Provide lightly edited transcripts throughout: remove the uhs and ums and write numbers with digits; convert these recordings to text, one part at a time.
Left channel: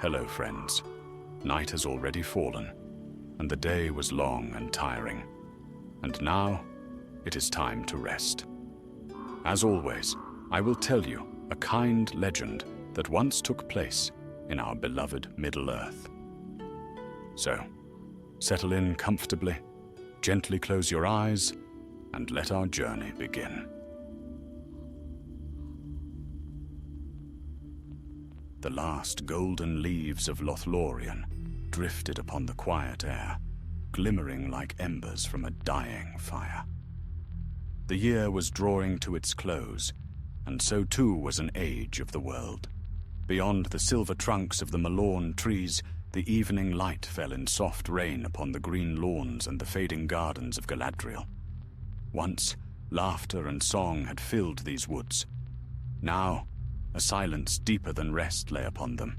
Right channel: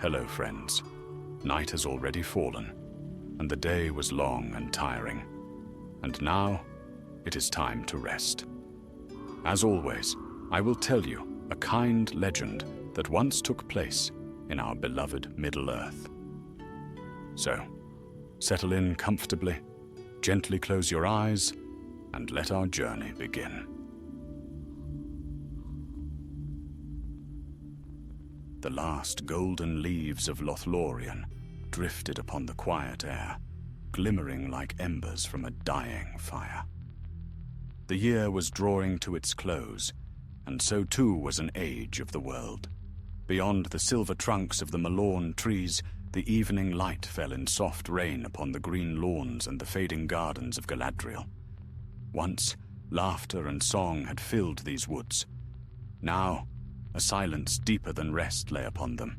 Hello, friends. Night has already fallen, and the day was long and tiring. And now, it is time to rest. As always, I will tell you a kind legend that once took place in our beloved Middle-earth. So, settle in comfortably, gently close your eyes, and let our journey begin. The last golden leaves of Lothlorien drifted upon the quiet air, glimmering like embers from a dying fire. The year was drawing to its close, and so too was an age of the world. Beyond the silver trunks of the Malorn trees, the evening light fell in soft rain upon the green lawns and the fading gardens of Galadriel. Once, laughter and song had filled these woods. Now, a silence deeper than rest lay upon them,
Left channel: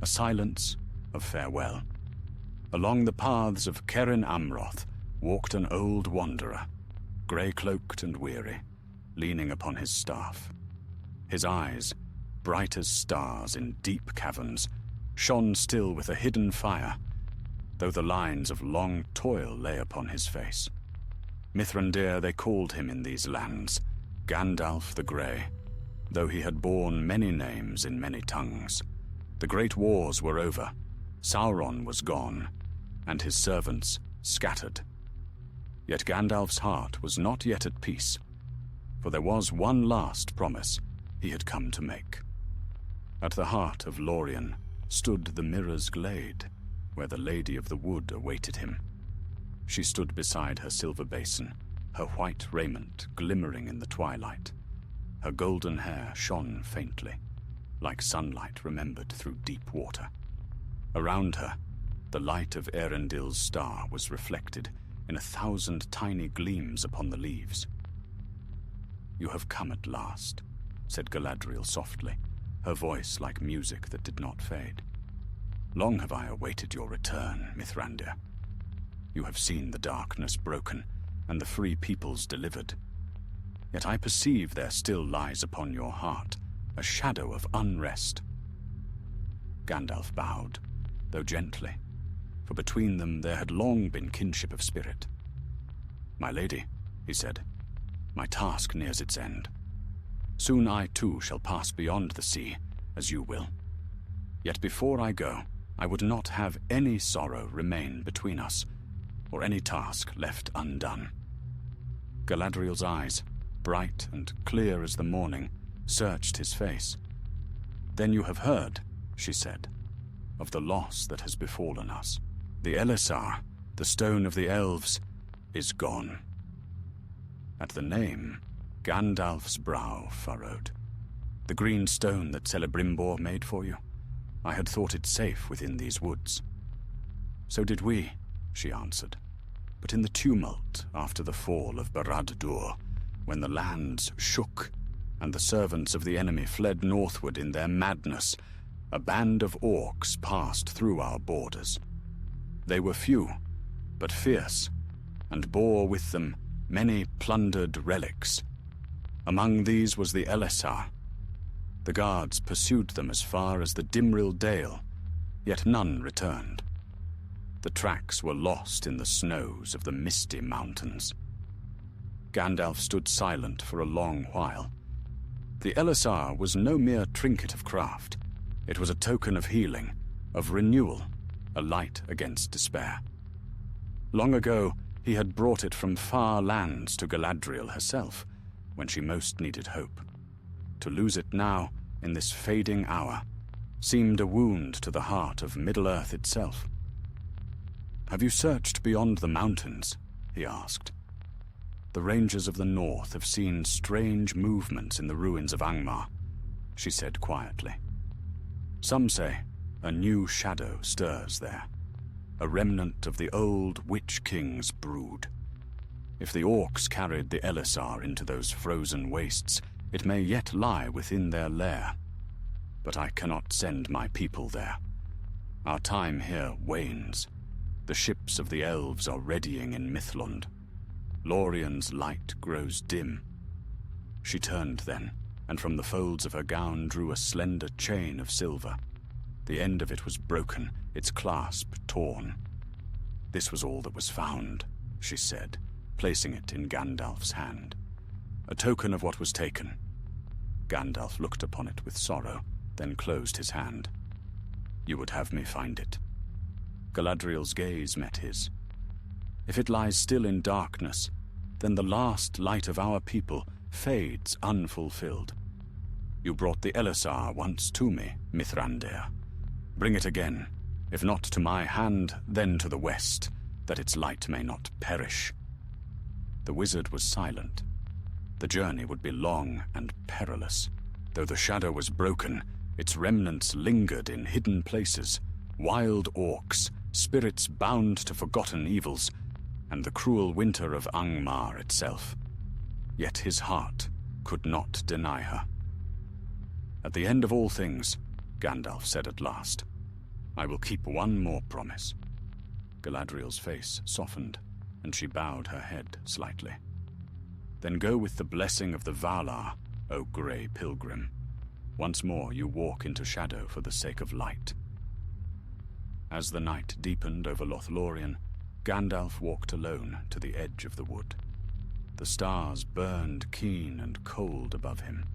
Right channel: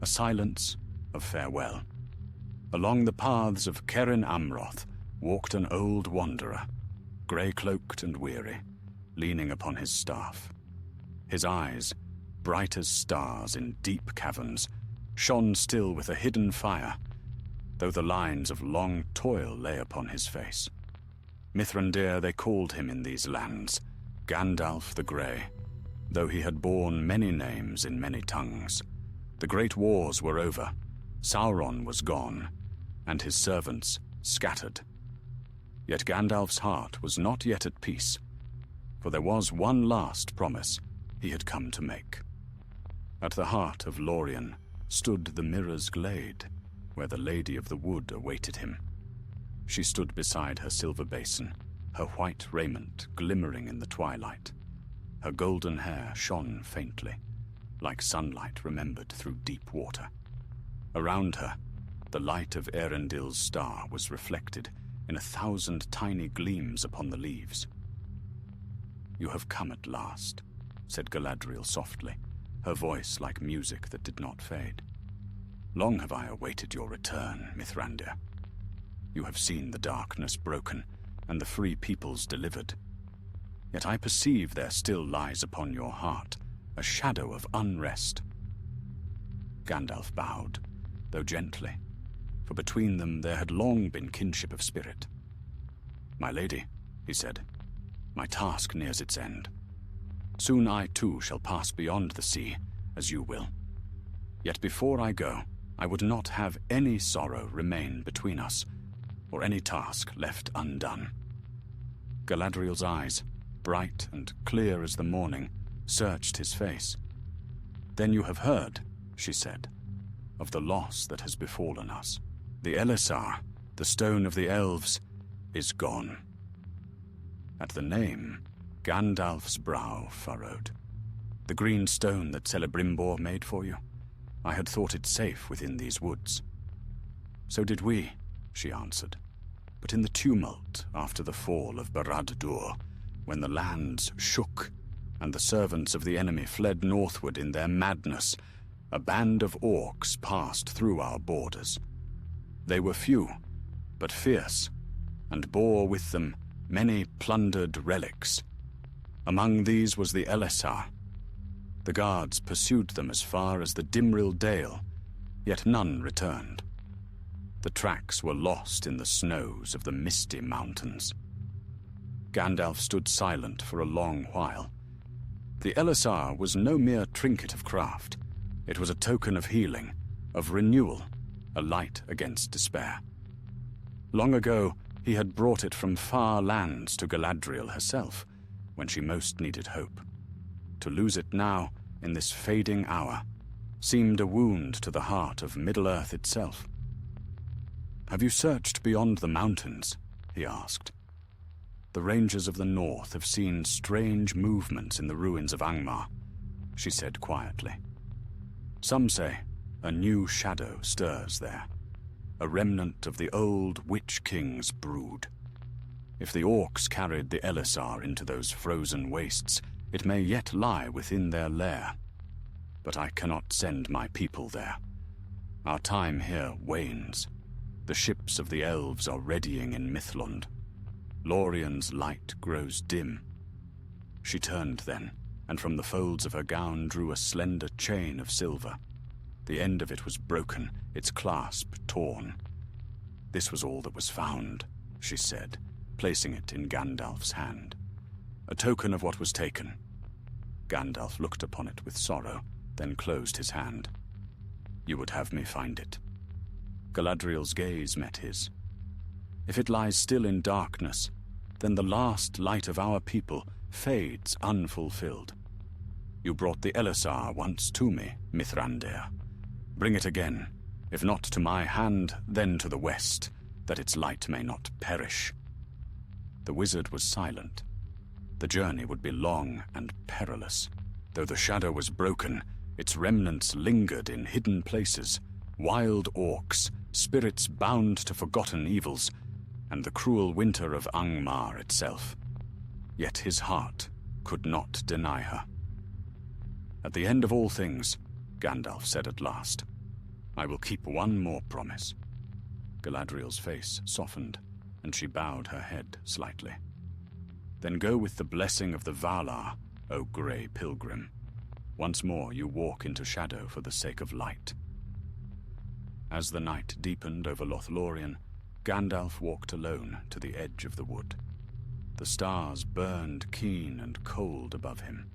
a silence of farewell. Along the paths of Cerin Amroth walked an old wanderer, grey-cloaked and weary, leaning upon his staff. His eyes, bright as stars in deep caverns, shone still with a hidden fire, though the lines of long toil lay upon his face. Mithrandir they called him in these lands, Gandalf the Grey, though he had borne many names in many tongues. The great wars were over, Sauron was gone, and his servants scattered. Yet Gandalf's heart was not yet at peace, for there was one last promise he had come to make. At the heart of Lorien stood the Mirror's Glade, where the Lady of the Wood awaited him. She stood beside her silver basin, her white raiment glimmering in the twilight. Her golden hair shone faintly, like sunlight remembered through deep water. Around her, the light of Erendil's star was reflected in 1,000 tiny gleams upon the leaves. "You have come at last," said Galadriel softly, her voice like music that did not fade. "Long have I awaited your return, Mithrandir. You have seen the darkness broken and the free peoples delivered. Yet I perceive there still lies upon your heart a shadow of unrest." Gandalf bowed, though gently, for between them there had long been kinship of spirit. "My lady," he said, "my task nears its end. Soon I too shall pass beyond the sea, as you will. Yet before I go, I would not have any sorrow remain between us, or any task left undone." Galadriel's eyes, bright and clear as the morning, searched his face. "Then you have heard," she said, "of the loss that has befallen us. The Elisar, the stone of the elves, is gone." At the name, Gandalf's brow furrowed. "The green stone that Celebrimbor made for you? I had thought it safe within these woods." "So did we," she answered. "But in the tumult after the fall of Barad-dûr, when the lands shook and the servants of the enemy fled northward in their madness, a band of orcs passed through our borders. They were few, but fierce, and bore with them many plundered relics. Among these was the Elisar. The guards pursued them as far as the Dimril Dale, yet none returned. The tracks were lost in the snows of the misty mountains." Gandalf stood silent for a long while. The Elisar was no mere trinket of craft. It was a token of healing, of renewal, a light against despair. Long ago, he had brought it from far lands to Galadriel herself, when she most needed hope. To lose it now, in this fading hour, seemed a wound to the heart of Middle-earth itself. "Have you searched beyond the mountains?" he asked. "The rangers of the north have seen strange movements in the ruins of Angmar," she said quietly. "Some say a new shadow stirs there, a remnant of the old Witch King's brood. If the orcs carried the Elisar into those frozen wastes, it may yet lie within their lair. But I cannot send my people there. Our time here wanes. The ships of the elves are readying in Mithlond. Lorien's light grows dim." She turned then, and from the folds of her gown drew a slender chain of silver. The end of it was broken, its clasp torn. "This was all that was found," she said, placing it in Gandalf's hand. "A token of what was taken." Gandalf looked upon it with sorrow, then closed his hand. "You would have me find it." Galadriel's gaze met his. "If it lies still in darkness, then the last light of our people fades unfulfilled. You brought the Elisar once to me, Mithrandir. Bring it again, if not to my hand, then to the west, that its light may not perish." The wizard was silent. The journey would be long and perilous. Though the shadow was broken, its remnants lingered in hidden places, wild orcs, spirits bound to forgotten evils, and the cruel winter of Angmar itself. Yet his heart could not deny her. "At the end of all things," Gandalf said at last, "I will keep one more promise." Galadriel's face softened, and she bowed her head slightly. "Then go with the blessing of the Valar, O grey pilgrim. Once more you walk into shadow for the sake of light." As the night deepened over Lothlorien, Gandalf walked alone to the edge of the wood. The stars burned keen and cold above him.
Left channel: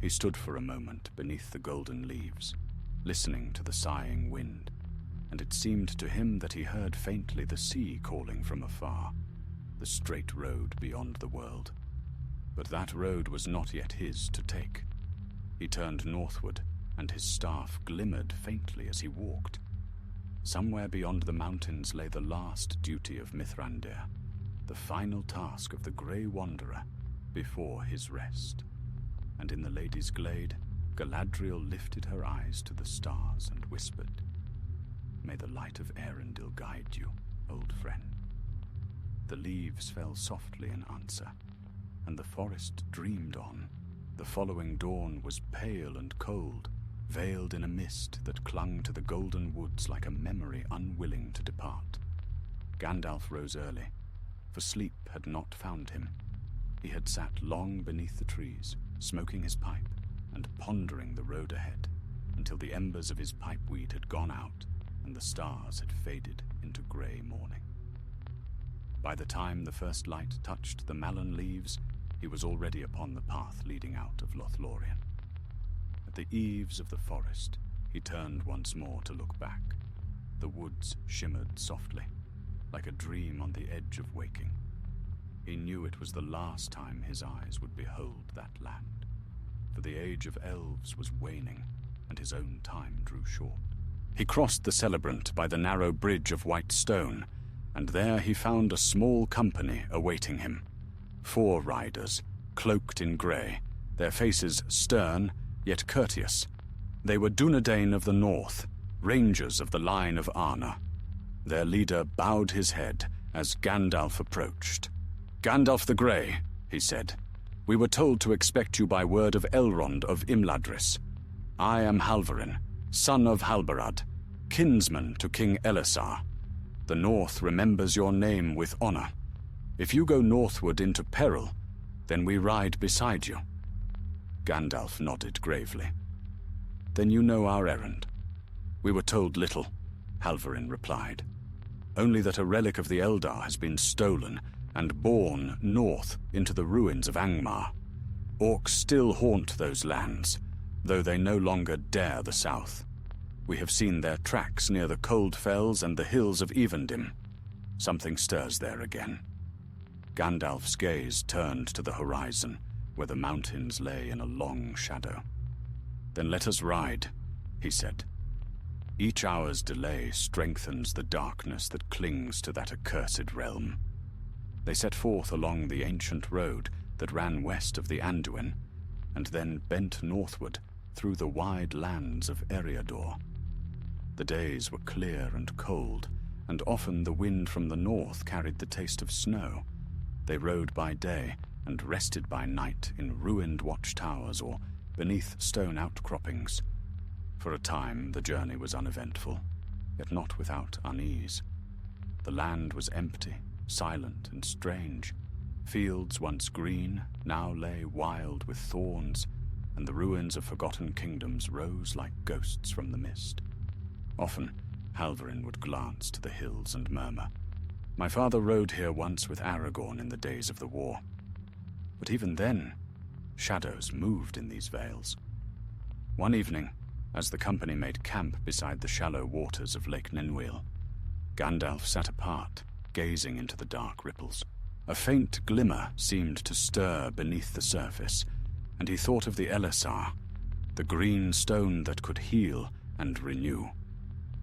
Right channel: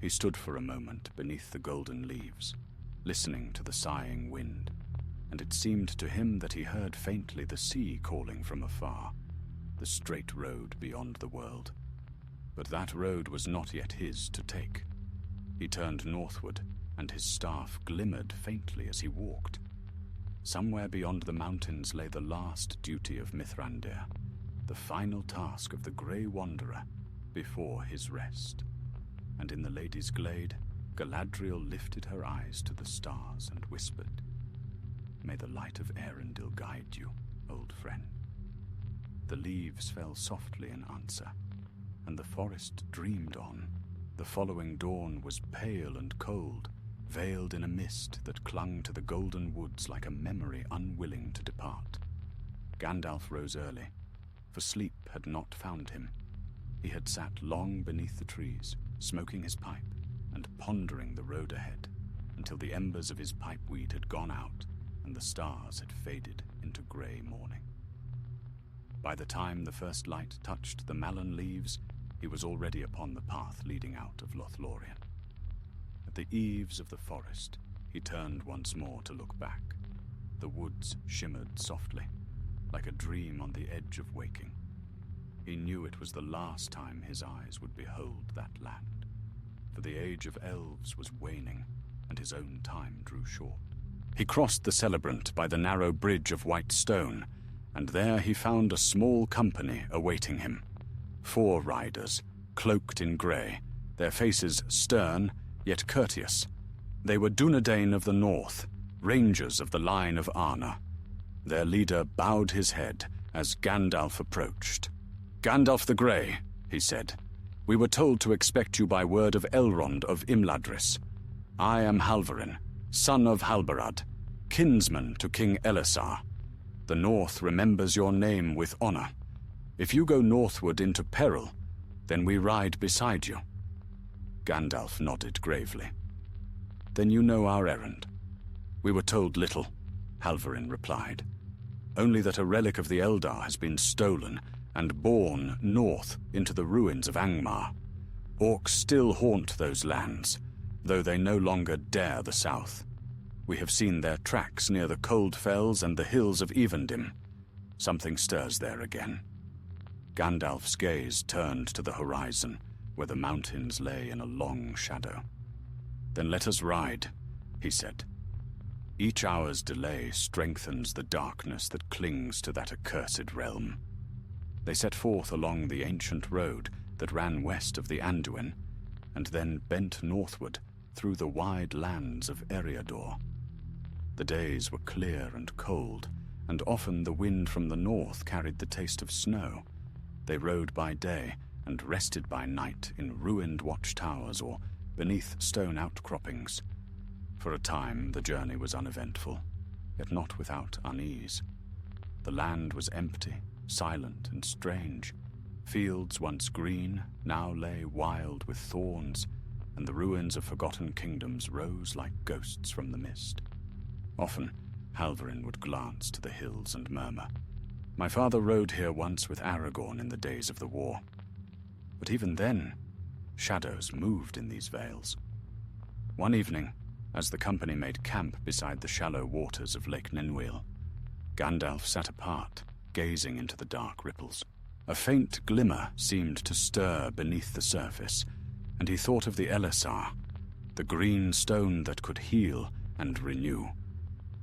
He stood for a moment beneath the golden leaves, listening to the sighing wind, and it seemed to him that he heard faintly the sea calling from afar, the straight road beyond the world. But that road was not yet his to take. He turned northward, and his staff glimmered faintly as he walked. Somewhere beyond the mountains lay the last duty of Mithrandir, the final task of the Grey Wanderer before his rest. And in the Lady's Glade, Galadriel lifted her eyes to the stars and whispered, "May the light of Eärendil guide you, old friend." The leaves fell softly in answer, and the forest dreamed on. The following dawn was pale and cold, veiled in a mist that clung to the golden woods like a memory unwilling to depart. Gandalf rose early, for sleep had not found him. He had sat long beneath the trees, smoking his pipe and pondering the road ahead, until the embers of his pipeweed had gone out and the stars had faded into grey morning. By the time the first light touched the mallan leaves, he was already upon the path leading out of Lothlorien. At the eaves of the forest, he turned once more to look back. The woods shimmered softly, like a dream on the edge of waking. He knew it was the last time his eyes would behold that land, for the age of elves was waning, and his own time drew short. He crossed the Celebrant by the narrow bridge of white stone, and there he found a small company awaiting him. 4 riders, cloaked in grey, their faces stern, yet courteous. They were Dunedain of the North, rangers of the line of Arna. Their leader bowed his head as Gandalf approached. "Gandalf the Grey," he said, "we were told to expect you by word of Elrond of Imladris. I am Halvarin, son of Halbarad, kinsman to King Elisar. The North remembers your name with honor. If you go northward into peril, then we ride beside you." Gandalf nodded gravely. "Then you know our errand." "We were told little," Halvarin replied. "Only that a relic of the Eldar has been stolen and borne north into the ruins of Angmar. Orcs still haunt those lands, though they no longer dare the south. We have seen their tracks near the Cold Fells and the hills of Evendim. Something stirs there again." Gandalf's gaze turned to the horizon, where the mountains lay in a long shadow. "Then let us ride," he said. "Each hour's delay strengthens the darkness that clings to that accursed realm." They set forth along the ancient road that ran west of the Anduin, and then bent northward through the wide lands of Eriador. The days were clear and cold, and often the wind from the north carried the taste of snow. They rode by day and rested by night in ruined watchtowers or beneath stone outcroppings. For a time the journey was uneventful, yet not without unease. The land was empty, silent and strange. Fields once green now lay wild with thorns, and the ruins of forgotten kingdoms rose like ghosts from the mist. Often, Halvarin would glance to the hills and murmur, "My father rode here once with Aragorn in the days of the war." But even then, shadows moved in these vales. One evening, as the company made camp beside the shallow waters of Lake Ninwil, Gandalf sat apart, gazing into the dark ripples. A faint glimmer seemed to stir beneath the surface, and he thought of the Elisar, the green stone that could heal and renew.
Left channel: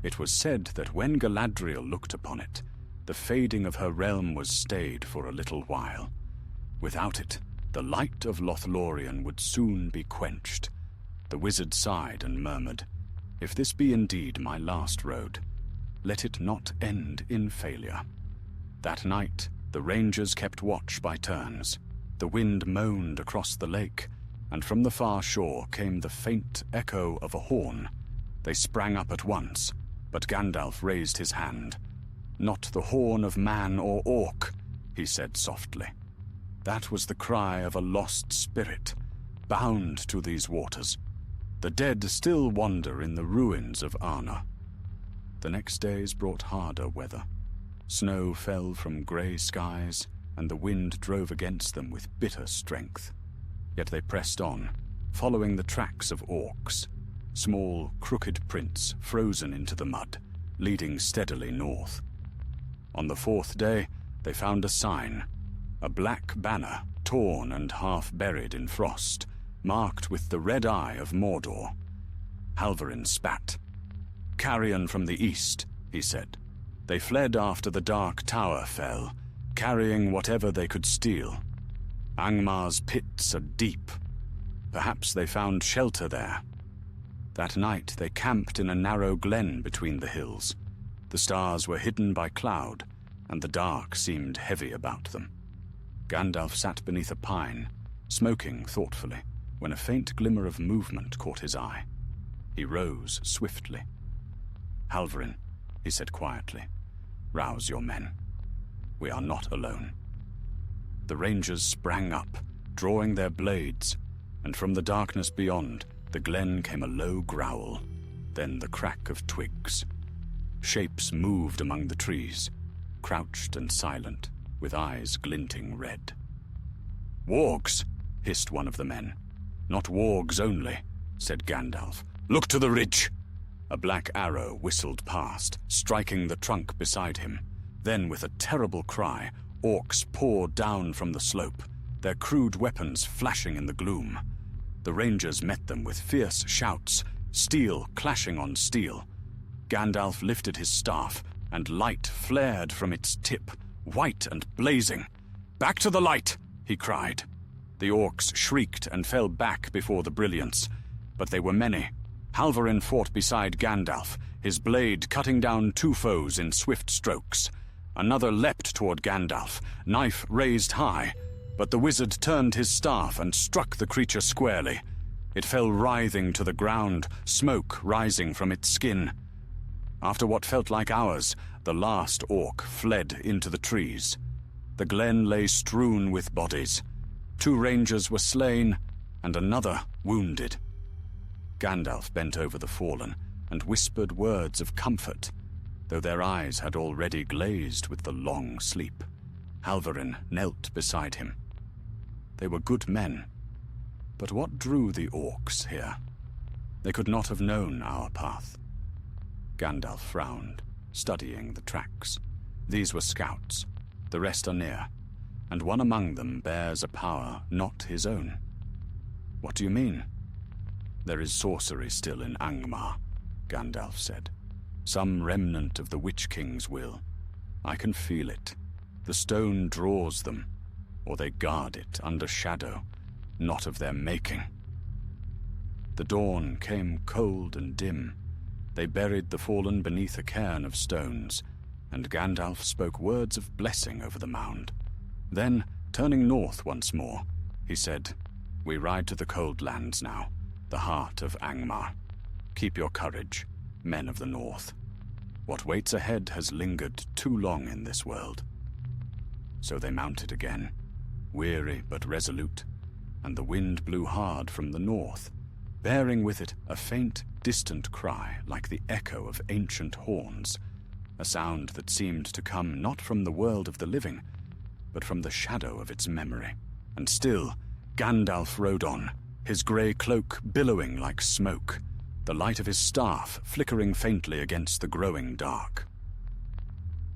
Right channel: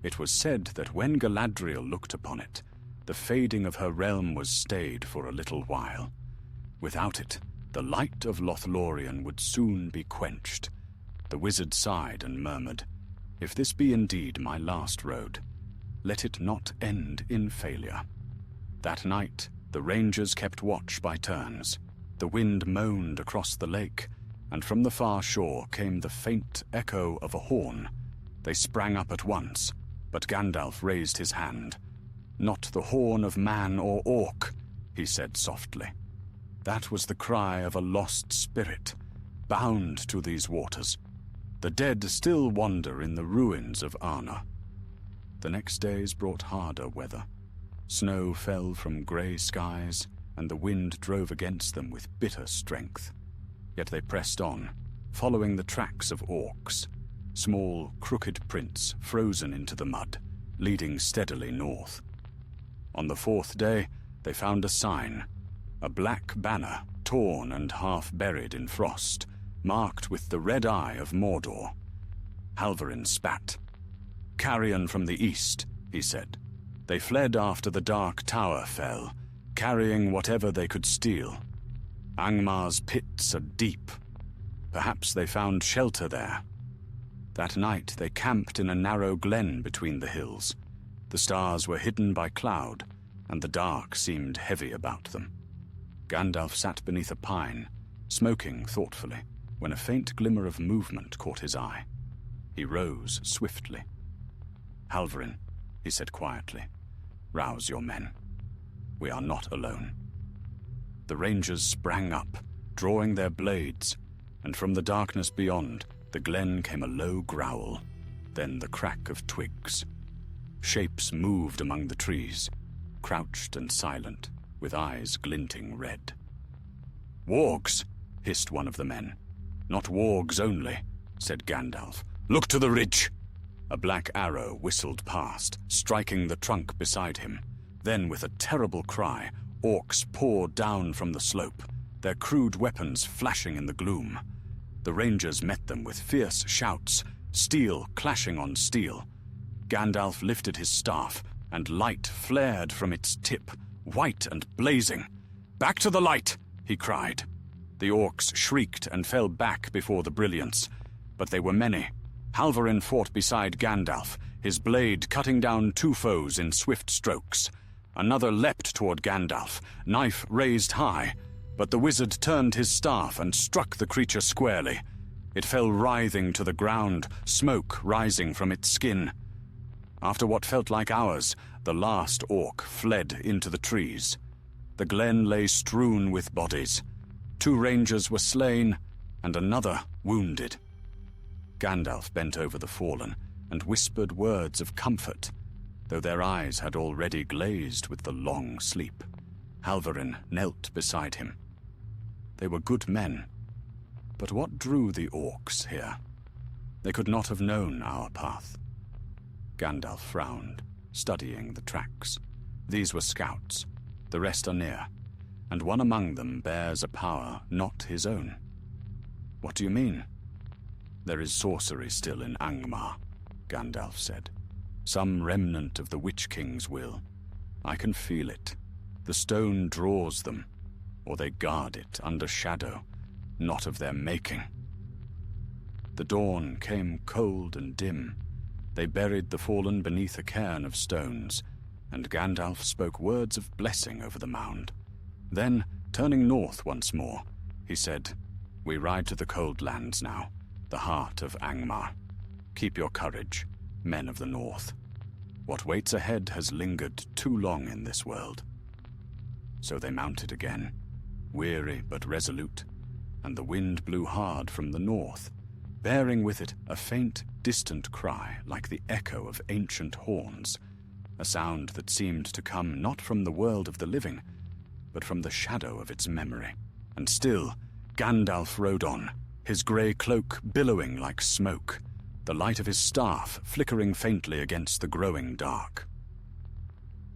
It was said that when Galadriel looked upon it, the fading of her realm was stayed for a little while. Without it, the light of Lothlorien would soon be quenched. The wizard sighed and murmured, "If this be indeed my last road, let it not end in failure." That night, the rangers kept watch by turns. The wind moaned across the lake, and from the far shore came the faint echo of a horn. They sprang up at once, but Gandalf raised his hand. "Not the horn of man or orc," he said softly. "That was the cry of a lost spirit, bound to these waters. The dead still wander in the ruins of Arna." The next days brought harder weather. Snow fell from grey skies, and the wind drove against them with bitter strength. Yet they pressed on, following the tracks of orcs, small, crooked prints frozen into the mud, leading steadily north. On the fourth day, they found a sign, a black banner, torn and half buried in frost, marked with the red eye of Mordor. Halvarin spat. "Carrion from the east," he said. "They fled after the Dark Tower fell, carrying whatever they could steal. Angmar's pits are deep. Perhaps they found shelter there." That night they camped in a narrow glen between the hills. The stars were hidden by cloud, and the dark seemed heavy about them. Gandalf sat beneath a pine, smoking thoughtfully, when a faint glimmer of movement caught his eye. He rose swiftly. "Halvarin," he said quietly, "rouse your men. We are not alone." The rangers sprang up, drawing their blades, and from the darkness beyond, the glen came a low growl, then the crack of twigs. Shapes moved among the trees, crouched and silent, with eyes glinting red. "Wargs!" hissed one of the men. "Not wargs only," said Gandalf. "Look to the ridge!" A black arrow whistled past, striking the trunk beside him. Then, with a terrible cry, orcs poured down from the slope, their crude weapons flashing in the gloom. The rangers met them with fierce shouts, steel clashing on steel. Gandalf lifted his staff, and light flared from its tip, white and blazing. "Back to the light!" he cried. The orcs shrieked and fell back before the brilliance, but they were many. Halvarin fought beside Gandalf, his blade cutting down two foes in swift strokes. Another leapt toward Gandalf, knife raised high, but the wizard turned his staff and struck the creature squarely. It fell writhing to the ground, smoke rising from its skin. After what felt like hours, the last orc fled into the trees. The glen lay strewn with bodies. 2 rangers were slain, and another wounded. Gandalf bent over the fallen and whispered words of comfort, though their eyes had already glazed with the long sleep. Halvarin knelt beside him. They were good men, but what drew the orcs here? They could not have known our path. Gandalf frowned, studying the tracks. These were scouts, the rest are near, and one among them bears a power not his own. What do you mean? There is sorcery still in Angmar, Gandalf said. Some remnant of the Witch King's will. I can feel it. The stone draws them, or they guard it under shadow, not of their making. The dawn came cold and dim. They buried the fallen beneath a cairn of stones, and Gandalf spoke words of blessing over the mound. Then, turning north once more, he said, "We ride to the Cold Lands now, the heart of Angmar. Keep your courage, men of the north. What waits ahead has lingered too long in this world." So they mounted again, weary but resolute, and the wind blew hard from the north, bearing with it a faint, distant cry like the echo of ancient horns, a sound that seemed to come not from the world of the living, but from the shadow of its memory. And still, Gandalf rode on, his grey cloak billowing like smoke, the light of his staff flickering faintly against the growing dark.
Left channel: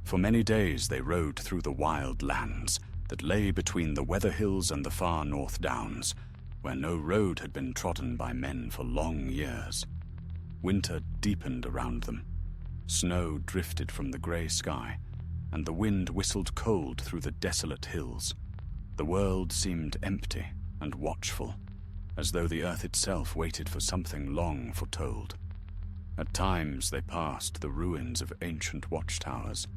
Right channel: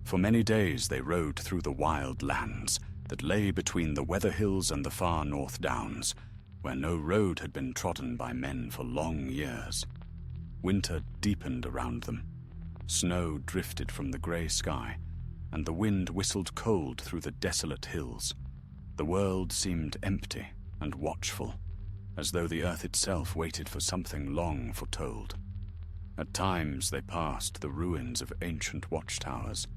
For many days they rode through the wild lands that lay between the Weather Hills and the far North Downs, where no road had been trodden by men for long years. Winter deepened around them. Snow drifted from the grey sky, and the wind whistled cold through the desolate hills. The world seemed empty and watchful, as though the earth itself waited for something long foretold. At times they passed the ruins of ancient watchtowers,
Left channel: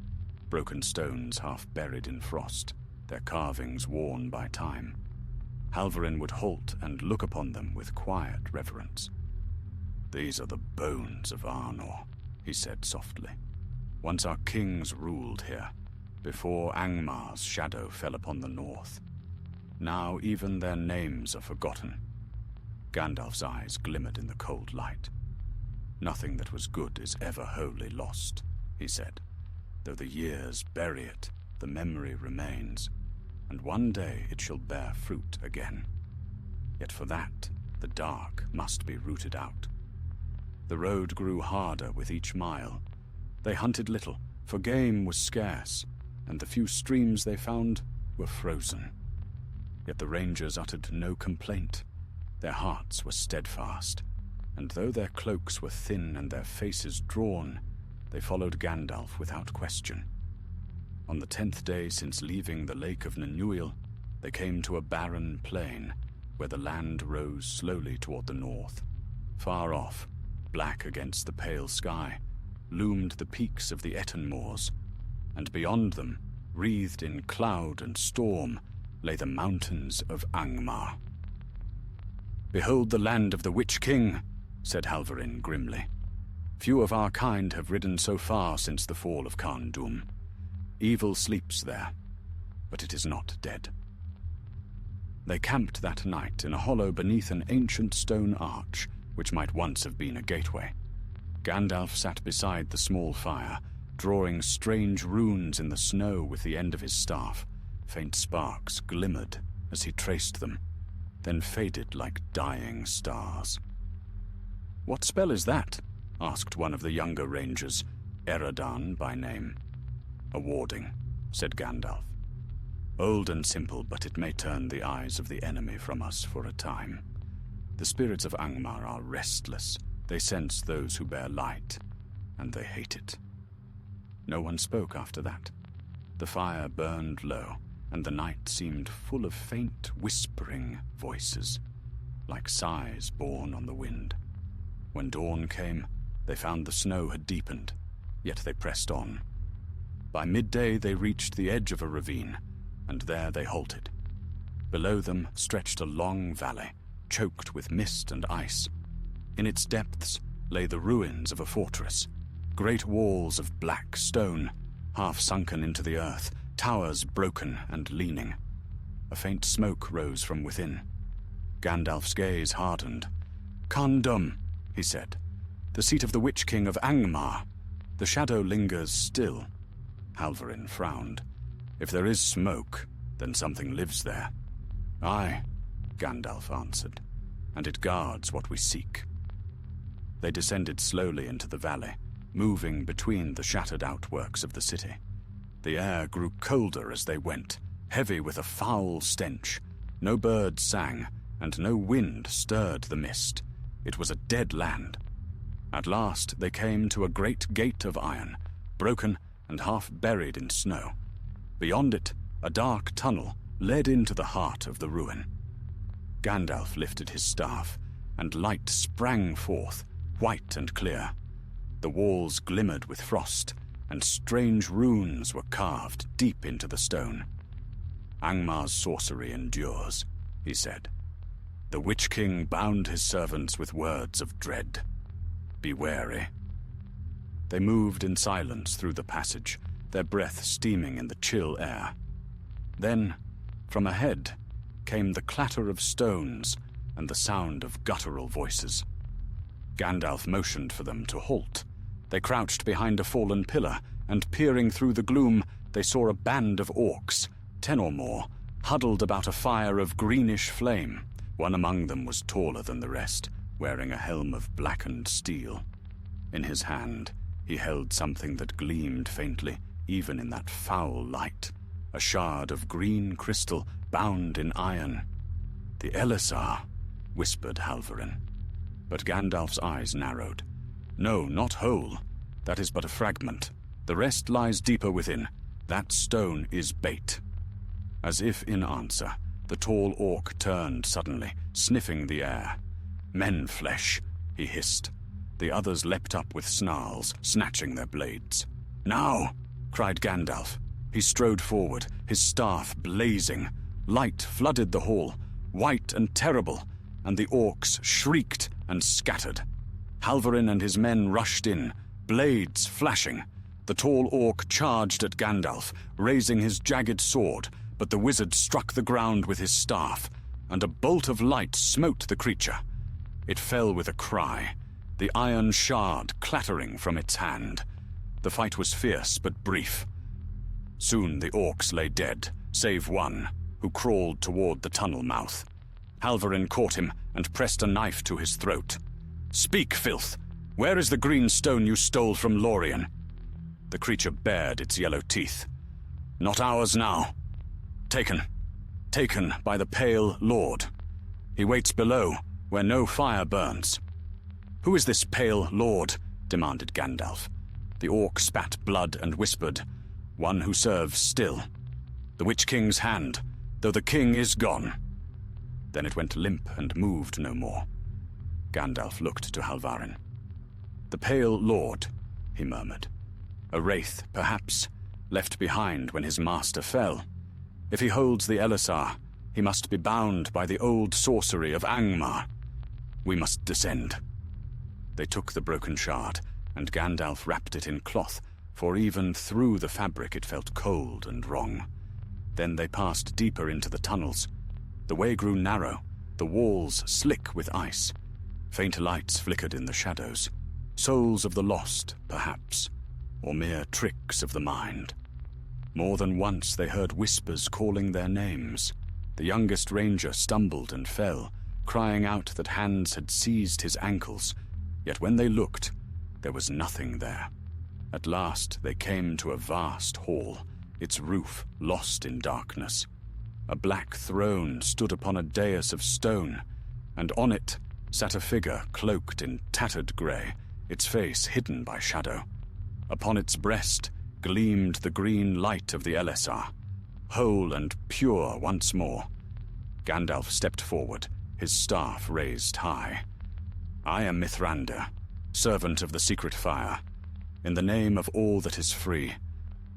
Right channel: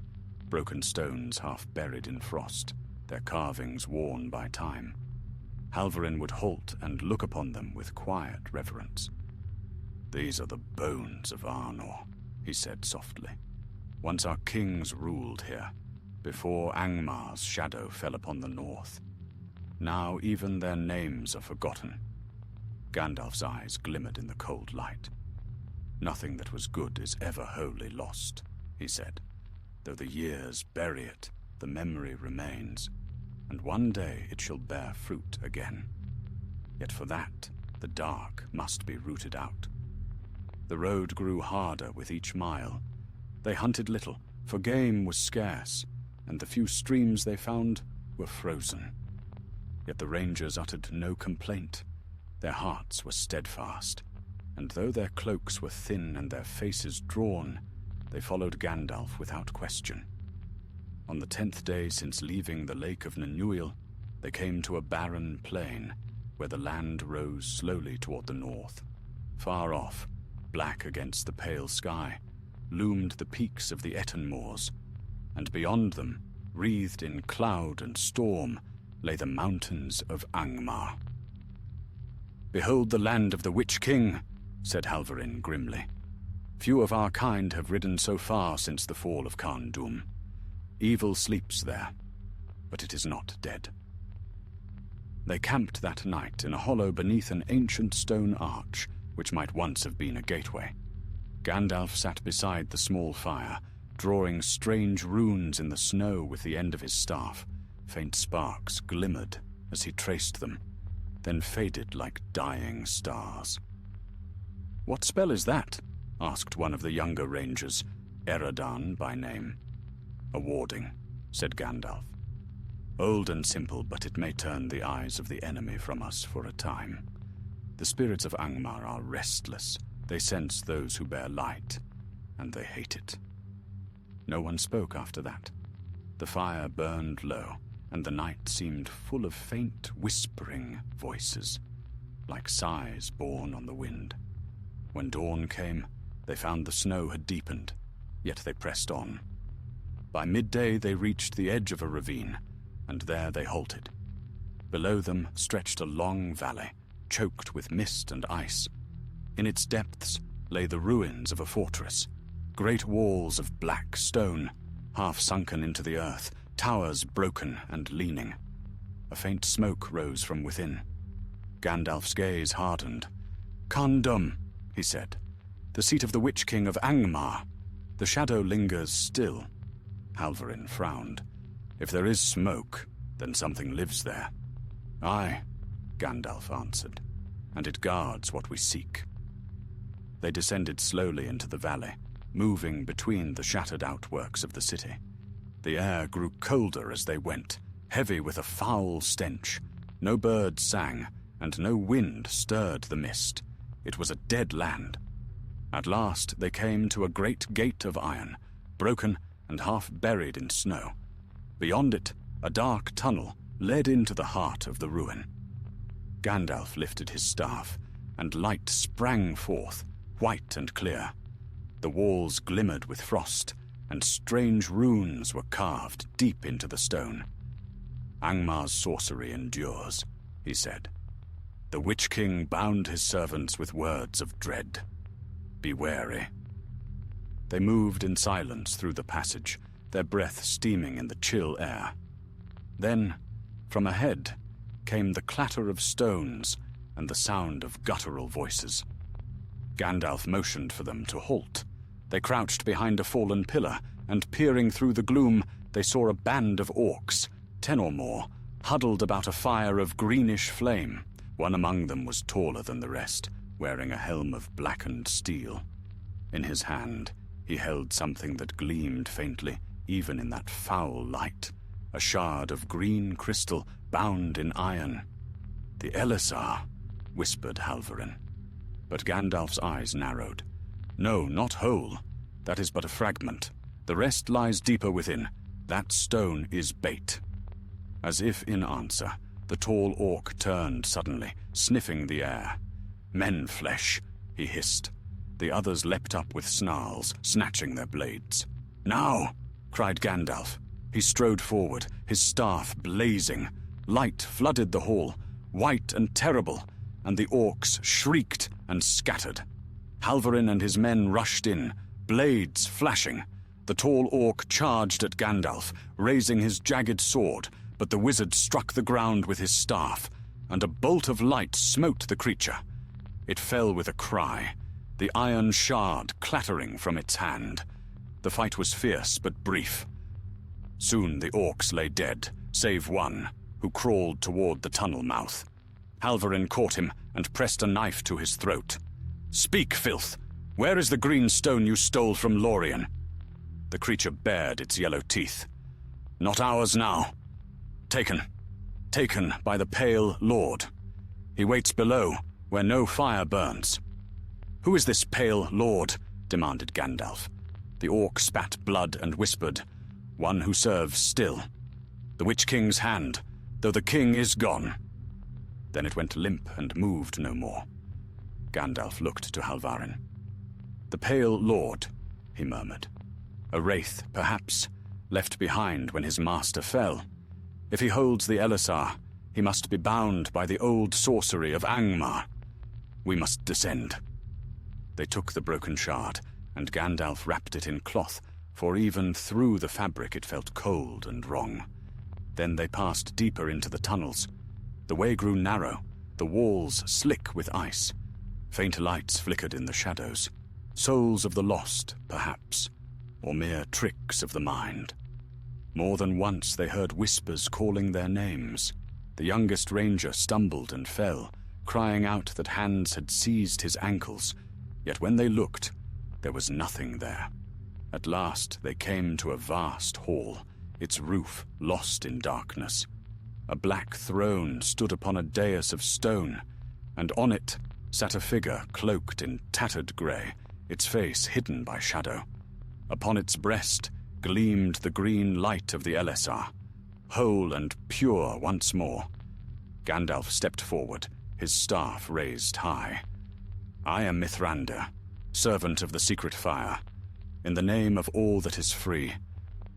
broken stones half buried in frost, their carvings worn by time. Halvarin would halt and look upon them with quiet reverence. "These are the bones of Arnor," he said softly. "Once our kings ruled here, before Angmar's shadow fell upon the north. Now even their names are forgotten." Gandalf's eyes glimmered in the cold light. "Nothing that was good is ever wholly lost," he said. "Though the years bury it, the memory remains, and one day it shall bear fruit again. Yet for that, the dark must be rooted out." The road grew harder with each mile. They hunted little, for game was scarce, and the few streams they found were frozen. Yet the rangers uttered no complaint. Their hearts were steadfast, and though their cloaks were thin and their faces drawn, they followed Gandalf without question. On the 10th day since leaving the Lake of Nanuil, they came to a barren plain where the land rose slowly toward the north. Far off, black against the pale sky, loomed the peaks of the Etten Moors, and beyond them, wreathed in cloud and storm, lay the mountains of Angmar. "Behold the land of the Witch King," said Halvarin grimly. "Few of our kind have ridden so far since the fall of Khan Dum. Evil sleeps there, but it is not dead." They camped that night in a hollow beneath an ancient stone arch, which might once have been a gateway. Gandalf sat beside the small fire, drawing strange runes in the snow with the end of his staff. Faint sparks glimmered as he traced them, then faded like dying stars. "What spell is that?" asked one of the younger rangers, Eredin by name. "A warding," said Gandalf. "Old and simple, but it may turn the eyes of the enemy from us for a time. The spirits of Angmar are restless. They sense those who bear light, and they hate it." No one spoke after that. The fire burned low, and the night seemed full of faint, whispering voices, like sighs borne on the wind. When dawn came, they found the snow had deepened, yet they pressed on. By midday they reached the edge of a ravine, and there they halted. Below them stretched a long valley, choked with mist and ice. In its depths lay the ruins of a fortress, great walls of black stone, half sunken into the earth, towers broken and leaning. A faint smoke rose from within. Gandalf's gaze hardened. "Khan Dum," he said, "the seat of the Witch King of Angmar. The shadow lingers still." Halvarin frowned. "If there is smoke, then something lives there." "Aye," Gandalf answered, "and it guards what we seek." They descended slowly into the valley, moving between the shattered outworks of the city. The air grew colder as they went, heavy with a foul stench. No birds sang, and no wind stirred the mist. It was a dead land. At last they came to a great gate of iron, broken and half buried in snow. Beyond it, a dark tunnel led into the heart of the ruin. Gandalf lifted his staff, and light sprang forth, white and clear. The walls glimmered with frost, and strange runes were carved deep into the stone. "Angmar's sorcery endures," he said. "The Witch King bound his servants with words of dread. Be wary." They moved in silence through the passage, their breath steaming in the chill air. Then, from ahead, came the clatter of stones and the sound of guttural voices. Gandalf motioned for them to halt. They crouched behind a fallen pillar, and peering through the gloom, they saw a band of orcs, 10 or more, huddled about a fire of greenish flame. One among them was taller than the rest, wearing a helm of blackened steel. In his hand, he held something that gleamed faintly, even in that foul light, a shard of green crystal bound in iron. "The Elisar," whispered Halvarin. But Gandalf's eyes narrowed. "No, not whole. That is but a fragment. The rest lies deeper within. That stone is bait." As if in answer, the tall orc turned suddenly, sniffing the air. "Men flesh," he hissed. The others leapt up with snarls, snatching their blades. "Now!" cried Gandalf. He strode forward, his staff blazing. Light flooded the hall, white and terrible, and the orcs shrieked and scattered. Halvarin and his men rushed in, blades flashing. The tall orc charged at Gandalf, raising his jagged sword, but the wizard struck the ground with his staff, and a bolt of light smote the creature. It fell with a cry, the iron shard clattering from its hand. The fight was fierce but brief. Soon the orcs lay dead, save one, who crawled toward the tunnel mouth. Halvarin caught him and pressed a knife to his throat. "Speak, filth! Where is the green stone you stole from Lorien?" The creature bared its yellow teeth. "Not ours now. Taken by the Pale Lord. He waits below, where no fire burns." "Who is this Pale Lord?" demanded Gandalf. The orc spat blood and whispered, "One who serves still. The Witch King's hand, though the king is gone." Then it went limp and moved no more. Gandalf looked to Halvarin. "The Pale Lord," he murmured. "A wraith, perhaps, left behind when his master fell. If he holds the Elisar, he must be bound by the old sorcery of Angmar. We must descend." They took the broken shard, and Gandalf wrapped it in cloth, for even through the fabric it felt cold and wrong. Then they passed deeper into the tunnels. The way grew narrow, the walls slick with ice. Faint lights flickered in the shadows. Souls of the lost, perhaps, or mere tricks of the mind. More than once they heard whispers calling their names. The youngest ranger stumbled and fell, crying out that hands had seized his ankles. Yet when they looked, there was nothing there. At last they came to a vast hall, its roof lost in darkness. A black throne stood upon a dais of stone, and on it sat a figure cloaked in tattered grey, its face hidden by shadow. Upon its breast gleamed the green light of the Elisar, whole and pure once more. Gandalf stepped forward, his staff raised high. "I am Mithrandir, servant of the secret fire. In the name of all that is free,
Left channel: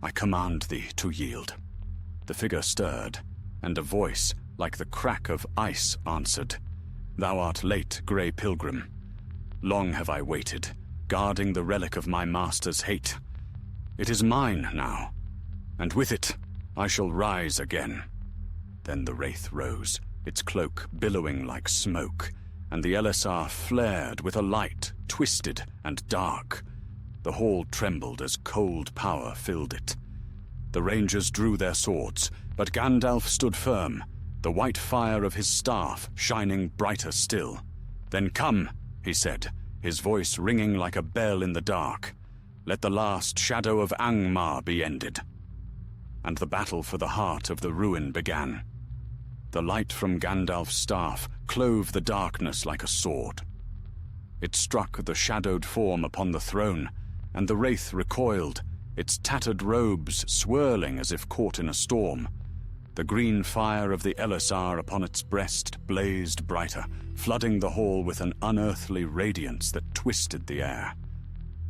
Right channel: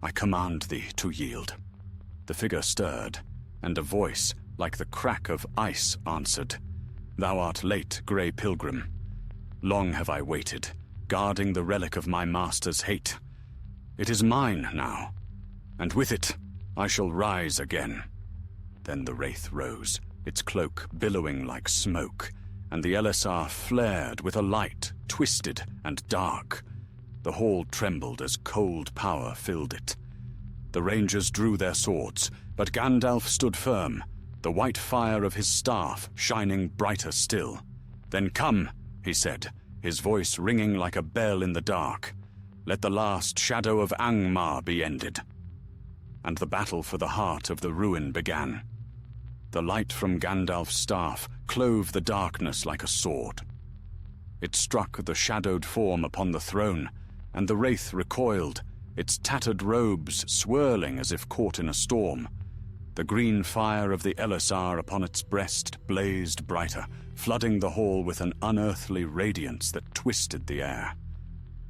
I command thee to yield." The figure stirred, and a voice, like the crack of ice, answered, "Thou art late, grey pilgrim. Long have I waited, guarding the relic of my master's hate. It is mine now, and with it I shall rise again." Then the wraith rose, its cloak billowing like smoke, and the Elisar flared with a light, twisted and dark. The hall trembled as cold power filled it. The rangers drew their swords, but Gandalf stood firm, the white fire of his staff shining brighter still. "Then come," he said, his voice ringing like a bell in the dark. "Let the last shadow of Angmar be ended." And the battle for the heart of the ruin began. The light from Gandalf's staff clove the darkness like a sword. It struck the shadowed form upon the throne, and the wraith recoiled, its tattered robes swirling as if caught in a storm. The green fire of the Elisar upon its breast blazed brighter, flooding the hall with an unearthly radiance that twisted the air.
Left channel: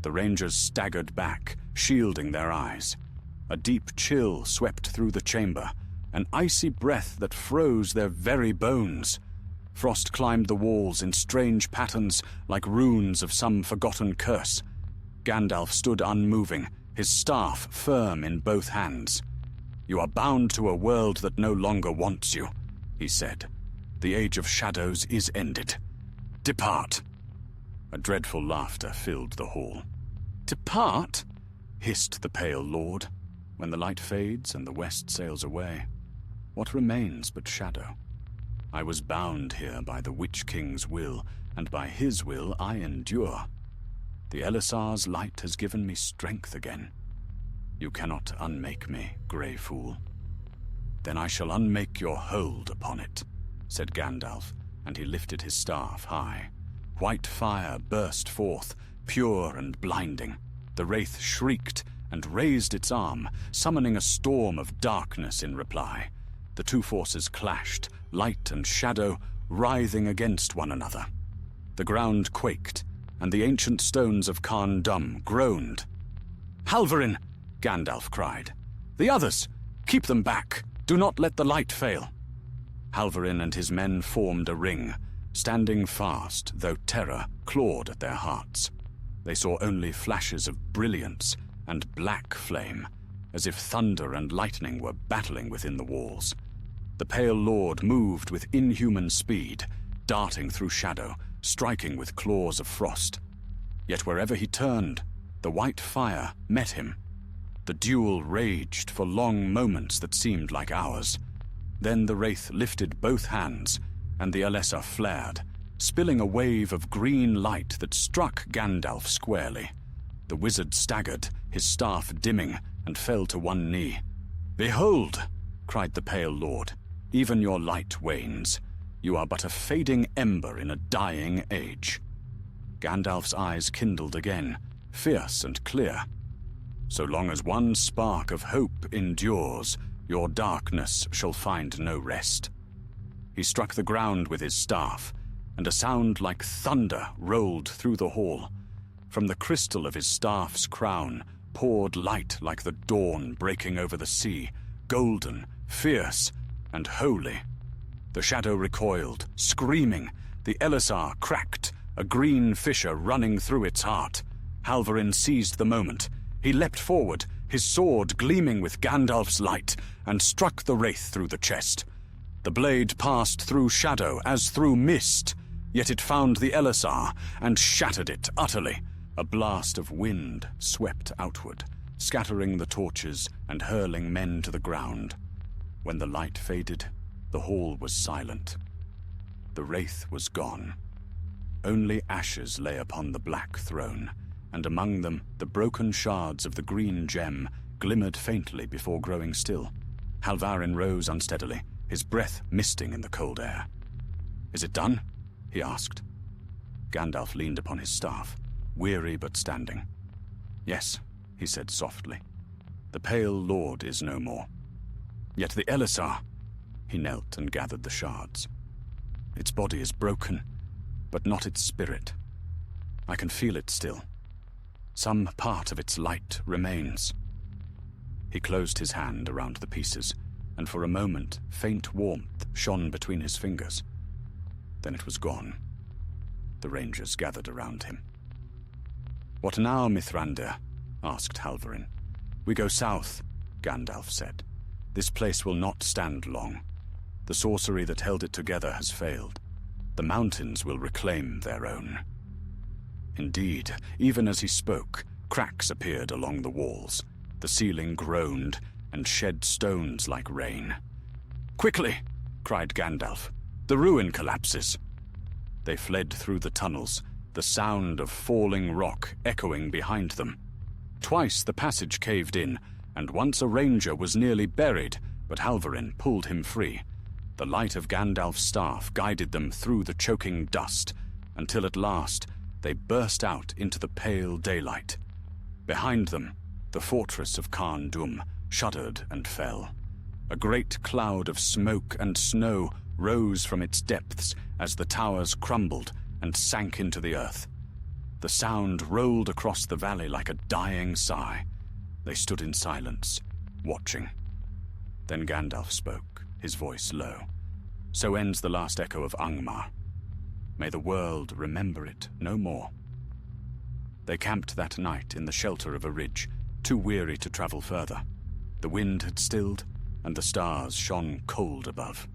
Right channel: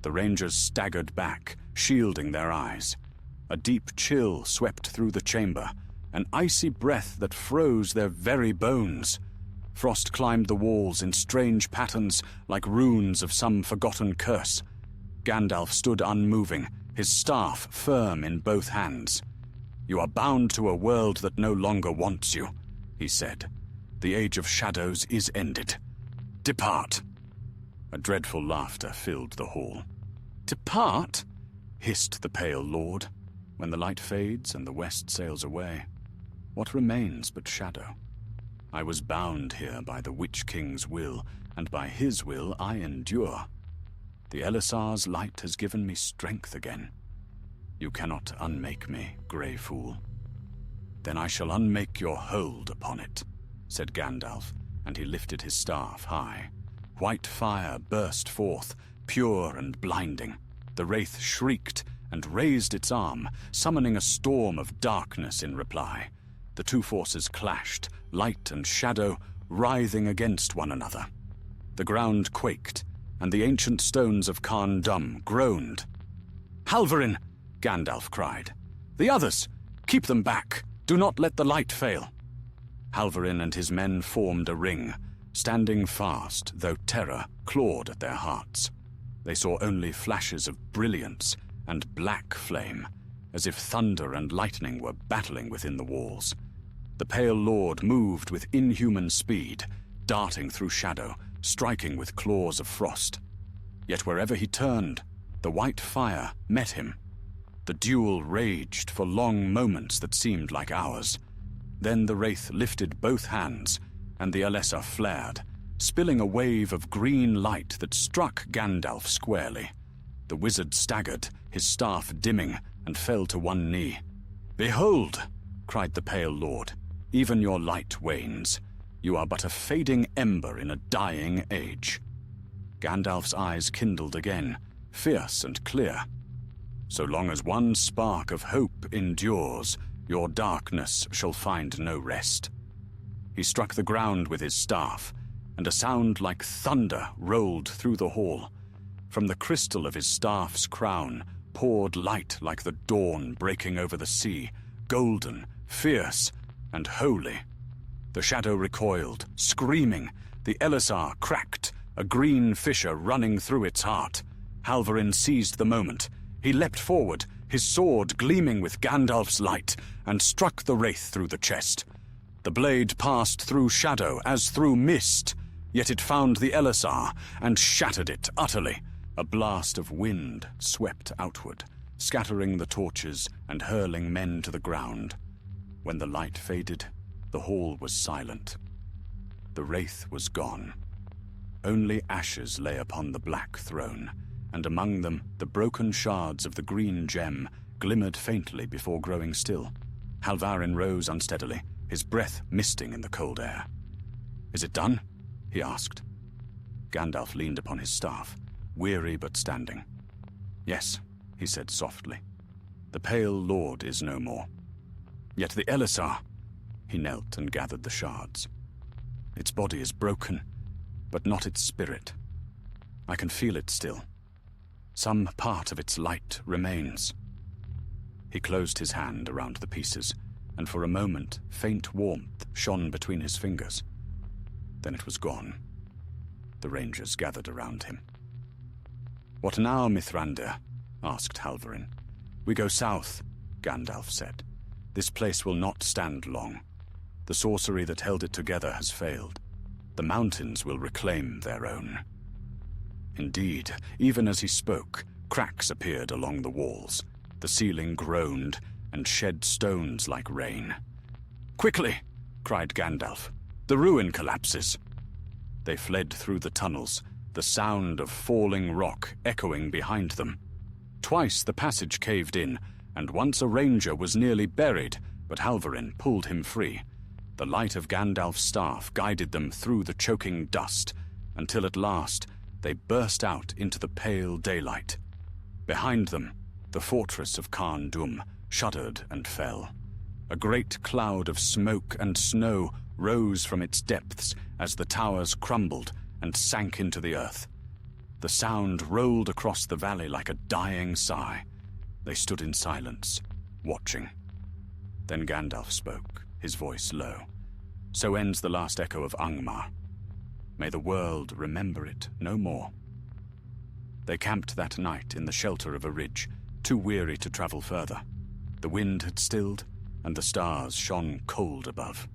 The rangers staggered back, shielding their eyes. A deep chill swept through the chamber, an icy breath that froze their very bones. Frost climbed the walls in strange patterns, like runes of some forgotten curse. Gandalf stood unmoving, his staff firm in both hands. "You are bound to a world that no longer wants you," he said. The age of shadows is ended. Depart." A dreadful laughter filled the hall. "Depart?" hissed the pale lord. "When the light fades and the west sails away, what remains but shadow? I was bound here by the Witch King's will, and by his will I endure. The Elisar's light has given me strength again. You cannot unmake me, grey fool." "Then I shall unmake your hold upon it," said Gandalf, and he lifted his staff high. White fire burst forth, pure and blinding. The wraith shrieked and raised its arm, summoning a storm of darkness in reply. The two forces clashed, light and shadow, writhing against one another. The ground quaked, and the ancient stones of Carn Dum groaned. "Halvarin!" Gandalf cried. "The others! Keep them back! Do not let the light fail!" Halvarin and his men formed a ring, standing fast, though terror clawed at their hearts. They saw only flashes of brilliance and black flame, as if thunder and lightning were battling within the walls. The pale lord moved with inhuman speed, darting through shadow, striking with claws of frost. Yet wherever he turned, the white fire met him. The duel raged for long moments that seemed like hours. Then the wraith lifted both hands, and the Elessar flared, spilling a wave of green light that struck Gandalf squarely. The wizard staggered, his staff dimming, and fell to one knee. "Behold!" cried the pale lord. "Even your light wanes. You are but a fading ember in a dying age." Gandalf's eyes kindled again, fierce and clear. "So long as one spark of hope endures, your darkness shall find no rest." He struck the ground with his staff, and a sound like thunder rolled through the hall. From the crystal of his staff's crown poured light like the dawn breaking over the sea, golden, fierce, and holy. The shadow recoiled, screaming. The Elisar cracked, a green fissure running through its heart. Halvarin seized the moment. He leapt forward, his sword gleaming with Gandalf's light, and struck the wraith through the chest. The blade passed through shadow as through mist, yet it found the Elisar and shattered it utterly. A blast of wind swept outward, scattering the torches and hurling men to the ground. When the light faded, the hall was silent. The wraith was gone. Only ashes lay upon the black throne, and among them the broken shards of the green gem glimmered faintly before growing still. Halvarin rose unsteadily, his breath misting in the cold air. "Is it done?" he asked. Gandalf leaned upon his staff, weary but standing. "Yes," he said softly. "The pale lord is no more. Yet the Elisar—" He knelt and gathered the shards. "Its body is broken, but not its spirit. I can feel it still. Some part of its light remains." He closed his hand around the pieces, and for a moment faint warmth shone between his fingers. Then it was gone. The rangers gathered around him. "What now, Mithrandir?" asked Halvarin. "We go south," Gandalf said. "This place will not stand long. The sorcery that held it together has failed. The mountains will reclaim their own." Indeed, even as he spoke, cracks appeared along the walls. The ceiling groaned and shed stones like rain. "Quickly!" cried Gandalf. "The ruin collapses." They fled through the tunnels, the sound of falling rock echoing behind them. Twice the passage caved in, and once a ranger was nearly buried, but Halvarin pulled him free. The light of Gandalf's staff guided them through the choking dust, until at last they burst out into the pale daylight. Behind them, the fortress of Carn Dum shuddered and fell. A great cloud of smoke and snow rose from its depths as the towers crumbled and sank into the earth. The sound rolled across the valley like a dying sigh. They stood in silence, watching. Then Gandalf spoke, his voice low. "So ends the last echo of Angmar. May the world remember it no more." They camped that night in the shelter of a ridge, too weary to travel further. The wind had stilled, and the stars shone cold above.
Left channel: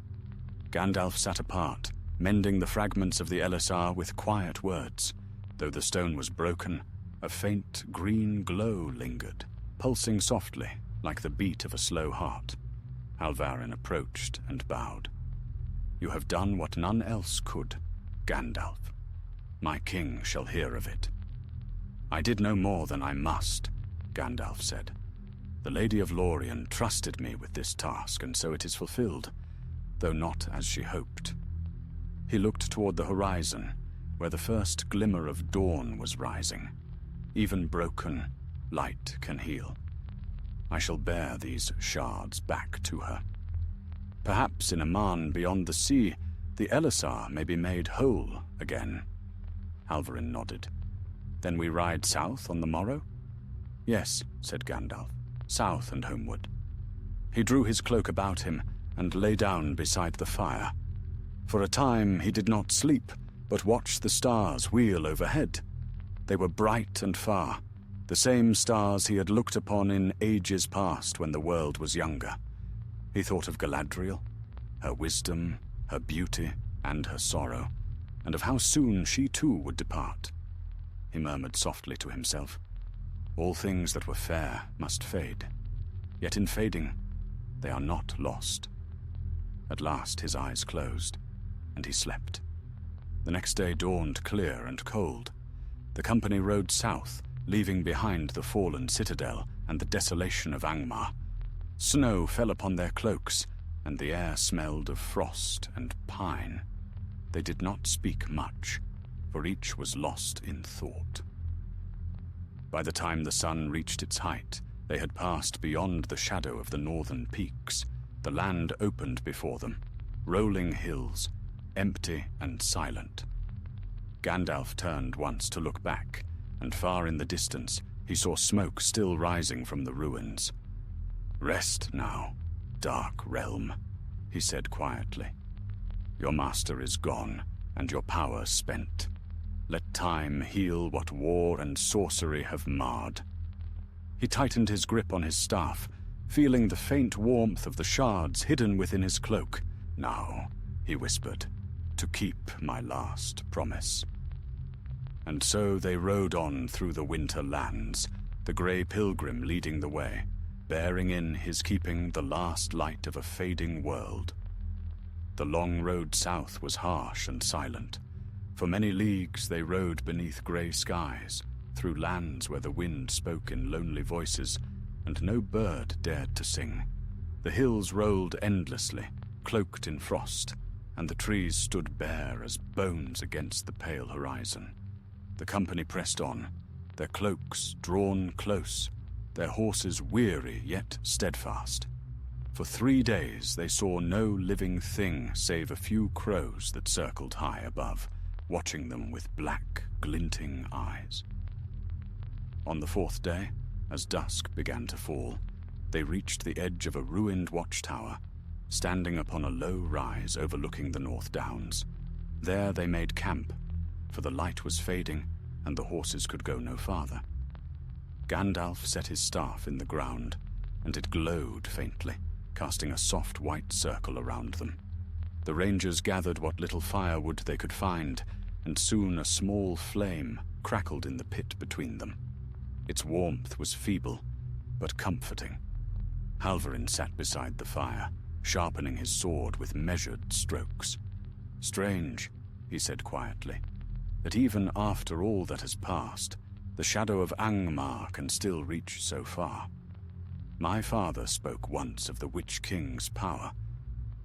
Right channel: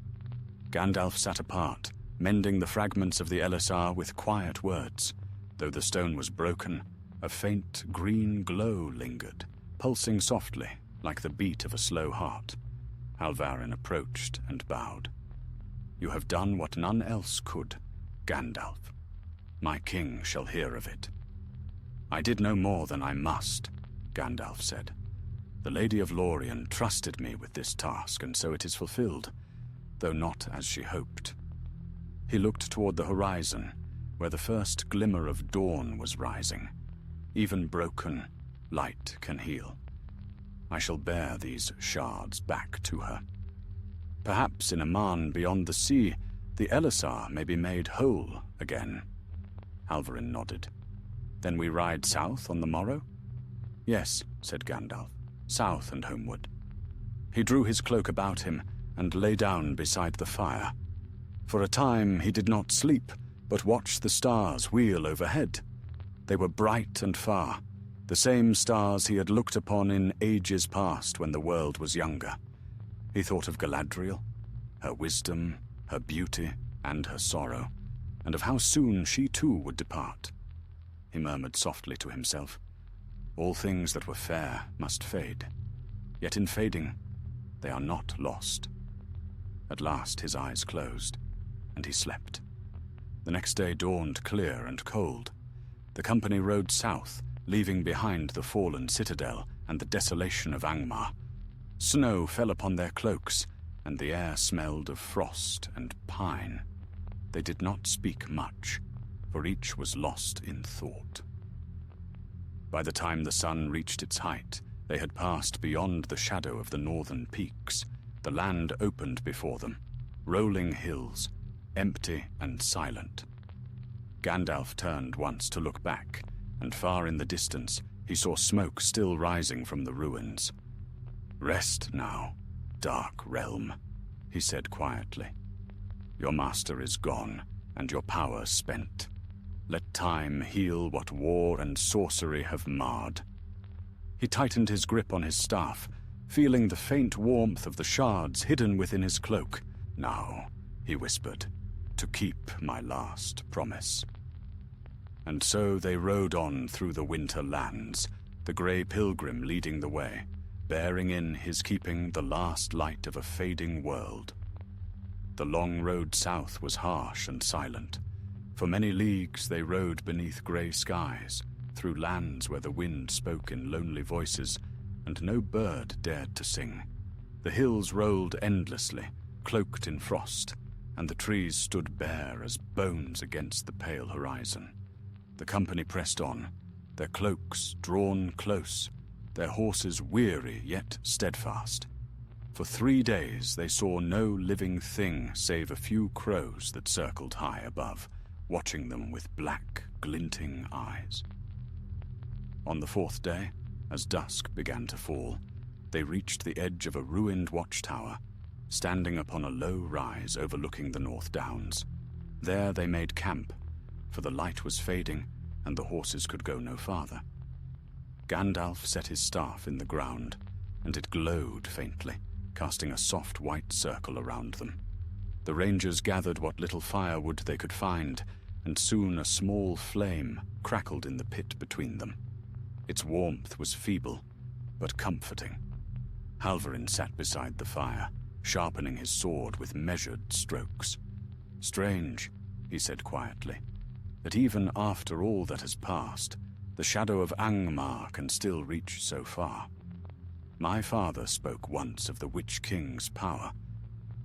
Gandalf sat apart, mending the fragments of the LSR with quiet words. Though the stone was broken, a faint green glow lingered, pulsing softly like the beat of a slow heart. Halvarin approached and bowed. "You have done what none else could, Gandalf. My king shall hear of it." "I did no more than I must," Gandalf said. "The Lady of Lorien trusted me with this task, and so it is fulfilled, though not as she hoped." He looked toward the horizon, where the first glimmer of dawn was rising. Even broken, light can heal. I shall bear these shards back to her. Perhaps in a Aman beyond the sea, the Elisar may be made whole again. Halvarin nodded. "Then we ride south on the morrow?" "Yes," said Gandalf, "south and homeward." He drew his cloak about him and lay down beside the fire. For a time he did not sleep, but watched the stars wheel overhead. They were bright and far, the same stars he had looked upon in ages past when the world was younger. He thought of Galadriel, her wisdom, her beauty, and her sorrow, and of how soon she too would depart. He murmured softly to himself, "All things that were fair must fade, yet in fading, they are not lost." At last his eyes closed, and he slept. The next day dawned clear and cold. The company rode south, leaving behind the fallen citadel and the desolation of Angmar. Snow fell upon their cloaks, and the air smelled of frost and pine. They did not speak much, for each was lost in thought. By the time the sun reached its height, they had passed beyond the shadow of the northern peaks. The land opened before them, rolling hills, empty and silent. Gandalf turned once to look back, and far in the distance he saw smoke still rising from the ruins. "Rest now, dark realm," he said quietly. "Your master is gone, and your power spent. Let time heal what war and sorcery have marred." He tightened his grip on his staff, feeling the faint warmth of the shards hidden within his cloak. "Now," he whispered, "to keep my last promise." And so they rode on through the winter lands, the grey pilgrim leading the way, bearing in his keeping the last light of a fading world. The long road south was harsh and silent. For many leagues they rode beneath grey skies, through lands where the wind spoke in lonely voices, and no bird dared to sing. The hills rolled endlessly, cloaked in frost, and the trees stood bare as bones against the pale horizon. The company pressed on, their cloaks drawn close, their horses weary yet steadfast. For 3 days they saw no living thing save a few crows that circled high above, watching them with black, glinting eyes. On the 4th day, as dusk began to fall, they reached the edge of a ruined watchtower, standing upon a low rise overlooking the North Downs. There they made camp, for the light was fading and the horses could go no farther. Gandalf set his staff in the ground, and it glowed faintly, casting a soft white circle around them. The rangers gathered what little firewood they could find, and soon a small flame crackled in the pit between them. Its warmth was feeble, but comforting. Halvarin sat beside the fire, sharpening his sword with measured strokes. "Strange," he said quietly, "that even after all that has passed, the shadow of Angmar can still reach so far. My father spoke once of the Witch King's power,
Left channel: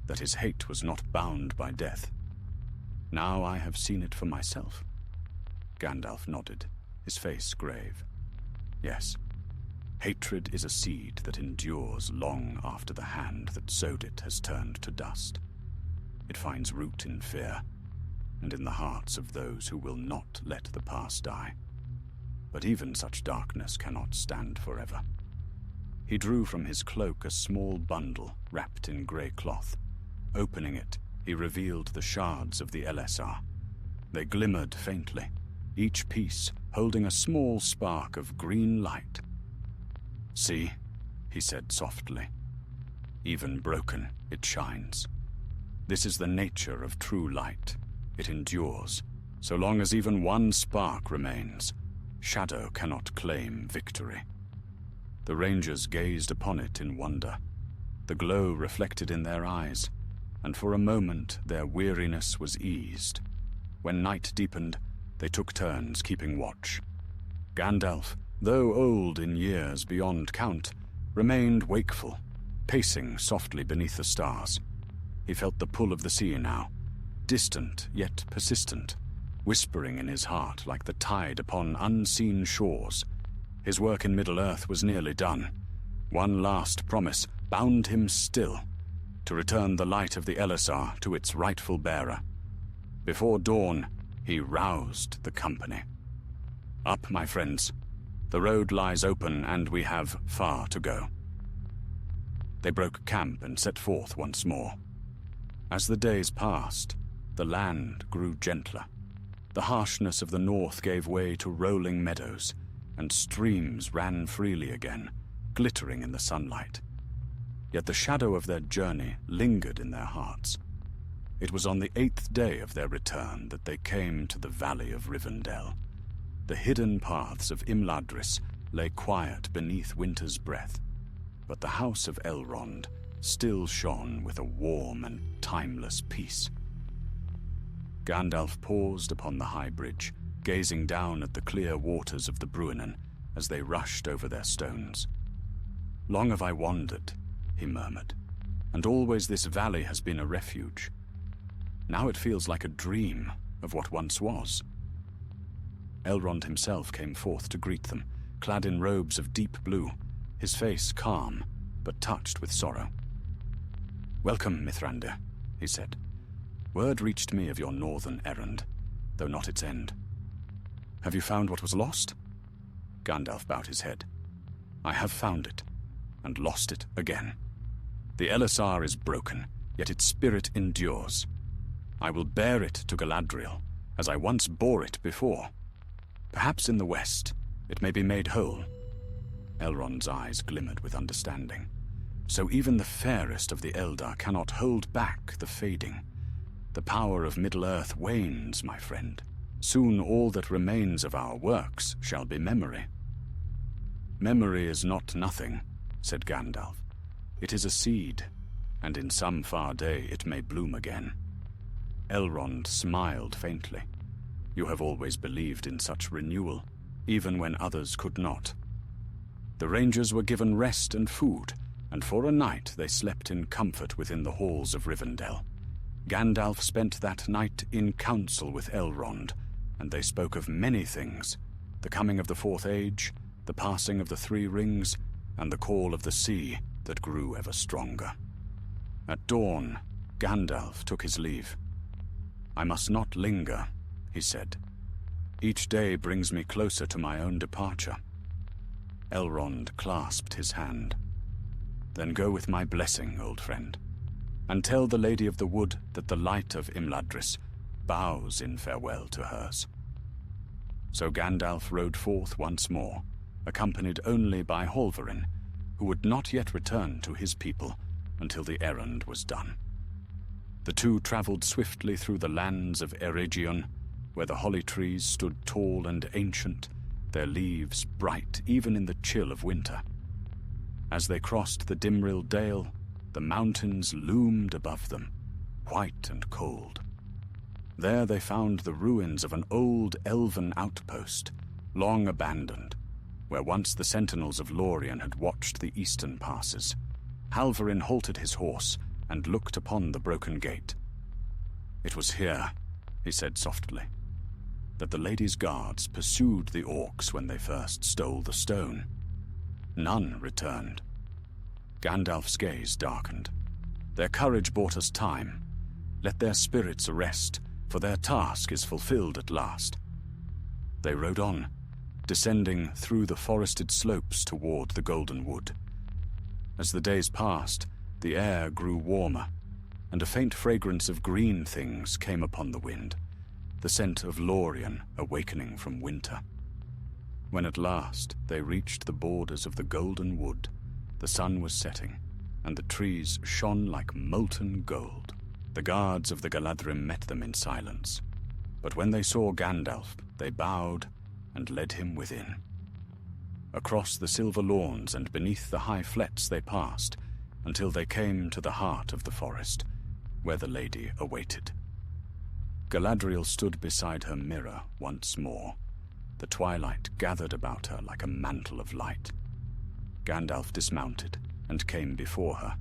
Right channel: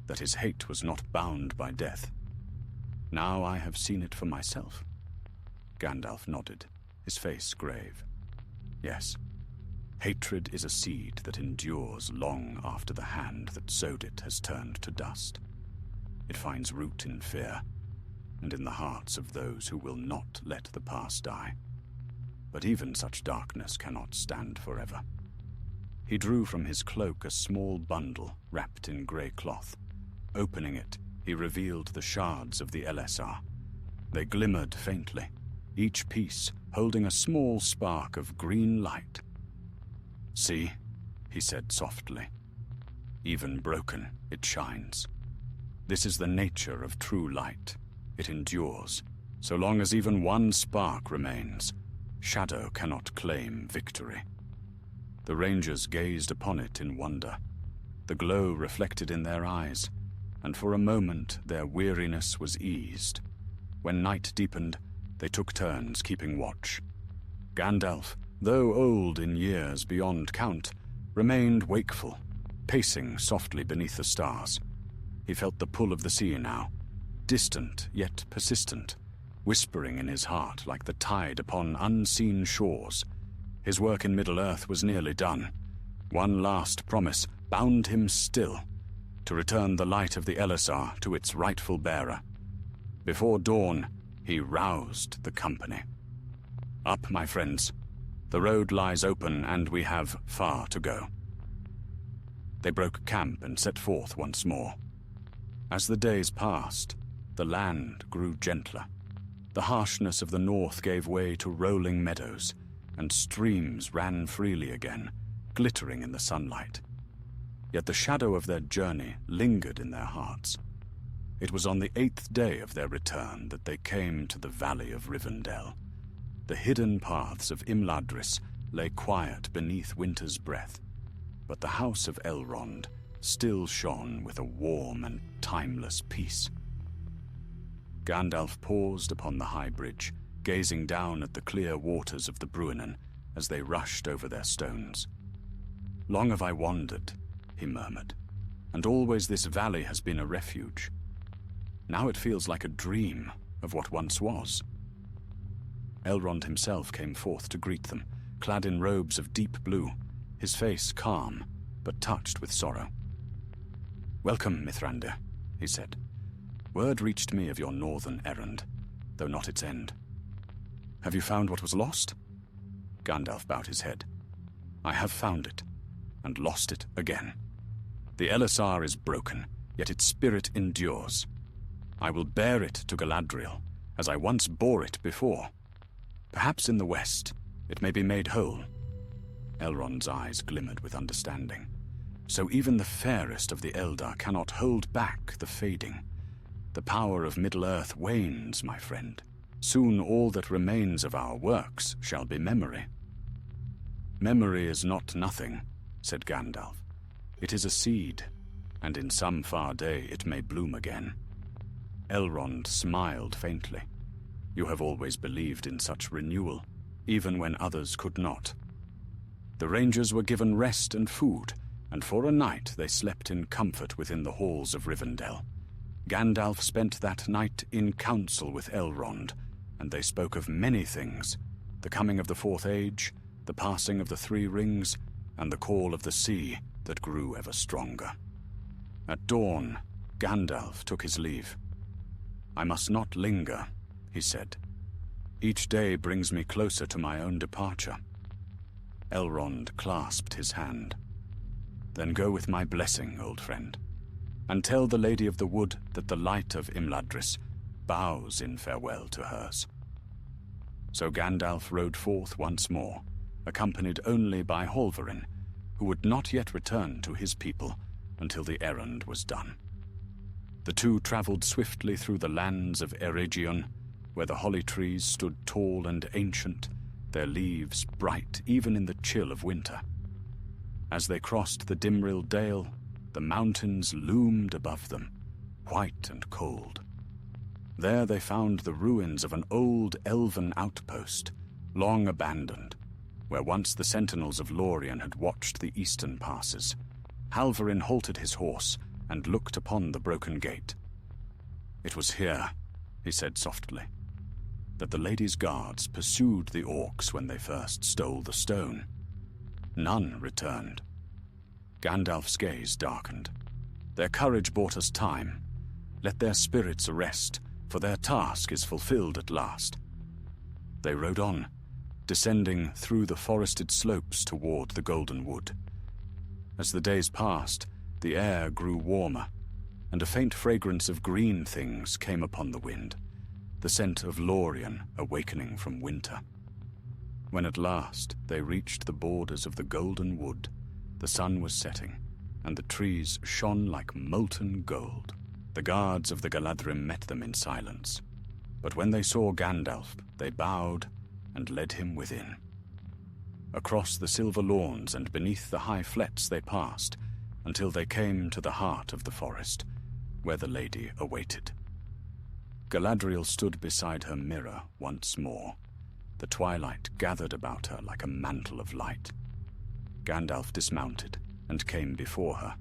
that his hate was not bound by death. Now I have seen it for myself." Gandalf nodded, his face grave. "Yes, hatred is a seed that endures long after the hand that sowed it has turned to dust. It finds root in fear, and in the hearts of those who will not let the past die. But even such darkness cannot stand forever." He drew from his cloak a small bundle wrapped in grey cloth. Opening it, he revealed the shards of the LSR. They glimmered faintly, each piece holding a small spark of green light. "See," he said softly. "Even broken, it shines. This is the nature of true light. It endures. So long as even one spark remains, shadow cannot claim victory. The rangers gazed upon it in wonder, the glow reflected in their eyes, and for a moment their weariness was eased. When night deepened, they took turns keeping watch. Gandalf, though old in years beyond count, remained wakeful, pacing softly beneath the stars. He felt the pull of the sea now, distant yet persistent, whispering in his heart like the tide upon unseen shores. His work in Middle-earth was nearly done. One last promise bound him still, to return the light of the Elisar to its rightful bearer. Before dawn, he roused the company. Up, my friends. The road lies open, and we have far to go. They broke camp and set forth once more. As the days passed, the land grew gentler. The harshness of the north gave way to rolling meadows, and streams ran freely again, glittering in the sunlight. Yet the shadow of their journey lingered in their hearts. It was on the 8th day of their return that they came to the valley of Rivendell. The hidden paths of Imladris lay quiet beneath winter's breath, but the house of Elrond still shone with a warm and timeless peace. Gandalf paused upon the high bridge, gazing down at the clear waters of the Bruinen as they rushed over their stones. "Long have I wandered," he murmured, "and always this valley has been a refuge. Now it feels like a dream of what once was." Elrond himself came forth to greet them, clad in robes of deep blue, his face calm, but touched with sorrow. "Welcome, Mithrandir," he said. "Word reached me of your northern errand, though not its end. Have you found what was lost?" Gandalf bowed his head. "I have found it, and lost it again. The Elisar is broken, yet its spirit endures. I will bear it to Galadriel, as I once bore it before. Perhaps in the west, it may be made whole." Elrond's eyes glimmered with understanding. "So even the fairest of the Eldar cannot hold back the fading. The power of Middle-earth wanes, my friend. Soon all that remains of our works shall be memory." "Memory is not nothing," said Gandalf. "It is a seed, and in some far day it may bloom again." Elrond smiled faintly. "You have always believed in such renewal, even when others could not." The rangers were given rest and food, and for a night they slept in comfort within the halls of Rivendell. Gandalf spent that night in council with Elrond, and they spoke of many things: the coming of the Fourth Age, the passing of the Three Rings, and the call of the sea that grew ever stronger. At dawn, Gandalf took his leave. "I must not linger," he said. "Each day brings me closer to my own departure." Elrond clasped his hand. "Then go with my blessing, old friend, and tell the Lady of the Wood that the light of Imladris bows in farewell to hers." So Gandalf rode forth once more, accompanied only by Halvarin, who would not yet return to his people until the errand was done. The two traveled swiftly through the lands of Eregion, where the holly trees stood tall and ancient, their leaves bright even in the chill of winter. As they crossed the Dimril Dale, the mountains loomed above them, white and cold. There they found the ruins of an old elven outpost, long abandoned, where once the sentinels of Lorien had watched the eastern passes. Halvarin halted his horse and looked upon the broken gate. "It was here," he said softly, "that the lady's guards pursued the orcs when they first stole the stone. None returned." Gandalf's gaze darkened. "Their courage bought us time. Let their spirits rest, for their task is fulfilled at last." They rode on, descending through the forested slopes toward the Golden Wood. As the days passed, the air grew warmer, and a faint fragrance of green things came upon the wind, the scent of Lorien awakening from winter. When at last they reached the borders of the Golden Wood, the sun was setting, and the trees shone like molten gold. The guards of the Galadriel met them in silence, but when they saw Gandalf, they bowed and led him within. Across the silver lawns and beneath the high flets they passed, until they came to the heart of the forest, where the lady awaited. Galadriel stood beside her mirror once more. The twilight gathered about her like a mantle of light. Gandalf dismounted and came before her,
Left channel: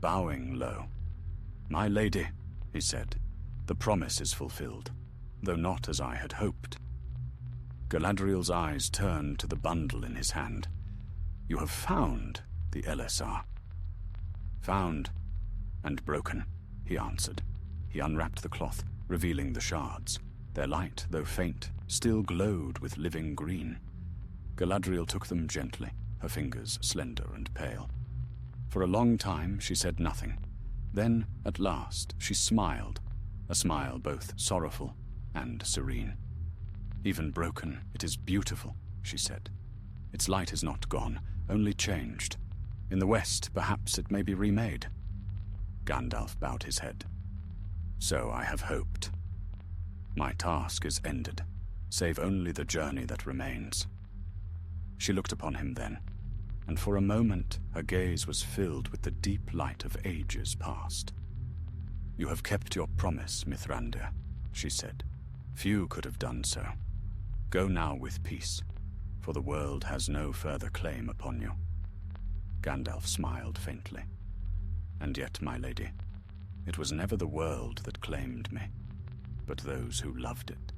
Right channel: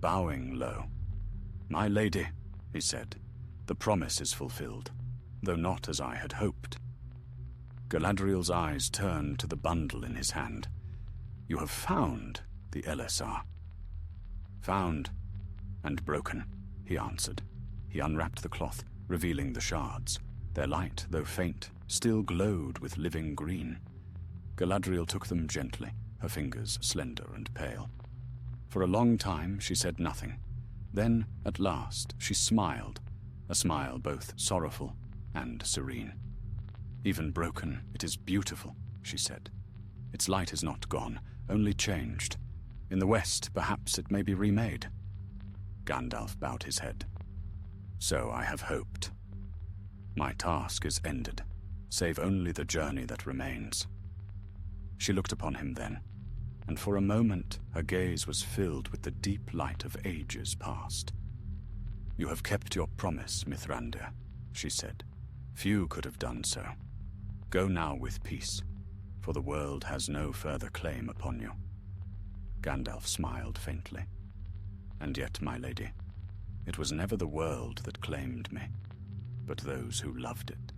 bowing low. "My lady," he said, "the promise is fulfilled, though not as I had hoped." Galadriel's eyes turned to the bundle in his hand. "You have found the LSR." "Found and broken," he answered. He unwrapped the cloth, revealing the shards. Their light, though faint, still glowed with living green. Galadriel took them gently, her fingers slender and pale. For a long time she said nothing. Then, at last, she smiled, a smile both sorrowful and serene. "Even broken, it is beautiful," she said. "Its light is not gone, only changed. In the west, perhaps it may be remade." Gandalf bowed his head. "So I have hoped. My task is ended, save only the journey that remains." She looked upon him then, and for a moment her gaze was filled with the deep light of ages past. "You have kept your promise, Mithrandir," she said. "Few could have done so. Go now with peace, for the world has no further claim upon you." Gandalf smiled faintly. "And yet, my lady, it was never the world that claimed me, but those who loved it."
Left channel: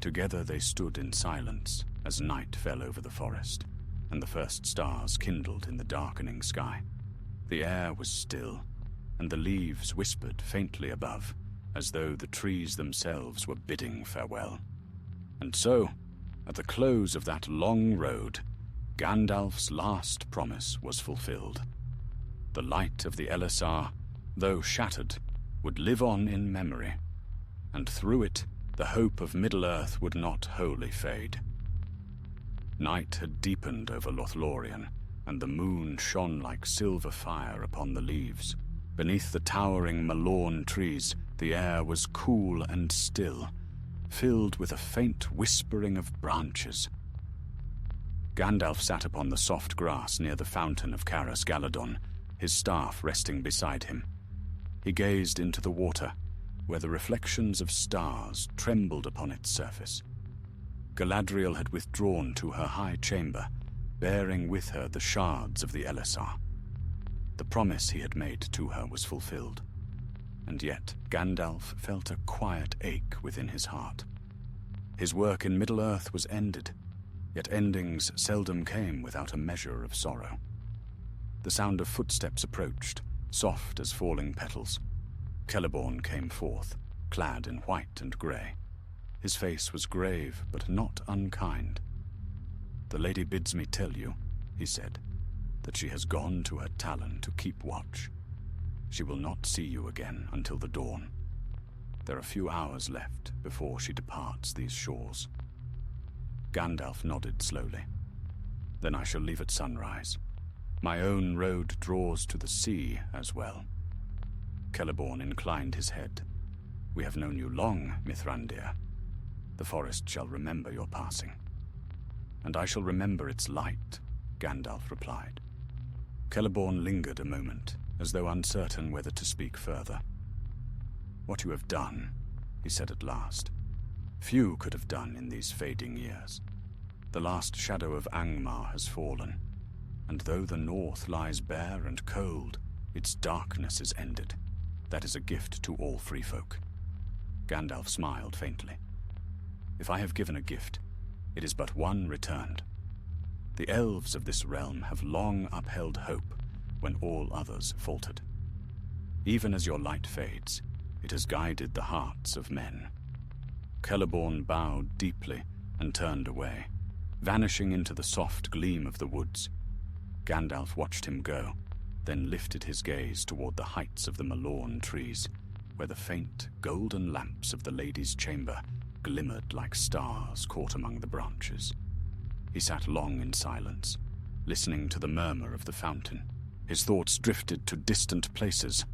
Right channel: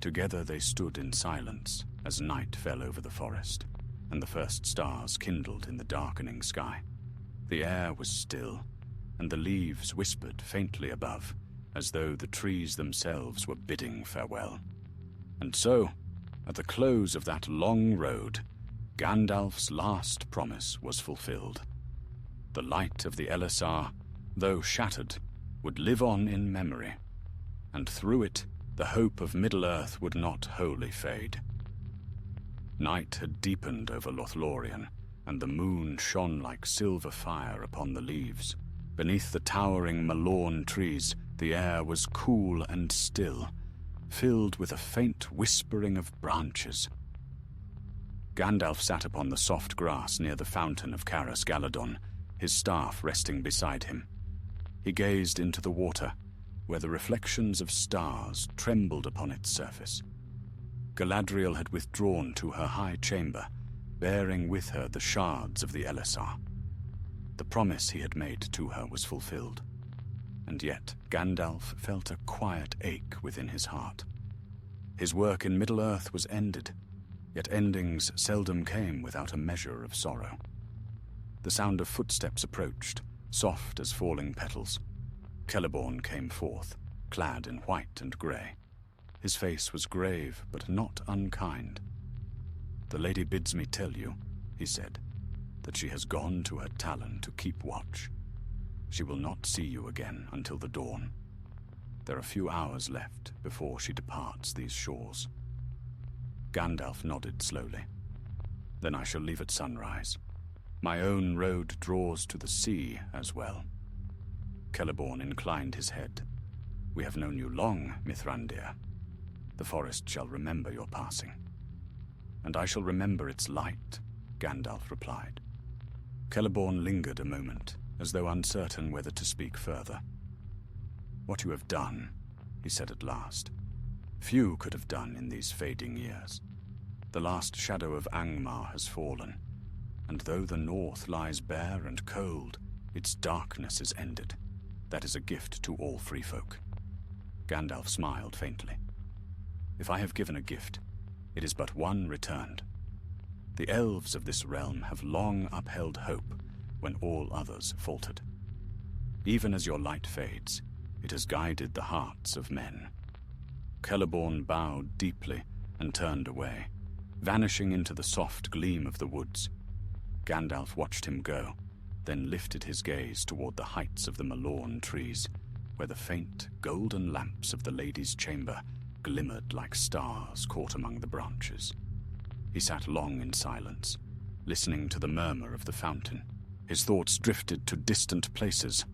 Together they stood in silence as night fell over the forest, and the first stars kindled in the darkening sky. The air was still, and the leaves whispered faintly above, as though the trees themselves were bidding farewell. And so, at the close of that long road, Gandalf's last promise was fulfilled. The light of the LSR, though shattered, would live on in memory, and through it the hope of Middle-earth would not wholly fade. Night had deepened over Lothlorien, and the moon shone like silver fire upon the leaves. Beneath the towering Malorn trees, the air was cool and still, filled with a faint whispering of branches. Gandalf sat upon the soft grass near the fountain of Caras Galadon, his staff resting beside him. He gazed into the water, where the reflections of stars trembled upon its surface. Galadriel had withdrawn to her high chamber, bearing with her the shards of the LSR. The promise he had made to her was fulfilled, and yet Gandalf felt a quiet ache within his heart. His work in Middle-earth was ended, yet endings seldom came without a measure of sorrow. The sound of footsteps approached, soft as falling petals. Celeborn came forth, clad in white and grey. His face was grave, but not unkind. "The lady bids me tell you," he said, "that she has gone to her Talon to keep watch. She will not see you again until the dawn. There are few hours left before she departs these shores." Gandalf nodded slowly. "Then I shall leave at sunrise. My own road draws to the sea as well." Celeborn inclined his head. "We have known you long, Mithrandir. The forest shall remember your passing." "And I shall remember its light," Gandalf replied. Celeborn lingered a moment, as though uncertain whether to speak further. "What you have done," he said at last, "few could have done in these fading years. The last shadow of Angmar has fallen, and though the north lies bare and cold, its darkness is ended. That is a gift to all free folk." Gandalf smiled faintly. "If I have given a gift, it is but one returned. The elves of this realm have long upheld hope when all others faltered. Even as your light fades, it has guided the hearts of men." Celeborn bowed deeply and turned away, vanishing into the soft gleam of the woods. Gandalf watched him go, then lifted his gaze toward the heights of the Malorn trees, where the faint, golden lamps of the lady's chamber glimmered like stars caught among the branches. He sat long in silence, listening to the murmur of the fountain. His thoughts drifted to distant places,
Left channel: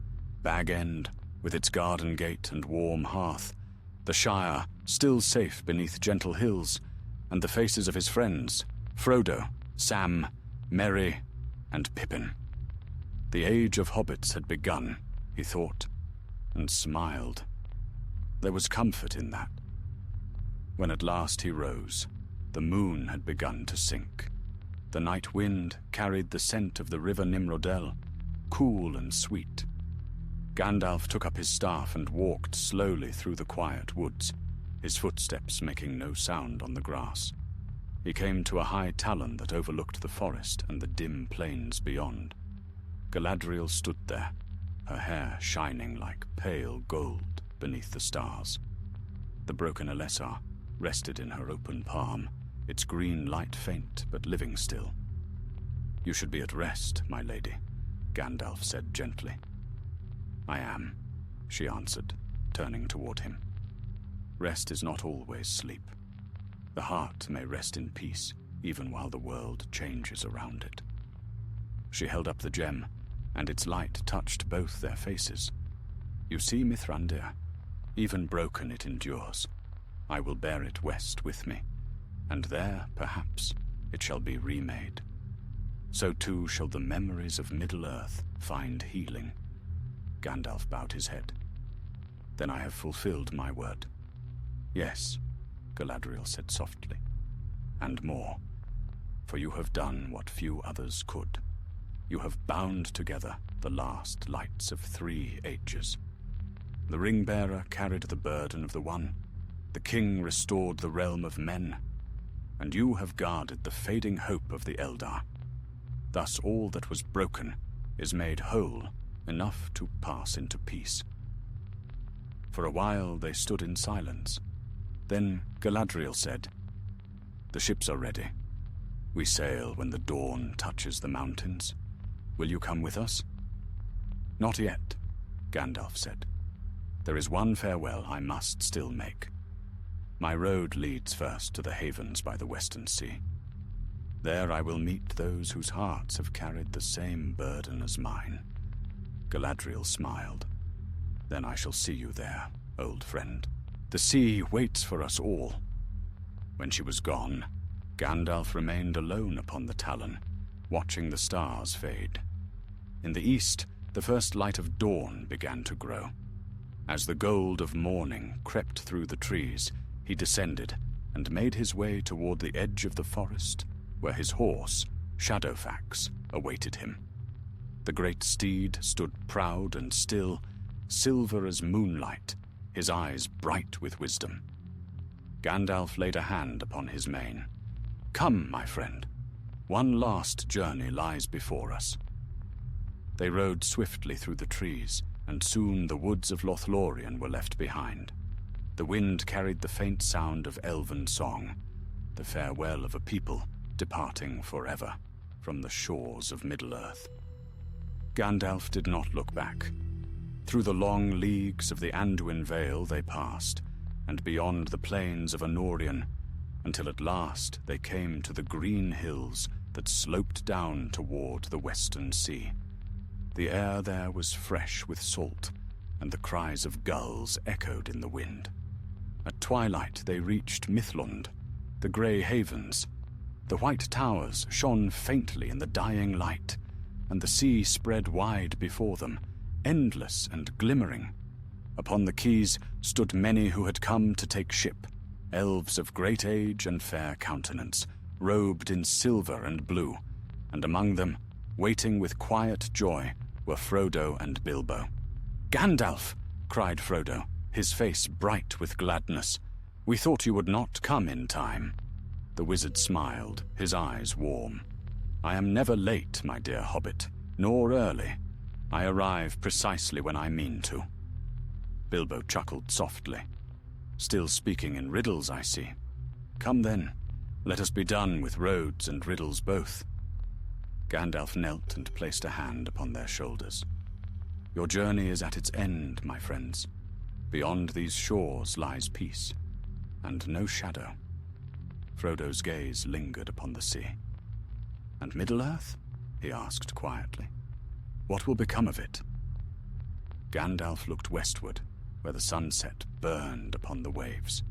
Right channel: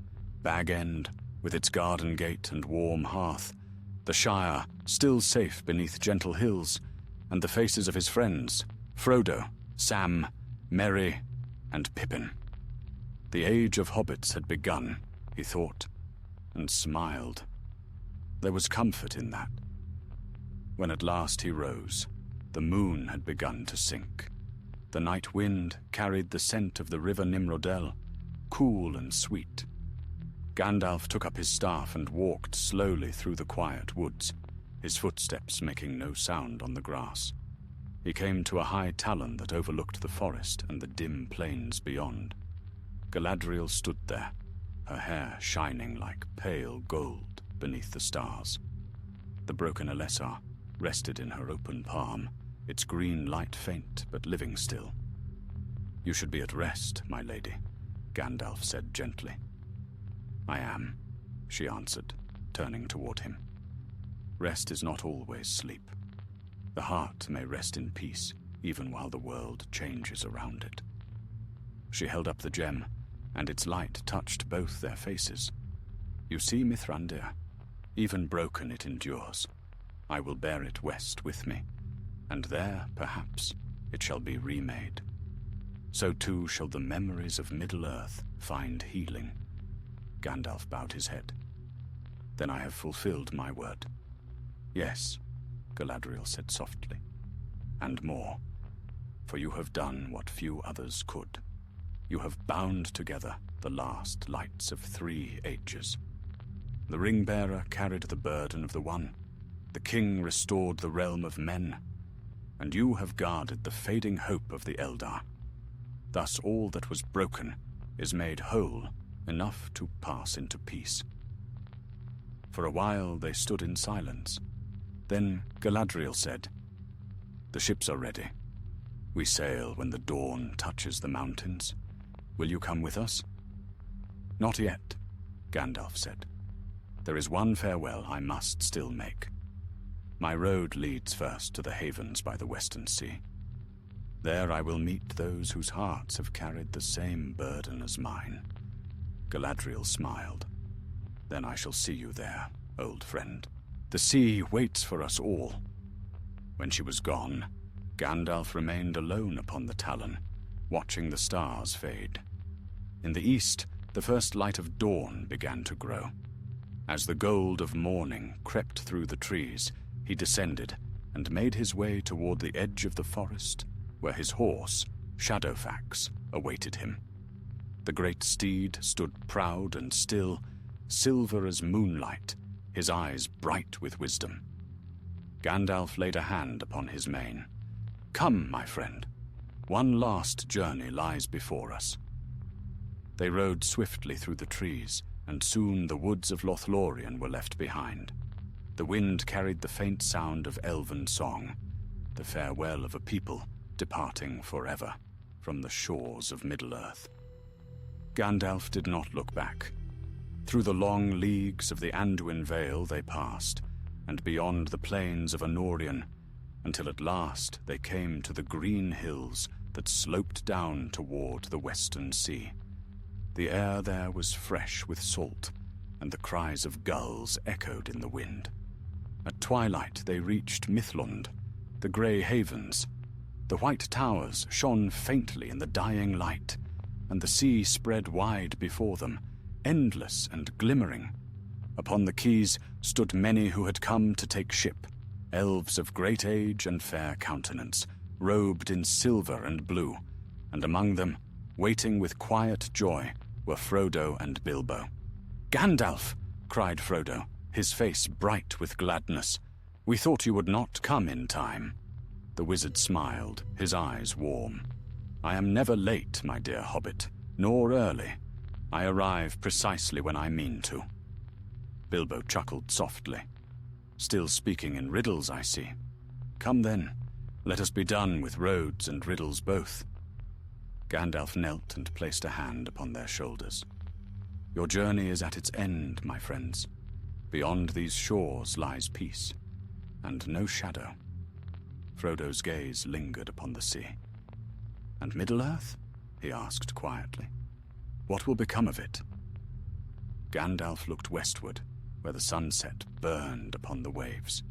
Bag End, with its garden gate and warm hearth, the Shire still safe beneath gentle hills, and the faces of his friends, Frodo, Sam, Merry, and Pippin. The age of hobbits had begun, he thought, and smiled. There was comfort in that. When at last he rose, the moon had begun to sink. The night wind carried the scent of the river Nimrodel, cool and sweet. Gandalf took up his staff and walked slowly through the quiet woods, his footsteps making no sound on the grass. He came to a high talon that overlooked the forest and the dim plains beyond. Galadriel stood there, her hair shining like pale gold beneath the stars. The broken Elessar rested in her open palm, its green light faint but living still. "You should be at rest, my lady," Gandalf said gently. "I am," she answered, turning toward him. "Rest is not always sleep. The heart may rest in peace, even while the world changes around it." She held up the gem, and its light touched both their faces. "You see, Mithrandir, even broken it endures. I will bear it west with me, and there, perhaps, it shall be remade. So too shall the memories of Middle-earth find healing." Gandalf bowed his head. "Then I have fulfilled my word." "Yes," Galadriel said softly, "and more, for you have done what few others could. You have bound together the last lights of 3 ages. The ring-bearer carried the burden of the one, the king restored the realm of men, and you have guarded the fading hope of the Eldar. Thus all that was broken is made whole, enough to pass into peace." For a while they stood in silence. Then Galadriel said, "The ships are ready. We sail when the dawn touches the mountains. Will you come with us?" "Not yet," Gandalf said. "There is one farewell I must still make. My road leads first to the havens by the western sea. There I will meet those whose hearts have carried the same burden as mine." Galadriel smiled. "Then I shall see you there, old friend. The sea waits for us all." When she was gone, Gandalf remained alone upon the Talon, watching the stars fade. In the east, the first light of dawn began to grow. As the gold of morning crept through the trees, he descended and made his way toward the edge of the forest, where his horse, Shadowfax, awaited him. The great steed stood proud and still, silver as moonlight, his eyes bright with wisdom. Gandalf laid a hand upon his mane. "Come, my friend. One last journey lies before us." They rode swiftly through the trees, and soon the woods of Lothlorien were left behind. The wind carried the faint sound of elven song, the farewell of a people departing forever from the shores of Middle-earth. Gandalf did not look back. Through the long leagues of the Anduin Vale they passed, and beyond the plains of Anórien, until at last they came to the green hills that sloped down toward the western sea. The air there was fresh with salt, and the cries of gulls echoed in the wind. At twilight they reached Mithlond, the grey havens. The white towers shone faintly in the dying light, and the sea spread wide before them, endless and glimmering. Upon the quays stood many who had come to take ship, elves of great age and fair countenance, robed in silver and blue, and among them, waiting with quiet joy, were Frodo and Bilbo. "Gandalf!" cried Frodo, his face bright with gladness. "We thought you would not come in time." The wizard smiled, his eyes warm. "I am never late, my dear hobbit, nor early. I arrive precisely when I mean to." Bilbo chuckled softly. "Still speaking in riddles, I see. Come then, let us be done with roads and riddles both." Gandalf knelt and placed a hand upon their shoulders. "Your journey is at its end, my friends. Beyond these shores lies peace, and no shadow." Frodo's gaze lingered upon the sea. "And Middle-earth?" he asked quietly. "What will become of it?" Gandalf looked westward, where the sunset burned upon the waves.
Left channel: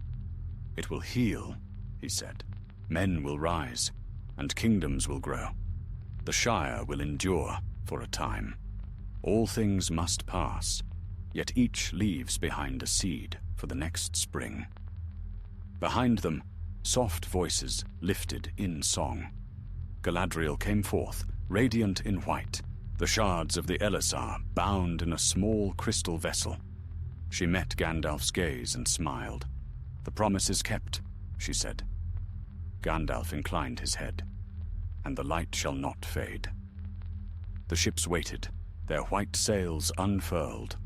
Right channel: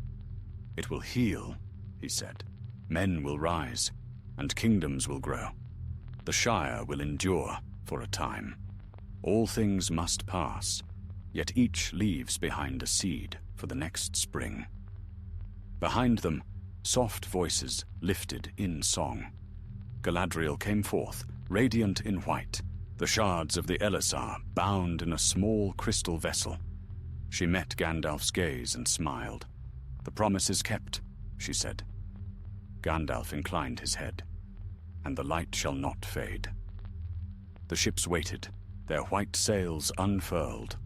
"It will heal," he said. "Men will rise, and kingdoms will grow. The Shire will endure for a time. All things must pass, yet each leaves behind a seed for the next spring." Behind them, soft voices lifted in song. Galadriel came forth, radiant in white, the shards of the Elisar bound in a small crystal vessel. She met Gandalf's gaze and smiled. "The promise is kept," she said. Gandalf inclined his head. "And the light shall not fade." The ships waited, their white sails unfurled.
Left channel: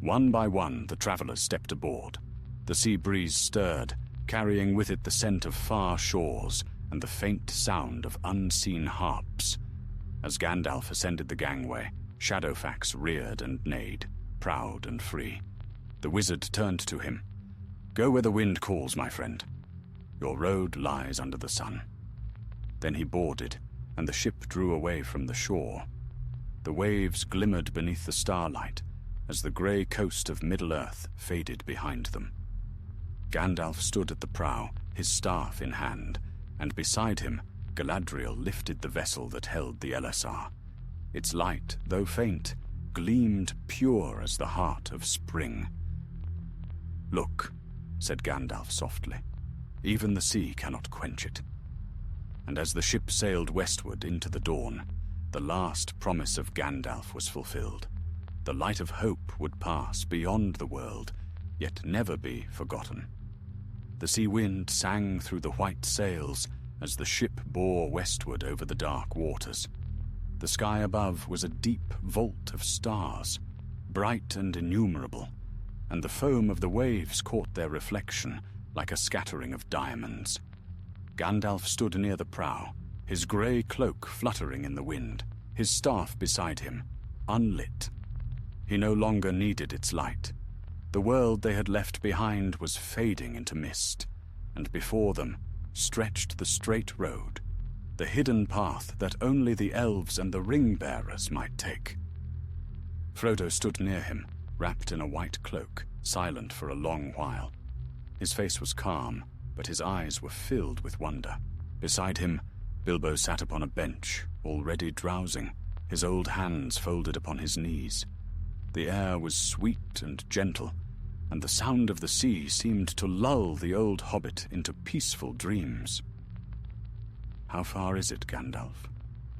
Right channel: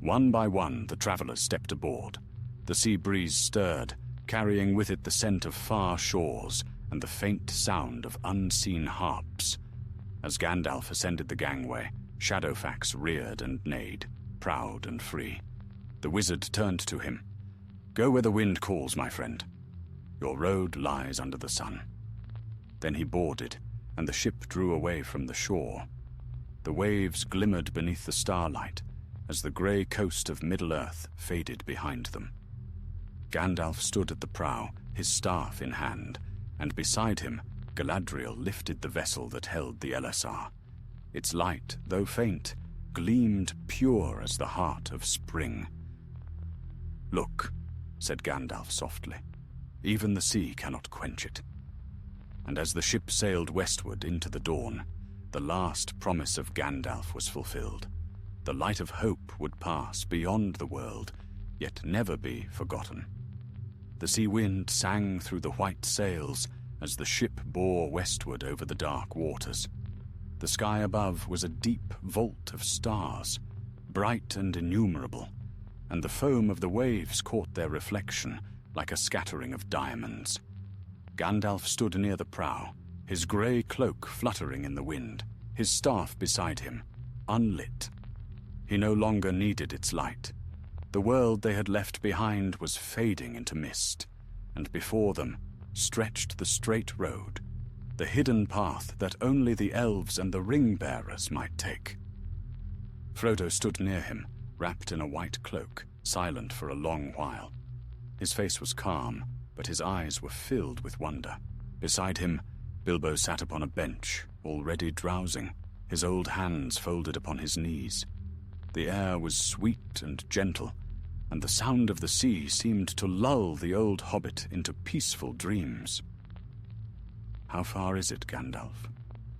One by one, the travelers stepped aboard. The sea breeze stirred, carrying with it the scent of far shores and the faint sound of unseen harps. As Gandalf ascended the gangway, Shadowfax reared and neighed, proud and free. The wizard turned to him. "Go where the wind calls, my friend. Your road lies under the sun." Then he boarded, and the ship drew away from the shore. The waves glimmered beneath the starlight as the grey coast of Middle-earth faded behind them. Gandalf stood at the prow, his staff in hand, and beside him Galadriel lifted the vessel that held the Elisar. Its light, though faint, gleamed pure as the heart of spring. "Look," said Gandalf softly, "even the sea cannot quench it." And as the ship sailed westward into the dawn, the last promise of Gandalf was fulfilled. The light of hope would pass beyond the world, yet never be forgotten. The sea wind sang through the white sails as the ship bore westward over the dark waters. The sky above was a deep vault of stars, bright and innumerable, and the foam of the waves caught their reflection like a scattering of diamonds. Gandalf stood near the prow, his grey cloak fluttering in the wind, his staff beside him, unlit. He no longer needed its light. The world they had left behind was fading into mist, and before them stretched the straight road, the hidden path that only the elves and the ring-bearers might take. Frodo stood near him, wrapped in a white cloak, silent for a long while. His face was calm, but his eyes were filled with wonder. Beside him, Bilbo sat upon a bench, already drowsing, his old hands folded upon his knees. The air was sweet and gentle, and the sound of the sea seemed to lull the old hobbit into peaceful dreams. "How far is it, Gandalf?"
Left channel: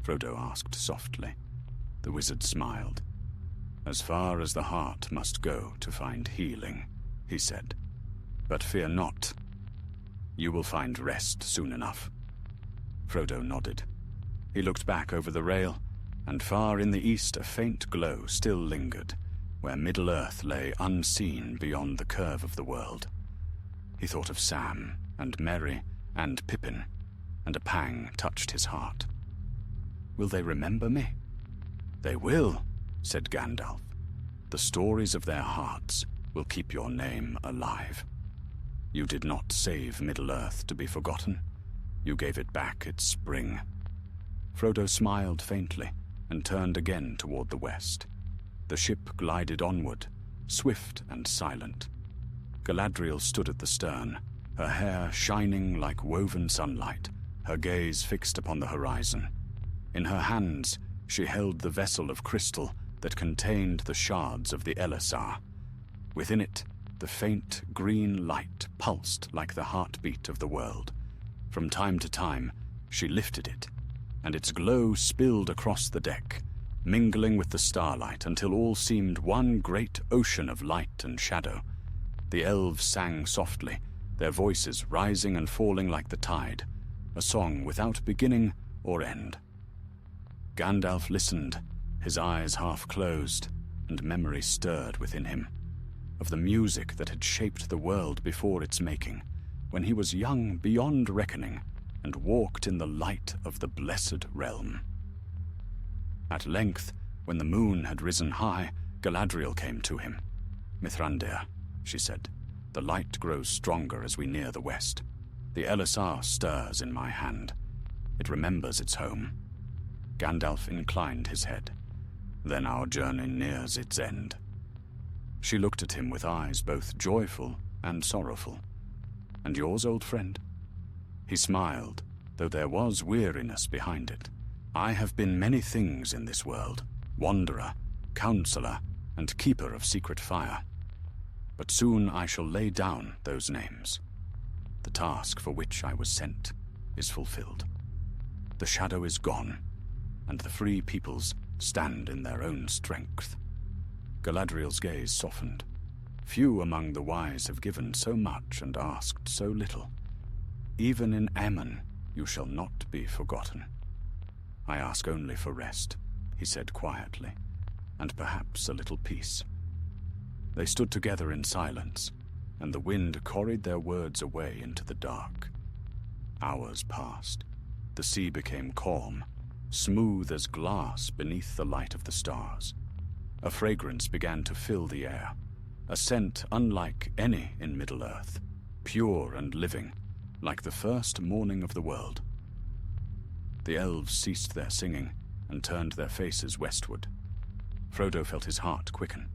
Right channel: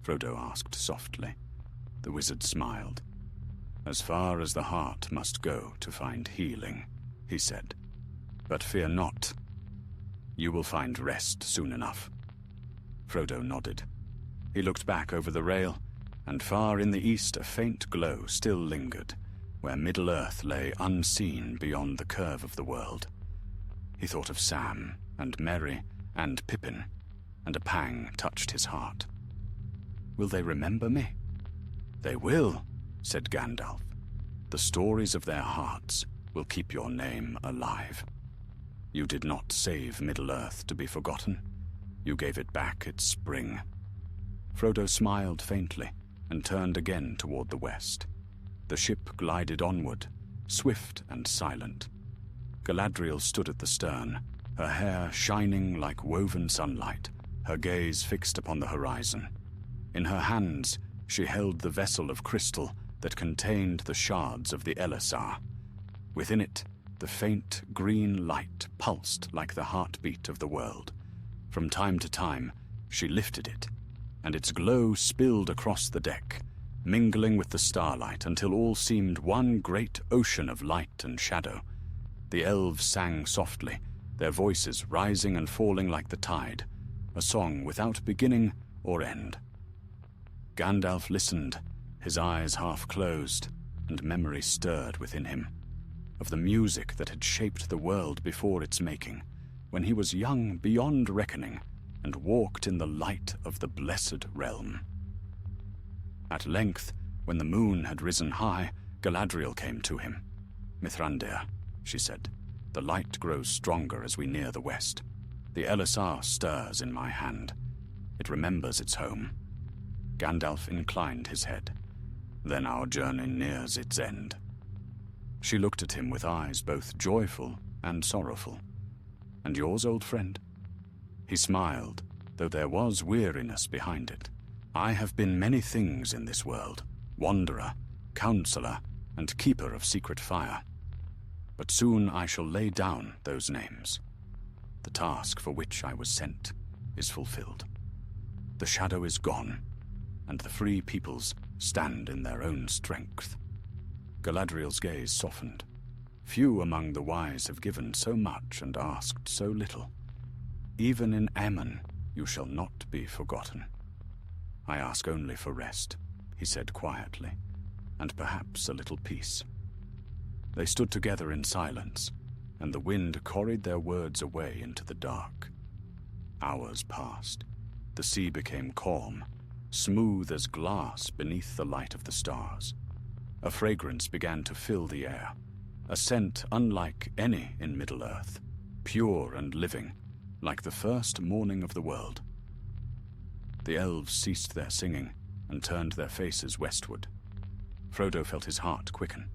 Frodo asked softly. The wizard smiled. "As far as the heart must go to find healing," he said. "But fear not. You will find rest soon enough." Frodo nodded. He looked back over the rail, and far in the east a faint glow still lingered, where Middle-earth lay unseen beyond the curve of the world. He thought of Sam, and Merry, and Pippin, and a pang touched his heart. "Will they remember me?" "They will," said Gandalf. "The stories of their hearts will keep your name alive. You did not save Middle-earth to be forgotten. You gave it back its spring." Frodo smiled faintly and turned again toward the west. The ship glided onward, swift and silent. Galadriel stood at the stern, her hair shining like woven sunlight, her gaze fixed upon the horizon. In her hands, she held the vessel of crystal that contained the shards of the Elisar. Within it, the faint green light pulsed like the heartbeat of the world. From time to time, she lifted it, and its glow spilled across the deck, mingling with the starlight until all seemed one great ocean of light and shadow. The elves sang softly, their voices rising and falling like the tide, a song without beginning or end. Gandalf listened, his eyes half closed, and memory stirred within him, of the music that had shaped the world before its making, when he was young beyond reckoning and walked in the light of the blessed realm. At length, when the moon had risen high, Galadriel came to him. "Mithrandir," she said, "the light grows stronger as we near the west. The Elisar stirs in my hand. It remembers its home." Gandalf inclined his head. "Then our journey nears its end." She looked at him with eyes both joyful and sorrowful. "And yours, old friend?" He smiled, though there was weariness behind it. "I have been many things in this world, wanderer, counselor, and keeper of secret fire. But soon I shall lay down those names. The task for which I was sent is fulfilled. The shadow is gone, and the free peoples stand in their own strength." Galadriel's gaze softened. Few among the wise have given so much and asked so little. "Even in Ammon you shall not be forgotten. I ask only for rest," he said quietly, "and perhaps a little peace." They stood together in silence, and the wind carried their words away into the dark. Hours passed. The sea became calm, smooth as glass beneath the light of the stars. A fragrance began to fill the air, a scent unlike any in Middle-earth, pure and living, like the first morning of the world. The elves ceased their singing and turned their faces westward. Frodo felt his heart quicken,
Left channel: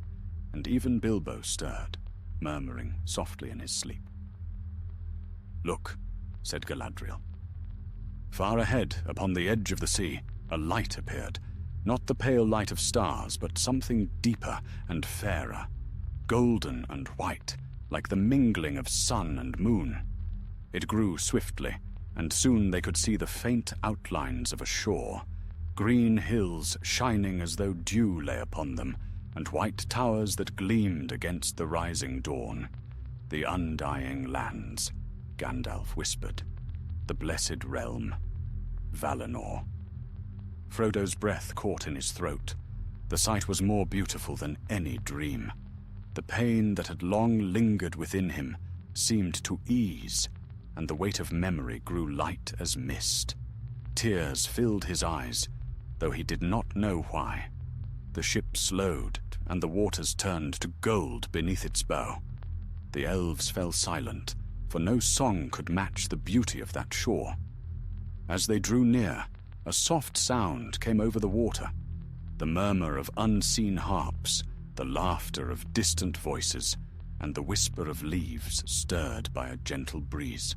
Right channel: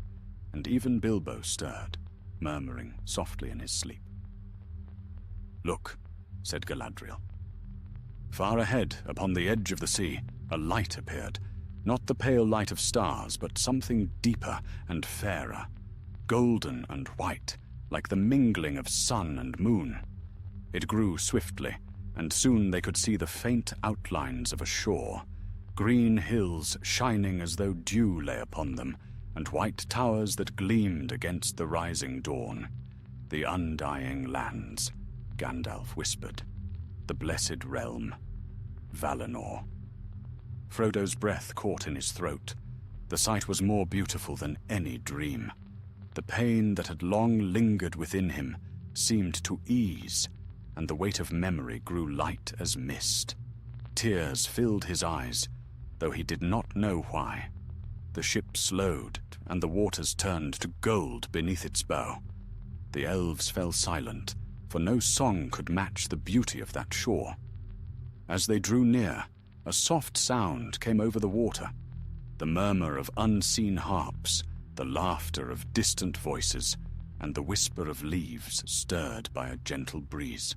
and even Bilbo stirred, murmuring softly in his sleep. "Look," said Galadriel. Far ahead, upon the edge of the sea, a light appeared, not the pale light of stars, but something deeper and fairer, golden and white, like the mingling of sun and moon. It grew swiftly, and soon they could see the faint outlines of a shore, green hills shining as though dew lay upon them, and white towers that gleamed against the rising dawn. "The undying lands," Gandalf whispered. "The blessed realm, Valinor." Frodo's breath caught in his throat. The sight was more beautiful than any dream. The pain that had long lingered within him seemed to ease, and the weight of memory grew light as mist. Tears filled his eyes, though he did not know why. The ship slowed, and the waters turned to gold beneath its bow. The elves fell silent, for no song could match the beauty of that shore. As they drew near, a soft sound came over the water, the murmur of unseen harps, the laughter of distant voices, and the whisper of leaves stirred by a gentle breeze.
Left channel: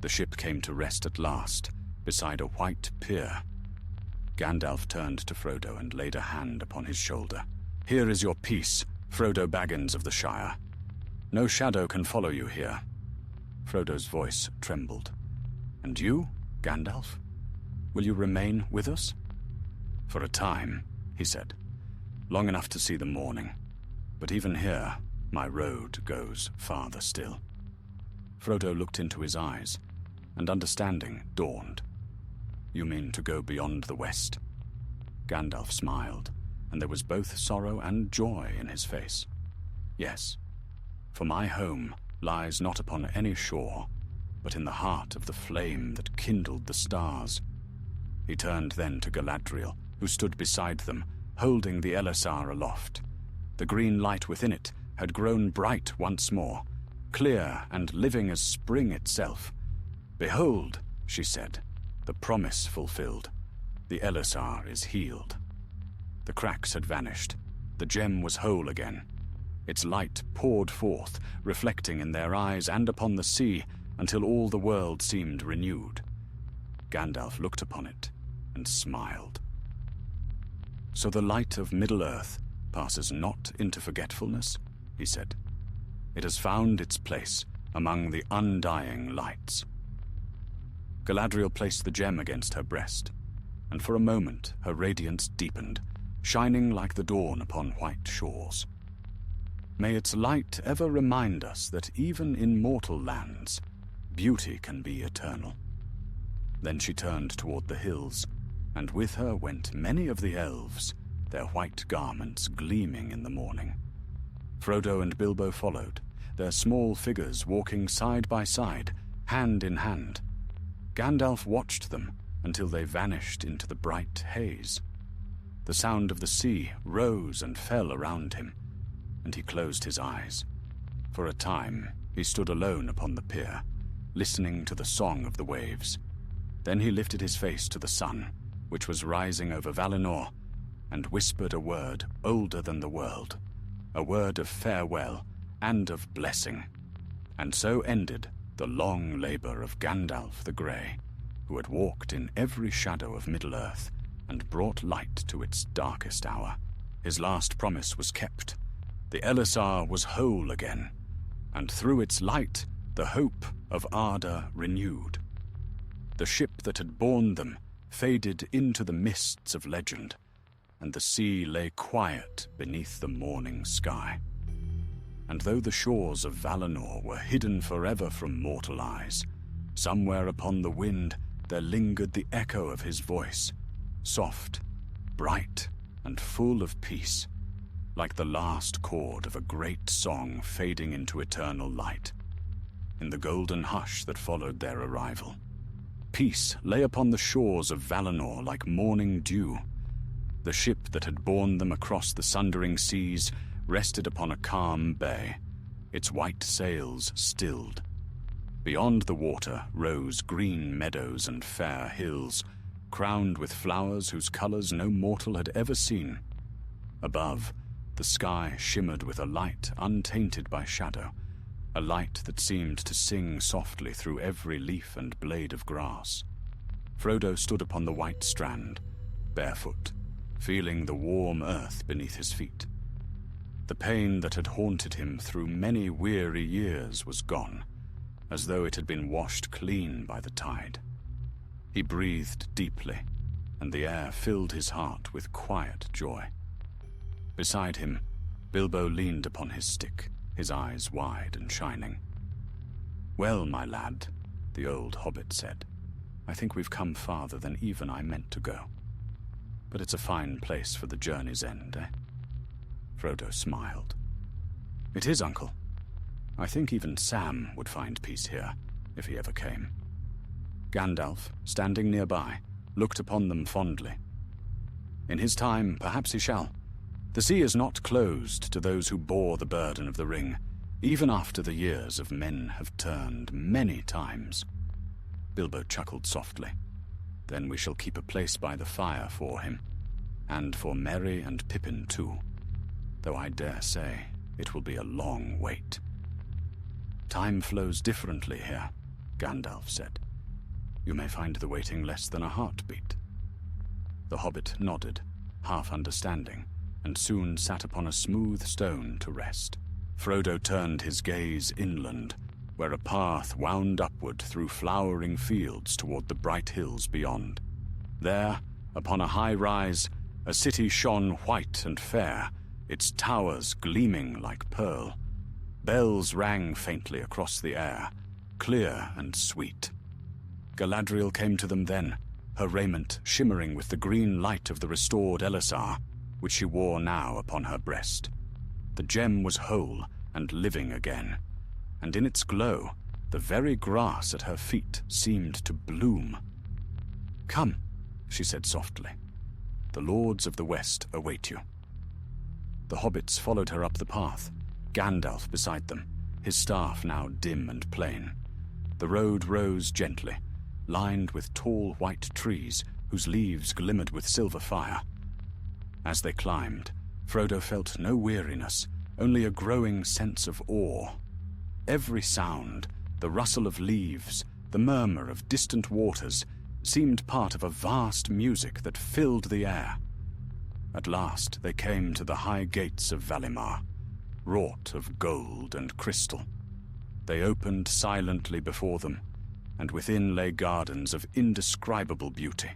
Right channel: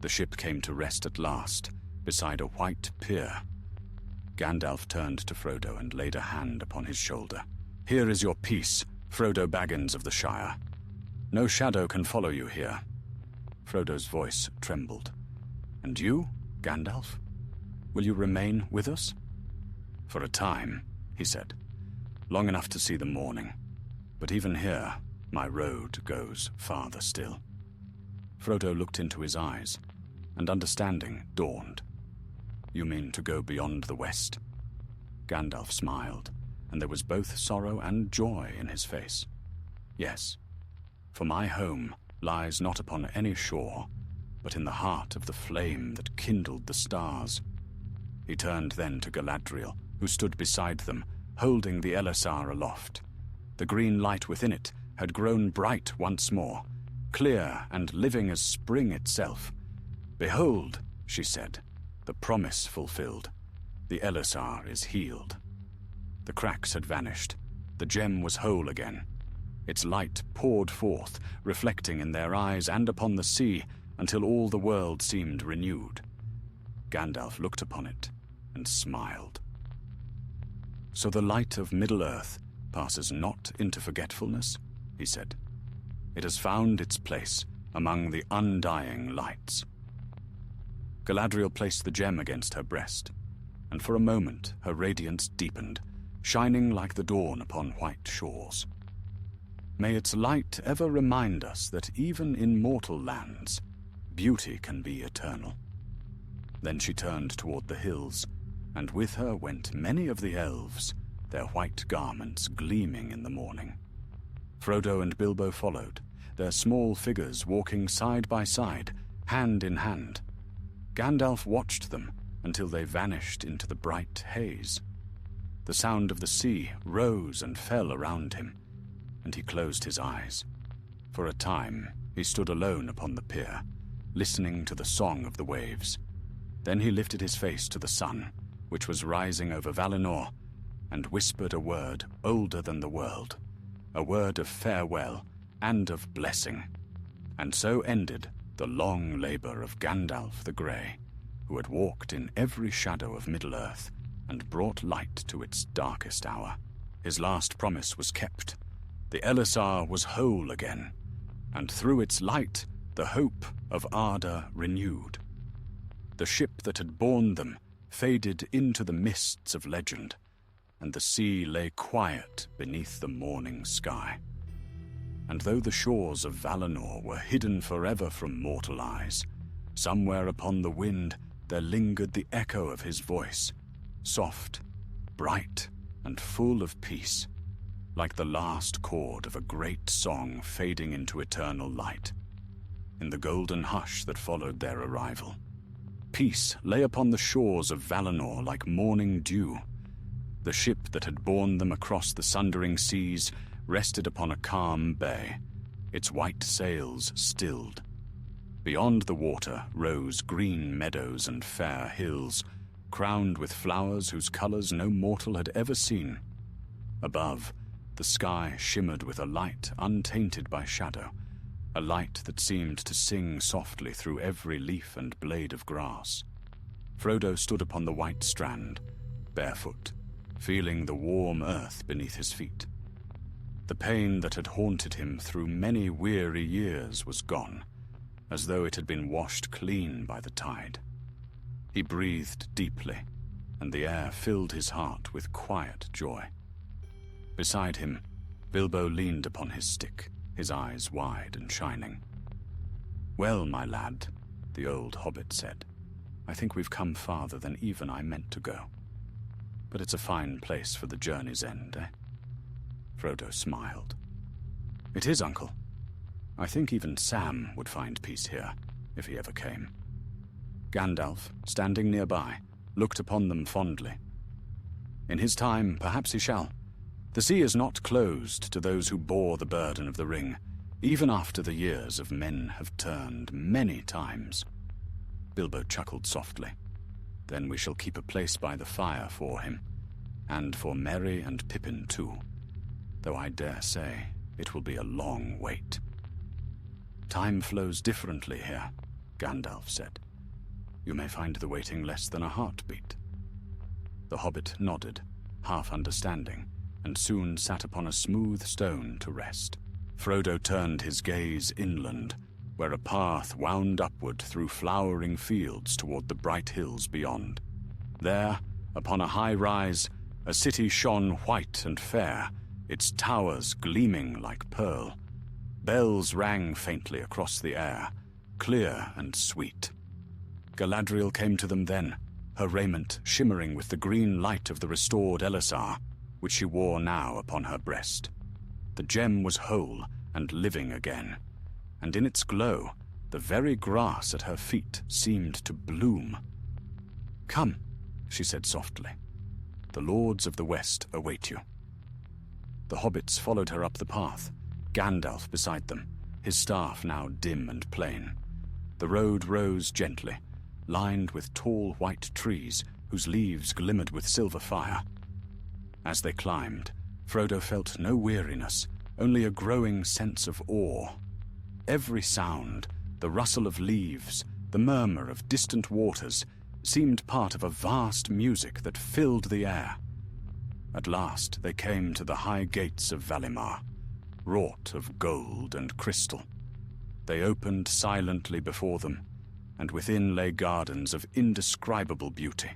The ship came to rest at last, beside a white pier. Gandalf turned to Frodo and laid a hand upon his shoulder. "Here is your peace, Frodo Baggins of the Shire. No shadow can follow you here." Frodo's voice trembled. "And you, Gandalf? Will you remain with us?" "For a time," he said. "Long enough to see the morning. But even here, my road goes farther still." Frodo looked into his eyes, and understanding dawned. "You mean to go beyond the west?" Gandalf smiled, and there was both sorrow and joy in his face. "Yes, for my home lies not upon any shore, but in the heart of the flame that kindled the stars." He turned then to Galadriel, who stood beside them, holding the Elisar aloft. The green light within it had grown bright once more, clear and living as spring itself. "Behold," she said, "the promise fulfilled. The Elisar is healed." The cracks had vanished. The gem was whole again. Its light poured forth, reflecting in their eyes and upon the sea, until all the world seemed renewed. Gandalf looked upon it and smiled. "So the light of Middle-earth passes not into forgetfulness," he said. "It has found its place among the undying lights." Galadriel placed the gem against her breast, and for a moment her radiance deepened, shining like the dawn upon white shores. "May its light ever remind us that even in mortal lands, beauty can be eternal." Then she turned toward the hills, and with her went many of the elves, their white garments gleaming in the morning. Frodo and Bilbo followed, their small figures walking side by side, hand in hand. Gandalf watched them until they vanished into the bright haze. The sound of the sea rose and fell around him, and he closed his eyes. For a time he stood alone upon the pier, listening to the song of the waves. Then he lifted his face to the sun, which was rising over Valinor, and whispered a word older than the world, a word of farewell and of blessing. And so ended the long labor of Gandalf the Grey, who had walked in every shadow of Middle-earth and brought light to its darkest hour. His last promise was kept. The Elisar was whole again, and through its light the hope of Arda renewed. The ship that had borne them faded into the mists of legend, and the sea lay quiet beneath the morning sky. And though the shores of Valinor were hidden forever from mortal eyes, somewhere upon the wind there lingered the echo of his voice, soft, bright, and full of peace, like the last chord of a great song fading into eternal light. In the golden hush that followed their arrival, peace lay upon the shores of Valinor like morning dew. The ship that had borne them across the sundering seas rested upon a calm bay, its white sails stilled. Beyond the water rose green meadows and fair hills, crowned with flowers whose colors no mortal had ever seen. Above, the sky shimmered with a light untainted by shadow, a light that seemed to sing softly through every leaf and blade of grass. Frodo stood upon the white strand, barefoot, feeling the warm earth beneath his feet. The pain that had haunted him through many weary years was gone, as though it had been washed clean by the tide. He breathed deeply, and the air filled his heart with quiet joy. Beside him, Bilbo leaned upon his stick, his eyes wide and shining. "Well, my lad," the old hobbit said, "I think we've come farther than even I meant to go. But it's a fine place for the journey's end, eh?" Frodo smiled. "It is, Uncle. I think even Sam would find peace here, if he ever came." Gandalf, standing nearby, looked upon them fondly. "In his time, perhaps he shall. The sea is not closed to those who bore the burden of the ring, even after the years of men have turned many times." Bilbo chuckled softly. "Then we shall keep a place by the fire for him, and for Merry and Pippin too, though I dare say it will be a long wait." "Time flows differently here," Gandalf said. "You may find the waiting less than a heartbeat." The hobbit nodded, half understanding, and soon sat upon a smooth stone to rest. Frodo turned his gaze inland, where a path wound upward through flowering fields toward the bright hills beyond. There, upon a high rise, a city shone white and fair, its towers gleaming like pearl. Bells rang faintly across the air, clear and sweet. Galadriel came to them then, her raiment shimmering with the green light of the restored Elisar, which she wore now upon her breast. The gem was whole and living again, and in its glow, the very grass at her feet seemed to bloom. "Come," she said softly. "The lords of the West await you." The hobbits followed her up the path, Gandalf beside them, his staff now dim and plain. The road rose gently, lined with tall white trees whose leaves glimmered with silver fire. As they climbed, Frodo felt no weariness, only a growing sense of awe. Every sound, the rustle of leaves, the murmur of distant waters, seemed part of a vast music that filled the air. At last they came to the high gates of Valimar, wrought of gold and crystal. They opened silently before them, and within lay gardens of indescribable beauty.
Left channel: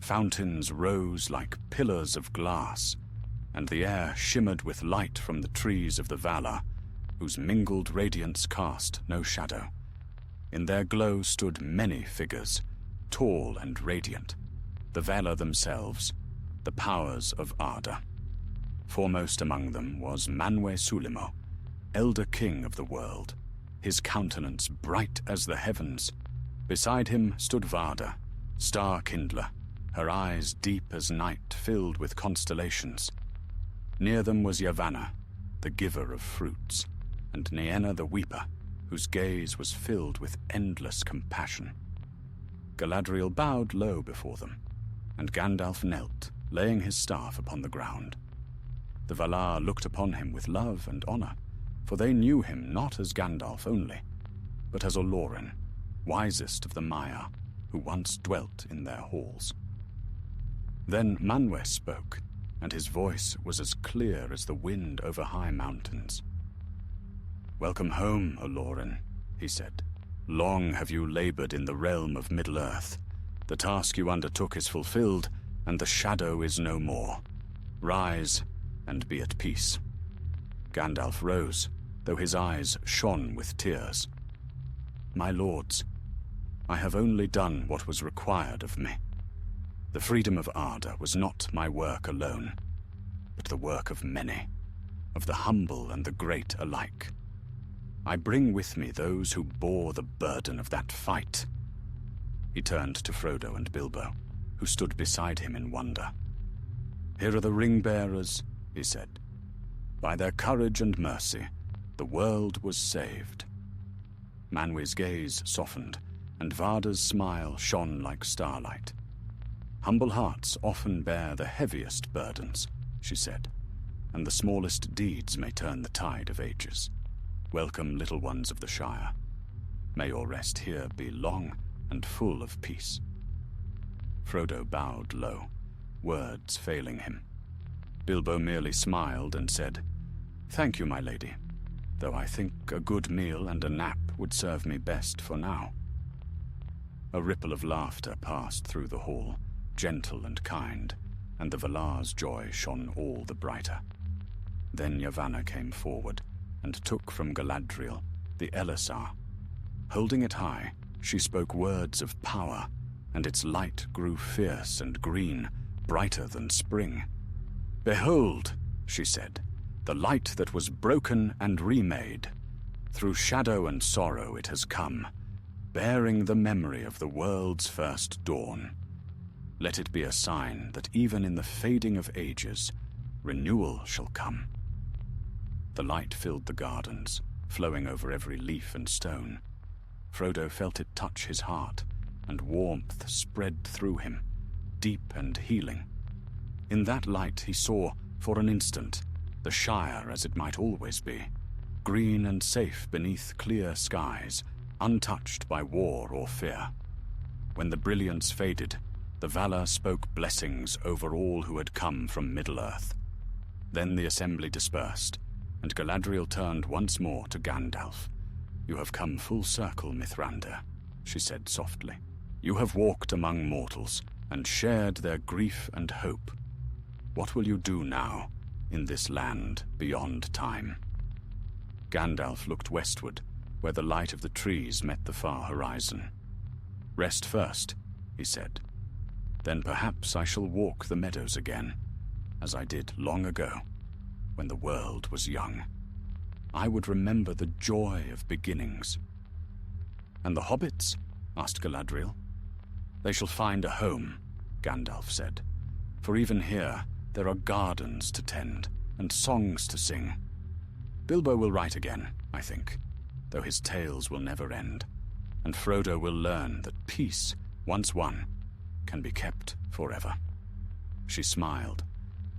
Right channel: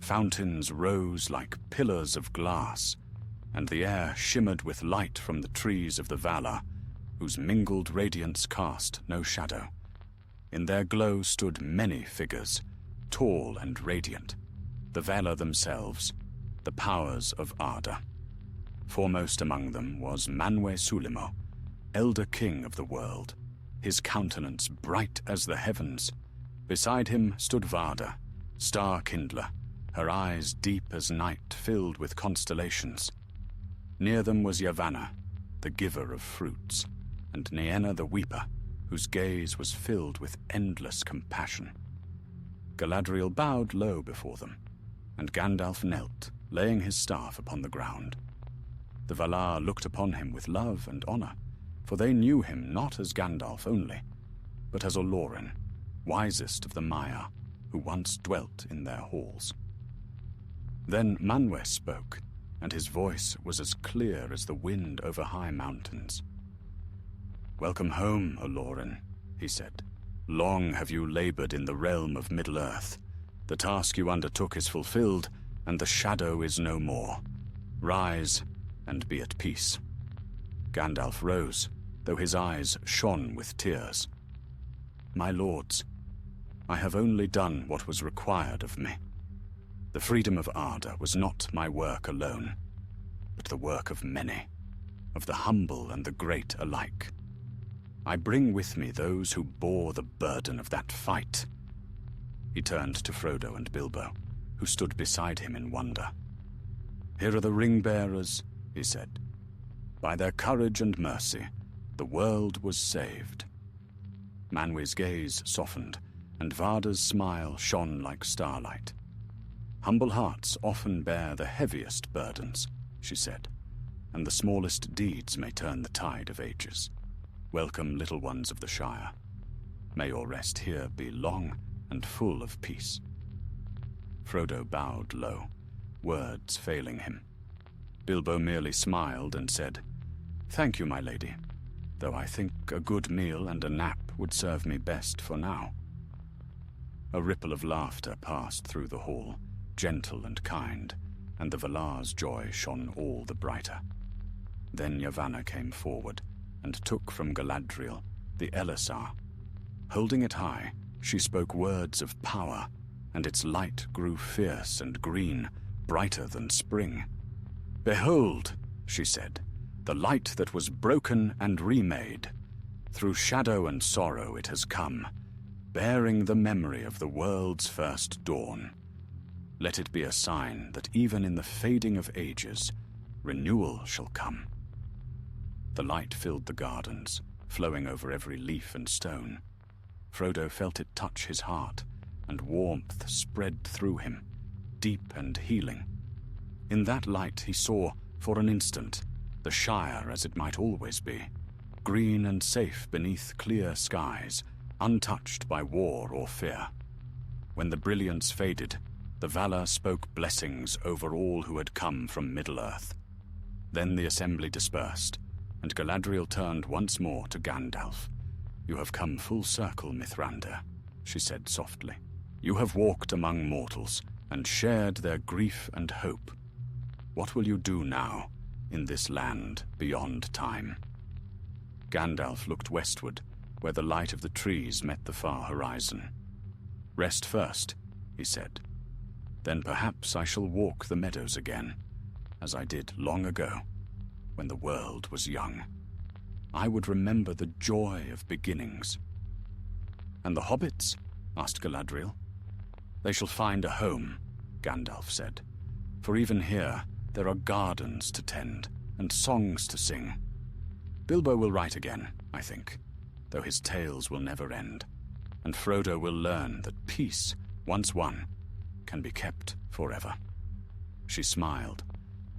Fountains rose like pillars of glass, and the air shimmered with light from the trees of the Valar, whose mingled radiance cast no shadow. In their glow stood many figures, tall and radiant, the Valar themselves, the powers of Arda. Foremost among them was Manwe Sulimo, elder king of the world, his countenance bright as the heavens. Beside him stood Varda, star-kindler, her eyes deep as night filled with constellations. Near them was Yavanna, the giver of fruits, and Nienna the weeper, whose gaze was filled with endless compassion. Galadriel bowed low before them, and Gandalf knelt, laying his staff upon the ground. The Valar looked upon him with love and honor, for they knew him not as Gandalf only, but as Olorin, wisest of the Maiar, who once dwelt in their halls. Then Manwë spoke, and his voice was as clear as the wind over high mountains. "Welcome home, Olorin," he said. "Long have you labored in the realm of Middle-earth. The task you undertook is fulfilled, and the shadow is no more. Rise and be at peace." Gandalf rose, though his eyes shone with tears. "My lords, I have only done what was required of me. The freedom of Arda was not my work alone, but the work of many, of the humble and the great alike. I bring with me those who bore the burden of that fight." He turned to Frodo and Bilbo, who stood beside him in wonder. "Here are the ring-bearers," he said. "By their courage and mercy, the world was saved." Manwë's gaze softened, and Varda's smile shone like starlight. "Humble hearts often bear the heaviest burdens," she said, "and the smallest deeds may turn the tide of ages. Welcome, little ones of the Shire. May your rest here be long and full of peace." Frodo bowed low, words failing him. Bilbo merely smiled and said, "Thank you, my lady, though I think a good meal and a nap would serve me best for now." A ripple of laughter passed through the hall, gentle and kind, and the Valar's joy shone all the brighter. Then Yavanna came forward and took from Galadriel the Elisar. Holding it high, she spoke words of power, and its light grew fierce and green, brighter than spring. "Behold," she said, "the light that was broken and remade. Through shadow and sorrow it has come, bearing the memory of the world's first dawn. Let it be a sign that even in the fading of ages, renewal shall come." The light filled the gardens, flowing over every leaf and stone. Frodo felt it touch his heart, and warmth spread through him, deep and healing. In that light he saw, for an instant, the Shire as it might always be, green and safe beneath clear skies, untouched by war or fear. When the brilliance faded, the Valar spoke blessings over all who had come from Middle-earth. Then the assembly dispersed, and Galadriel turned once more to Gandalf. "You have come full circle, Mithrandir," she said softly. "You have walked among mortals and shared their grief and hope. What will you do now, in this land beyond time?" Gandalf looked westward, where the light of the trees met the far horizon. "Rest first," he said. "Then perhaps I shall walk the meadows again, as I did long ago, when the world was young. I would remember the joy of beginnings." "And the hobbits?" asked Galadriel. "They shall find a home," Gandalf said. "For even here there are gardens to tend and songs to sing. Bilbo will write again, I think, though his tales will never end, and Frodo will learn that peace, once won, can be kept forever." She smiled.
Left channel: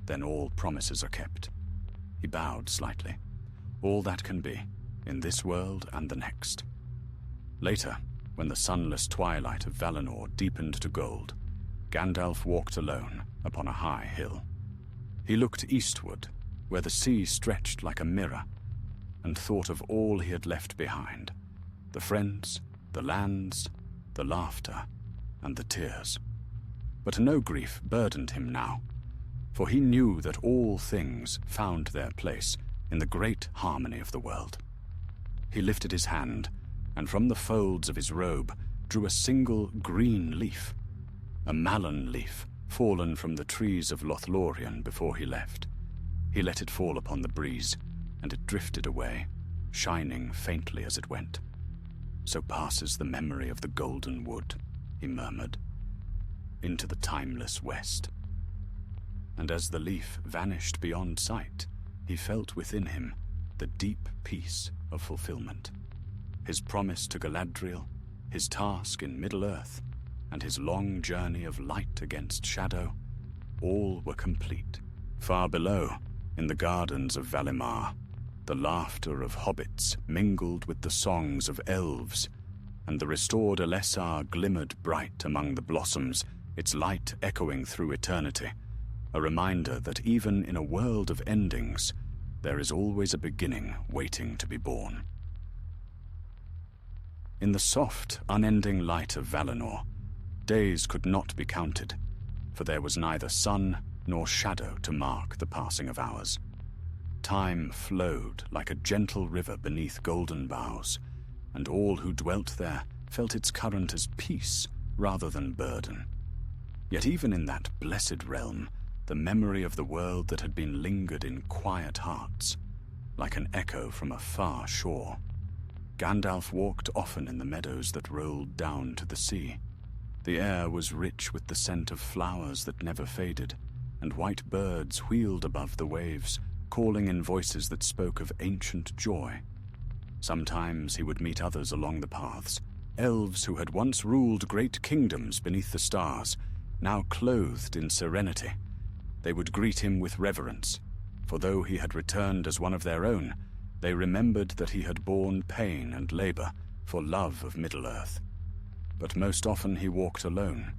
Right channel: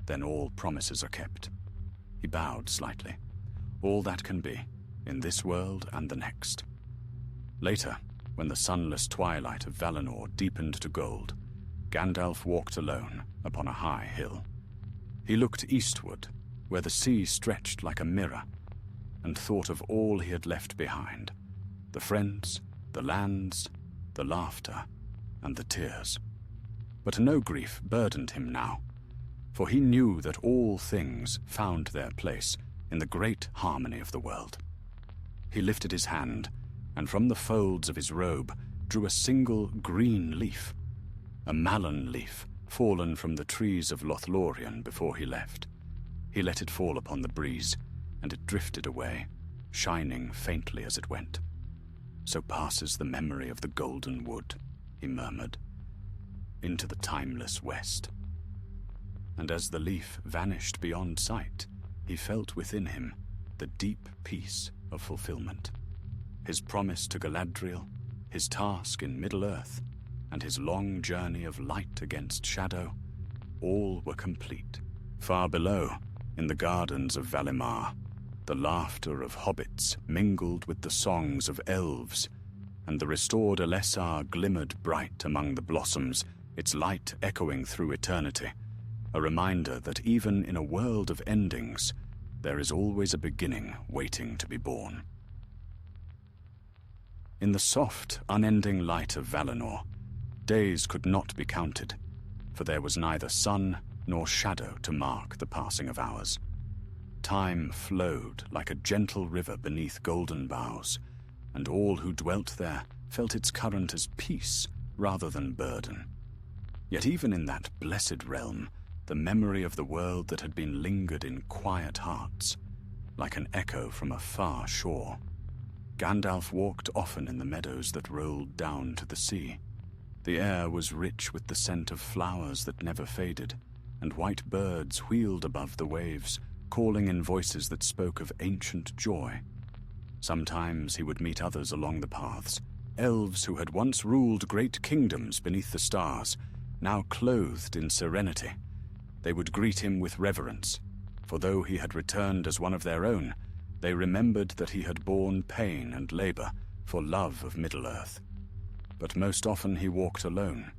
"Then all promises are kept." He bowed slightly. "All that can be, in this world and the next." Later, when the sunless twilight of Valinor deepened to gold, Gandalf walked alone upon a high hill. He looked eastward, where the sea stretched like a mirror, and thought of all he had left behind, the friends, the lands, the laughter, and the tears. But no grief burdened him now, for he knew that all things found their place in the great harmony of the world. He lifted his hand, and from the folds of his robe drew a single green leaf, a malon leaf fallen from the trees of Lothlorien before he left. He let it fall upon the breeze, and it drifted away, shining faintly as it went. "So passes the memory of the golden wood," he murmured, "into the timeless west." And as the leaf vanished beyond sight, he felt within him the deep peace of fulfillment. His promise to Galadriel, his task in Middle-earth, and his long journey of light against shadow, all were complete. Far below, in the gardens of Valimar, the laughter of hobbits mingled with the songs of elves, and the restored Elessar glimmered bright among the blossoms, its light echoing through eternity, a reminder that even in a world of endings, there is always a beginning waiting to be born. In the soft, unending light of Valinor, days could not be counted, for there was neither sun nor shadow to mark the passing of hours. Time flowed like a gentle river beneath golden boughs, and all who dwelt there felt its current as peace rather than burden. Yet even in that blessed realm, the memory of the world that had been lingered in quiet hearts, like an echo from a far shore. Gandalf walked often in the meadows that rolled down to the sea. The air was rich with the scent of flowers that never faded, and white birds wheeled above the waves, calling in voices that spoke of ancient joy. Sometimes he would meet others along the paths, elves who had once ruled great kingdoms beneath the stars, now clothed in serenity. They would greet him with reverence, for though he had returned as one of their own, they remembered that he had borne pain and labor for love of Middle-earth. But most often he walked alone,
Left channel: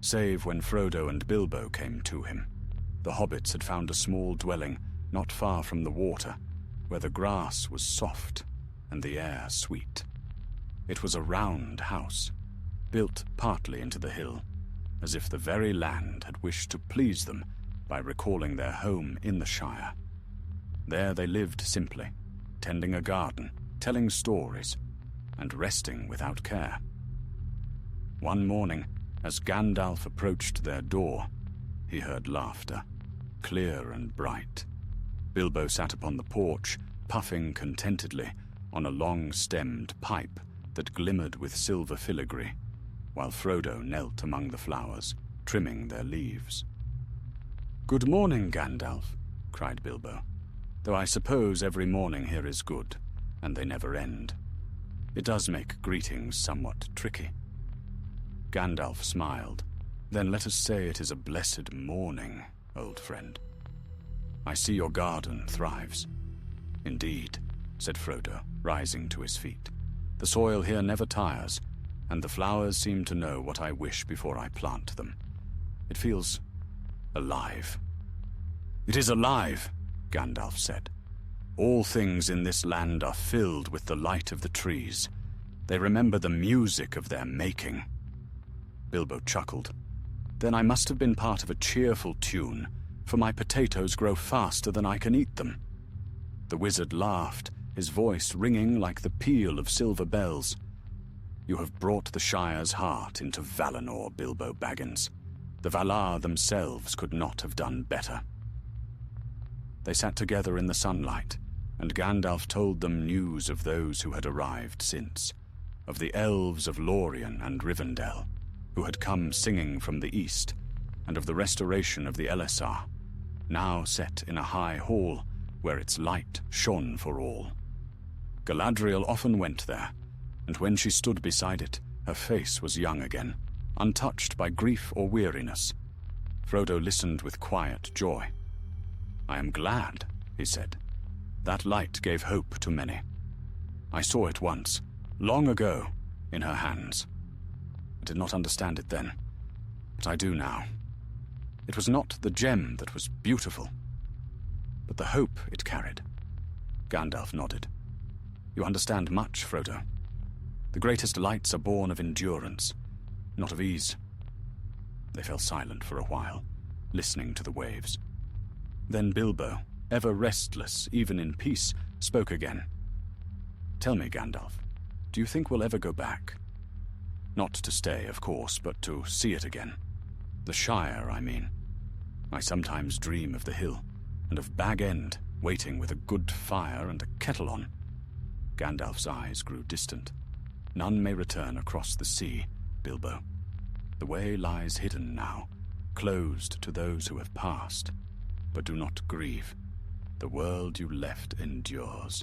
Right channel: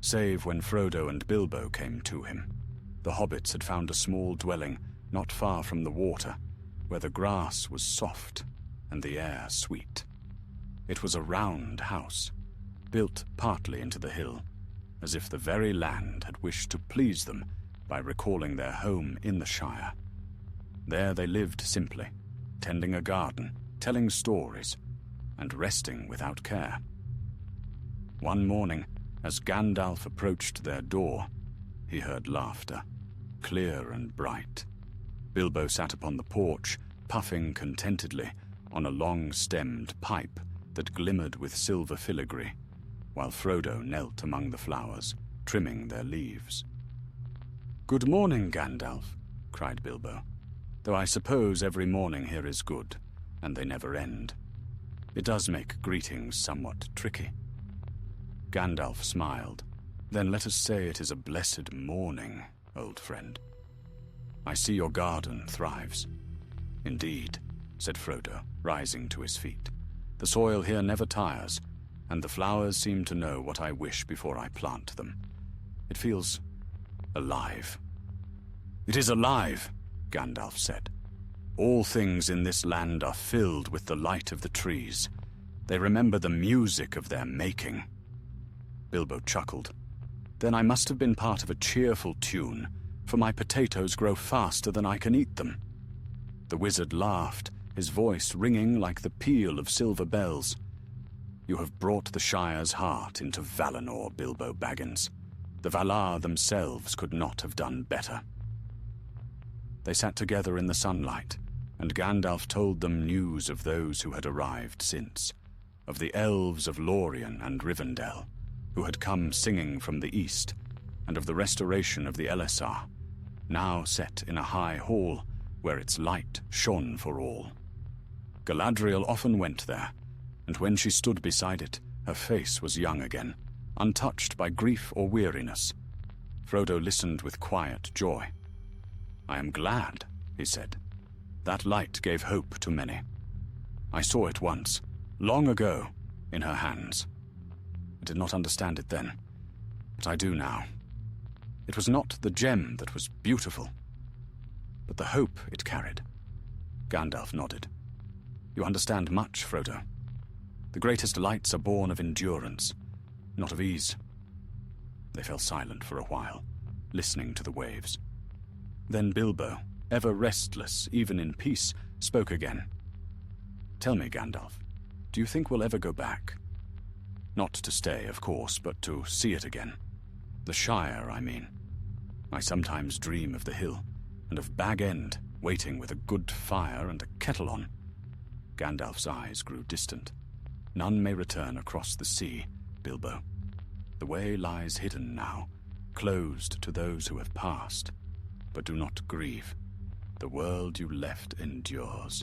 save when Frodo and Bilbo came to him. The hobbits had found a small dwelling not far from the water, where the grass was soft and the air sweet. It was a round house, built partly into the hill, as if the very land had wished to please them by recalling their home in the Shire. There they lived simply, tending a garden, telling stories, and resting without care. One morning, as Gandalf approached their door, he heard laughter, clear and bright. Bilbo sat upon the porch, puffing contentedly on a long-stemmed pipe that glimmered with silver filigree, while Frodo knelt among the flowers, trimming their leaves. "Good morning, Gandalf," cried Bilbo, "though I suppose every morning here is good, and they never end. It does make greetings somewhat tricky." Gandalf smiled. "Then let us say it is a blessed morning, old friend. I see your garden thrives." "Indeed," said Frodo, rising to his feet. "The soil here never tires, and the flowers seem to know what I wish before I plant them. It feels alive." "It is alive," Gandalf said. "All things in this land are filled with the light of the trees. They remember the music of their making." Bilbo chuckled. "Then I must have been part of a cheerful tune, for my potatoes grow faster than I can eat them." The wizard laughed, his voice ringing like the peal of silver bells. "You have brought the Shire's heart into Valinor, Bilbo Baggins. The Valar themselves could not have done better." They sat together in the sunlight, and Gandalf told them news of those who had arrived since, of the elves of Lorien and Rivendell, who had come singing from the east, and of the restoration of the Elessar, now set in a high hall where its light shone for all. Galadriel often went there, and when she stood beside it, her face was young again, untouched by grief or weariness. Frodo listened with quiet joy. "I am glad," he said. "That light gave hope to many. I saw it once, long ago, in her hands. I did not understand it then, but I do now. It was not the gem that was beautiful, but the hope it carried." Gandalf nodded. "You understand much, Frodo. The greatest lights are born of endurance, not of ease." They fell silent for a while, listening to the waves. Then Bilbo, ever restless even in peace, spoke again. "Tell me, Gandalf, do you think we'll ever go back? Not to stay, of course, but to see it again. The Shire, I mean. I sometimes dream of the hill, and of Bag End, waiting with a good fire and a kettle on." Gandalf's eyes grew distant. "None may return across the sea, Bilbo. The way lies hidden now, closed to those who have passed. But do not grieve. The world you left endures.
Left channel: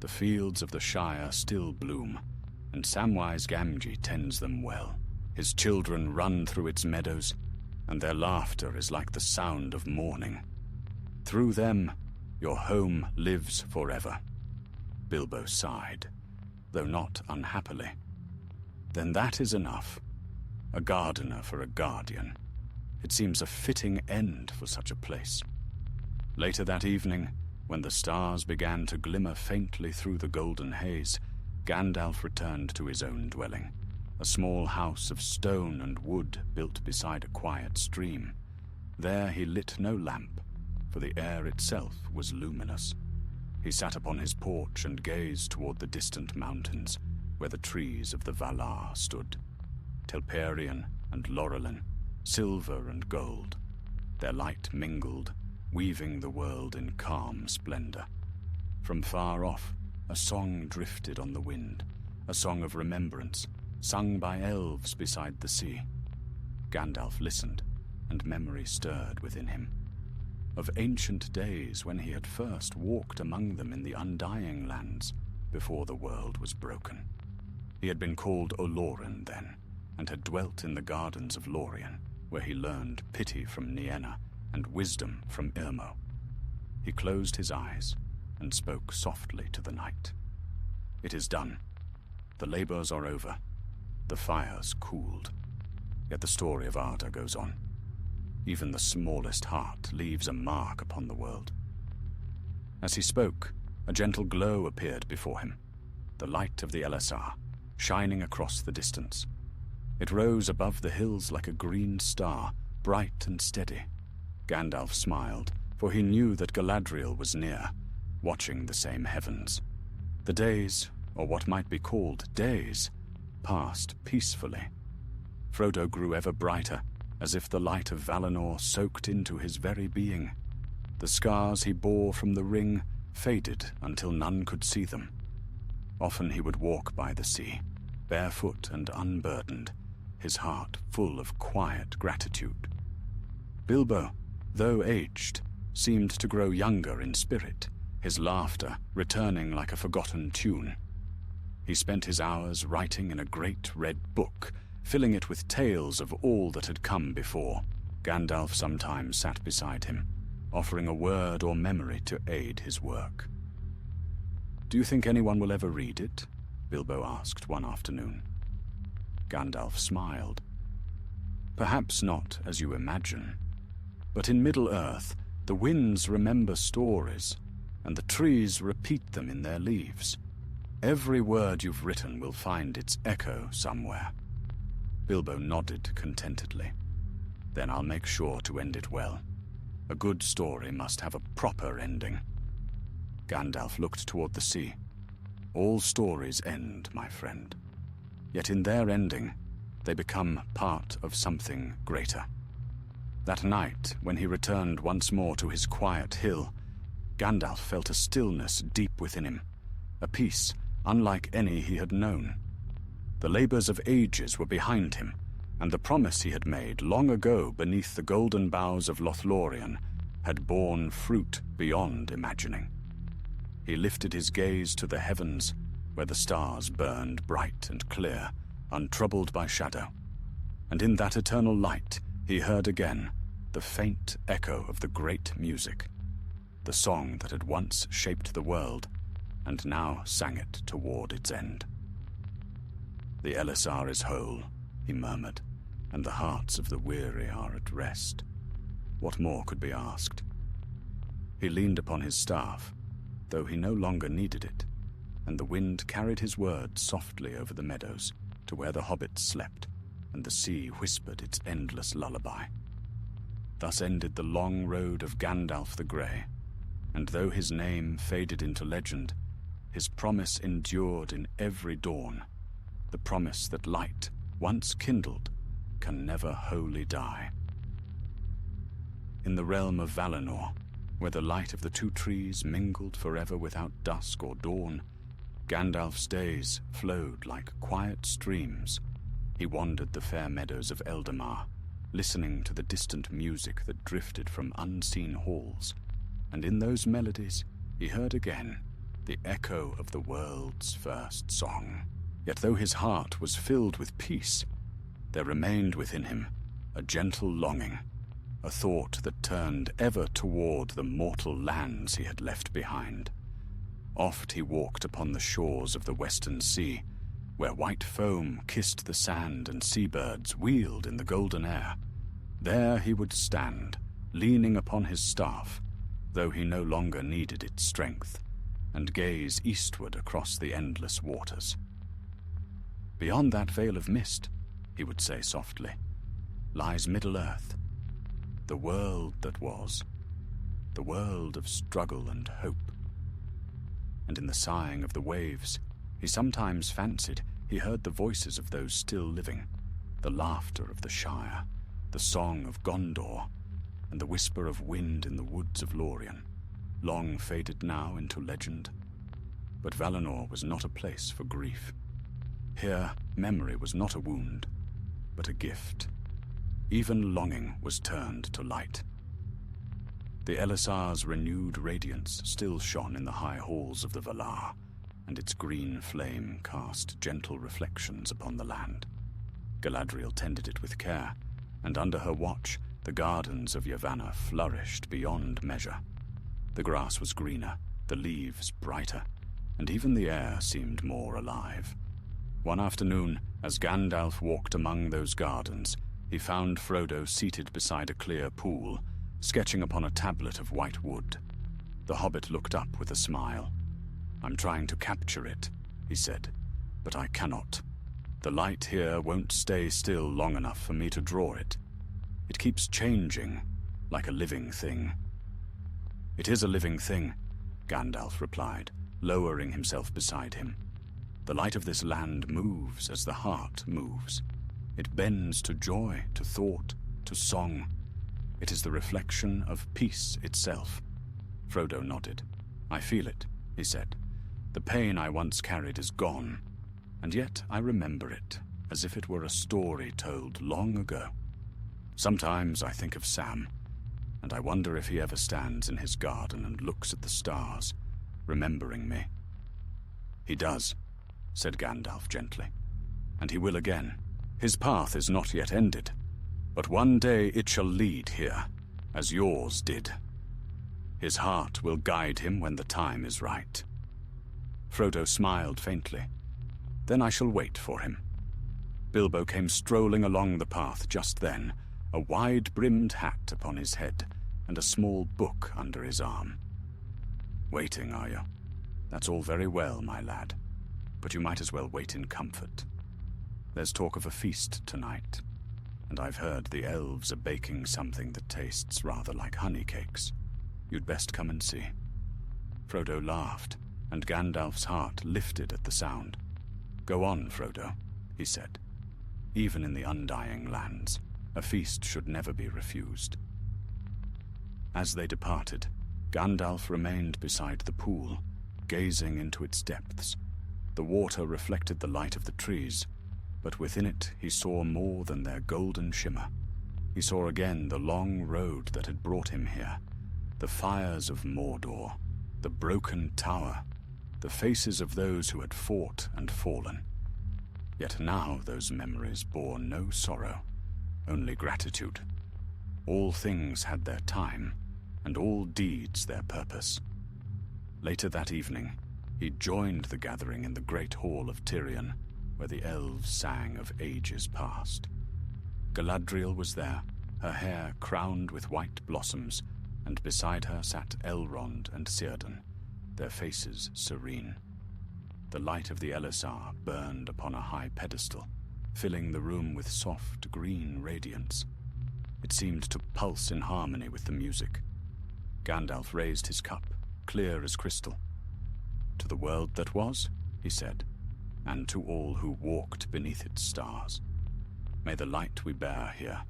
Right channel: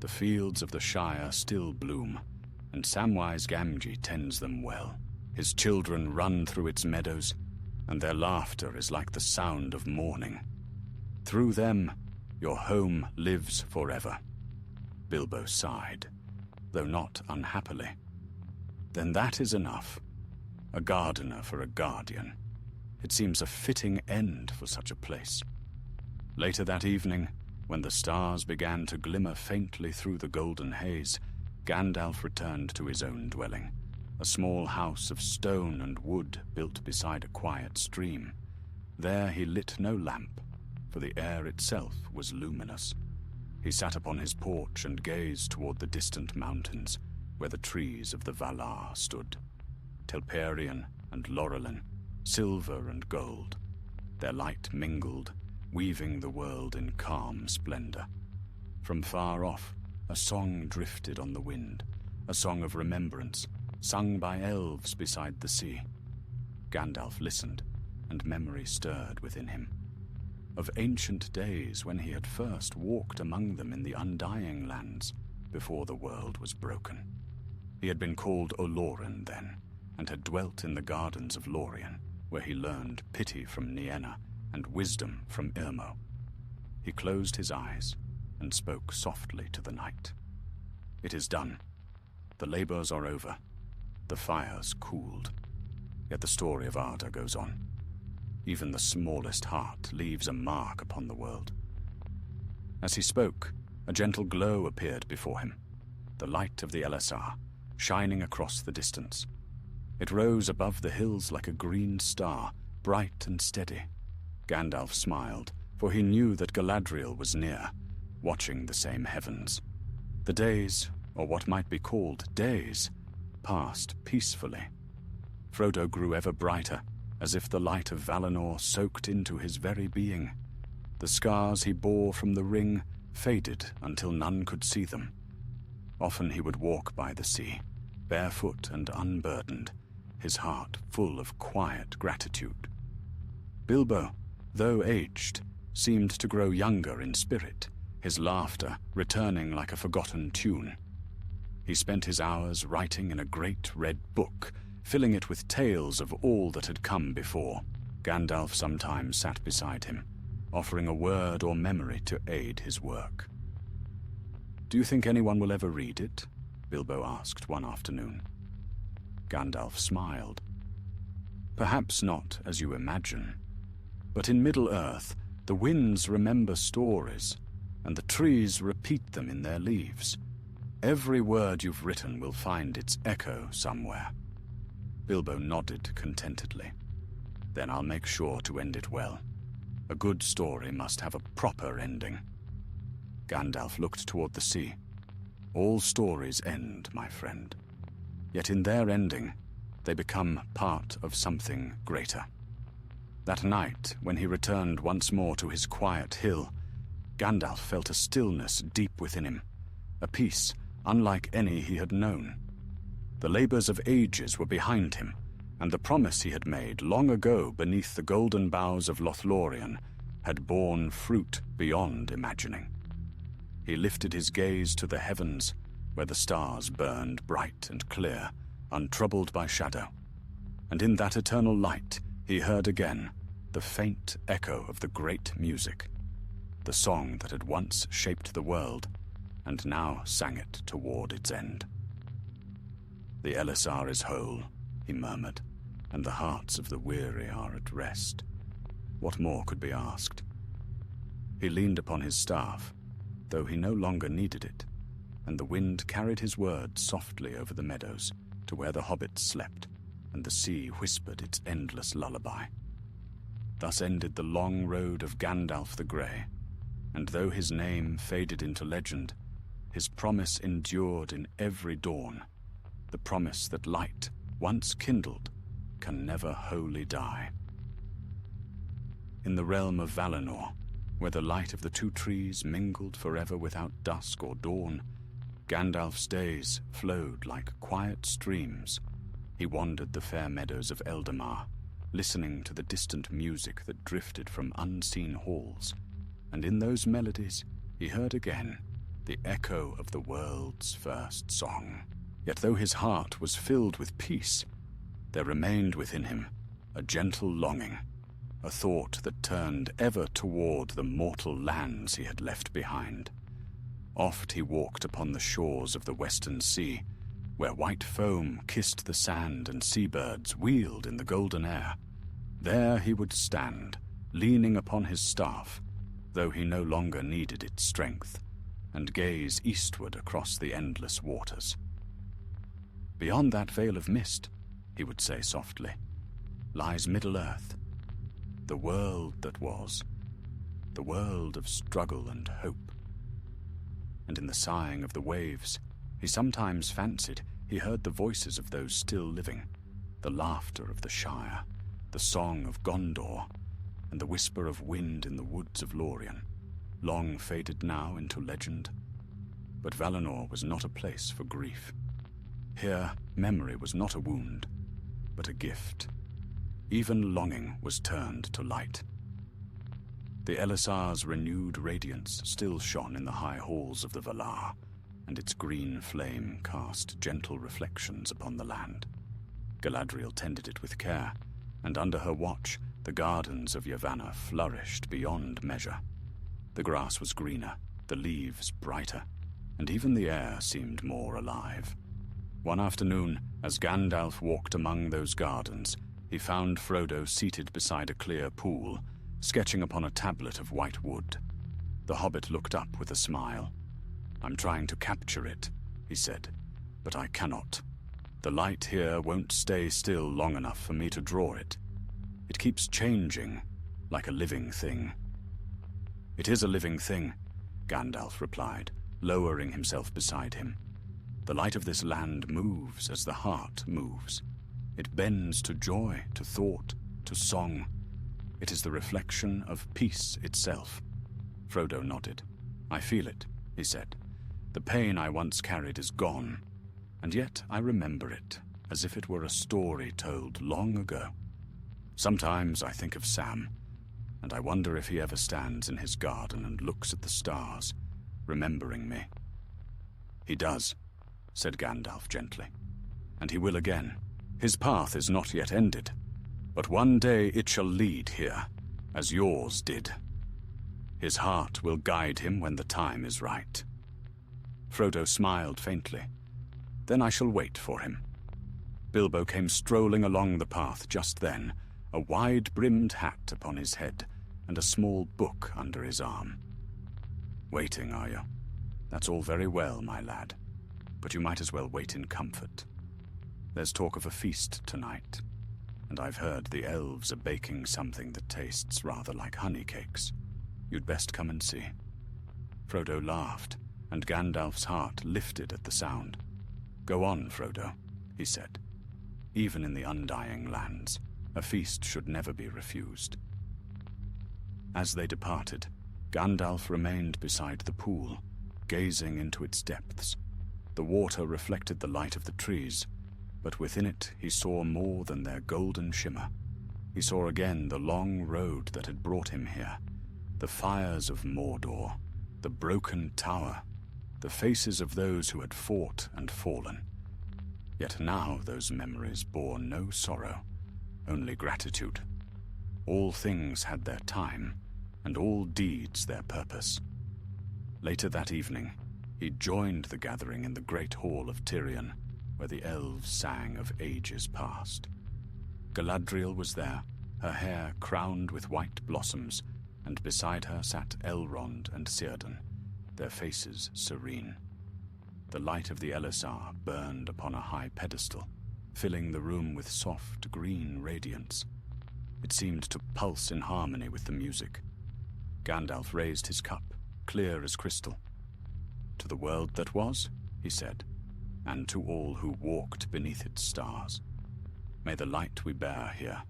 The fields of the Shire still bloom, and Samwise Gamgee tends them well. His children run through its meadows, and their laughter is like the sound of morning. Through them, Your home lives forever." Bilbo sighed, though not unhappily. "Then that is enough. A gardener for a guardian. It seems a fitting end for such a place." Later that evening, when the stars began to glimmer faintly through the golden haze, Gandalf returned to his own dwelling, a small house of stone and wood built beside a quiet stream. There he lit no lamp, for the air itself was luminous. He sat upon his porch and gazed toward the distant mountains, where the trees of the Valar stood, Telperion and Laurelin, silver and gold. Their light mingled, weaving the world in calm splendor. From far off, a song drifted on the wind, a song of remembrance, sung by elves beside the sea. Gandalf listened, and memory stirred within him. Of ancient days when he had first walked among them in the Undying Lands, before the world was broken. He had been called Olorin then, and had dwelt in the gardens of Lorien, where he learned pity from Nienna and wisdom from Irmo. He closed his eyes and spoke softly to the night. "It is done. The labors are over. The fires cooled. Yet the story of Arda goes on. Even the smallest heart leaves a mark upon the world." As he spoke, a gentle glow appeared before him, the light of the Elisar, shining across the distance. It rose above the hills like a green star, bright and steady. Gandalf smiled, for he knew that Galadriel was near, watching the same heavens. The days, or what might be called days, passed peacefully. Frodo grew ever brighter, as if the light of Valinor soaked into his very being. The scars he bore from the ring faded until none could see them. Often he would walk by the sea, barefoot and unburdened, his heart full of quiet gratitude. Bilbo, though aged, seemed to grow younger in spirit, his laughter returning like a forgotten tune. He spent his hours writing in a great red book, filling it with tales of all that had come before. Gandalf sometimes sat beside him, offering a word or memory to aid his work. "Do you think anyone will ever read it?" Bilbo asked one afternoon. Gandalf smiled. "Perhaps not as you imagine. But in Middle-earth, the winds remember stories, and the trees repeat them in their leaves. Every word you've written will find its echo somewhere." Bilbo nodded contentedly. "Then I'll make sure to end it well. A good story must have a proper ending." Gandalf looked toward the sea. "All stories end, my friend. Yet in their ending, they become part of something greater." That night, when he returned once more to his quiet hill, Gandalf felt a stillness deep within him, a peace unlike any he had known. The labors of ages were behind him, and the promise he had made long ago beneath the golden boughs of Lothlorien had borne fruit beyond imagining. He lifted his gaze to the heavens, where the stars burned bright and clear, untroubled by shadow. And in that eternal light, he heard again the faint echo of the great music, the song that had once shaped the world, and now sang it toward its end. "The Elisar is whole," he murmured, "and the hearts of the weary are at rest. What more could be asked?" He leaned upon his staff, though he no longer needed it, and the wind carried his words softly over the meadows to where the hobbits slept, and the sea whispered its endless lullaby. Thus ended the long road of Gandalf the Grey, and though his name faded into legend, his promise endured in every dawn, the promise that light, once kindled, can never wholly die. In the realm of Valinor, where the light of the two trees mingled forever without dusk or dawn, Gandalf's days flowed like quiet streams. He wandered the fair meadows of Eldamar, listening to the distant music that drifted from unseen halls, and in those melodies he heard again the echo of the world's first song. Yet though his heart was filled with peace, there remained within him a gentle longing, a thought that turned ever toward the mortal lands he had left behind. Oft he walked upon the shores of the western sea, where white foam kissed the sand and seabirds wheeled in the golden air. There he would stand, leaning upon his staff, though he no longer needed its strength, and gaze eastward across the endless waters. Beyond that veil of mist, he would say softly, lies Middle-earth, the world that was, the world of struggle and hope. And in the sighing of the waves, he sometimes fancied he heard the voices of those still living, the laughter of the Shire, the song of Gondor, and the whisper of wind in the woods of Lorien, long faded now into legend. But Valinor was not a place for grief. Here, memory was not a wound, but a gift. Even longing was turned to light. The Elisar's renewed radiance still shone in the high halls of the Valar, and its green flame cast gentle reflections upon the land. Galadriel tended it with care, and under her watch the gardens of Yavanna flourished beyond measure. The grass was greener, the leaves brighter, and even the air seemed more alive. One afternoon, as Gandalf walked among those gardens, he found Frodo seated beside a clear pool, sketching upon a tablet of white wood. The hobbit looked up with a smile. "I'm trying to capture it," he said, "but I cannot. The light here won't stay still long enough for me to draw it. It keeps changing, like a living thing." "It is a living thing," Gandalf replied, lowering himself beside him. "The light of this land moves as the heart moves. It bends to joy, to thought, to song. It is the reflection of peace itself." Frodo nodded. "I feel it," he said. "The pain I once carried is gone, and yet I remember it, as if it were a story told long ago. Sometimes I think of Sam, and I wonder if he ever stands in his garden and looks at the stars, remembering me." "He does," said Gandalf gently, "and he will again. His path is not yet ended, but one day it shall lead here, as yours did. His heart will guide him when the time is right." Frodo smiled faintly. "Then I shall wait for him." Bilbo came strolling along the path just then, a wide-brimmed hat upon his head and a small book under his arm. "Waiting, are you? That's all very well, my lad, but you might as well wait in comfort. There's talk of a feast tonight, and I've heard the elves are baking something that tastes rather like honey cakes. You'd best come and see." Frodo laughed, and Gandalf's heart lifted at the sound. "Go on, Frodo," he said. "Even in the Undying Lands, a feast should never be refused." As they departed, Gandalf remained beside the pool, gazing into its depths. The water reflected the light of the trees, but within it he saw more than their golden shimmer. He saw again the long road that had brought him here, the fires of Mordor, the broken tower, the faces of those who had fought and fallen. Yet now those memories bore no sorrow, only gratitude. All things had their time, and all deeds their purpose. Later that evening, he joined the gathering in the great hall of Tirion, where the elves sang of ages past. Galadriel was there, her hair crowned with white blossoms, and beside her sat Elrond and Círdan, their faces serene. The light of the Elisar burned upon a high pedestal, filling the room with soft green radiance. It seemed to pulse in harmony with the music. Gandalf raised his cup, clear as crystal. "To the world that was," he said, "and to all who walked beneath its stars. May the light we bear here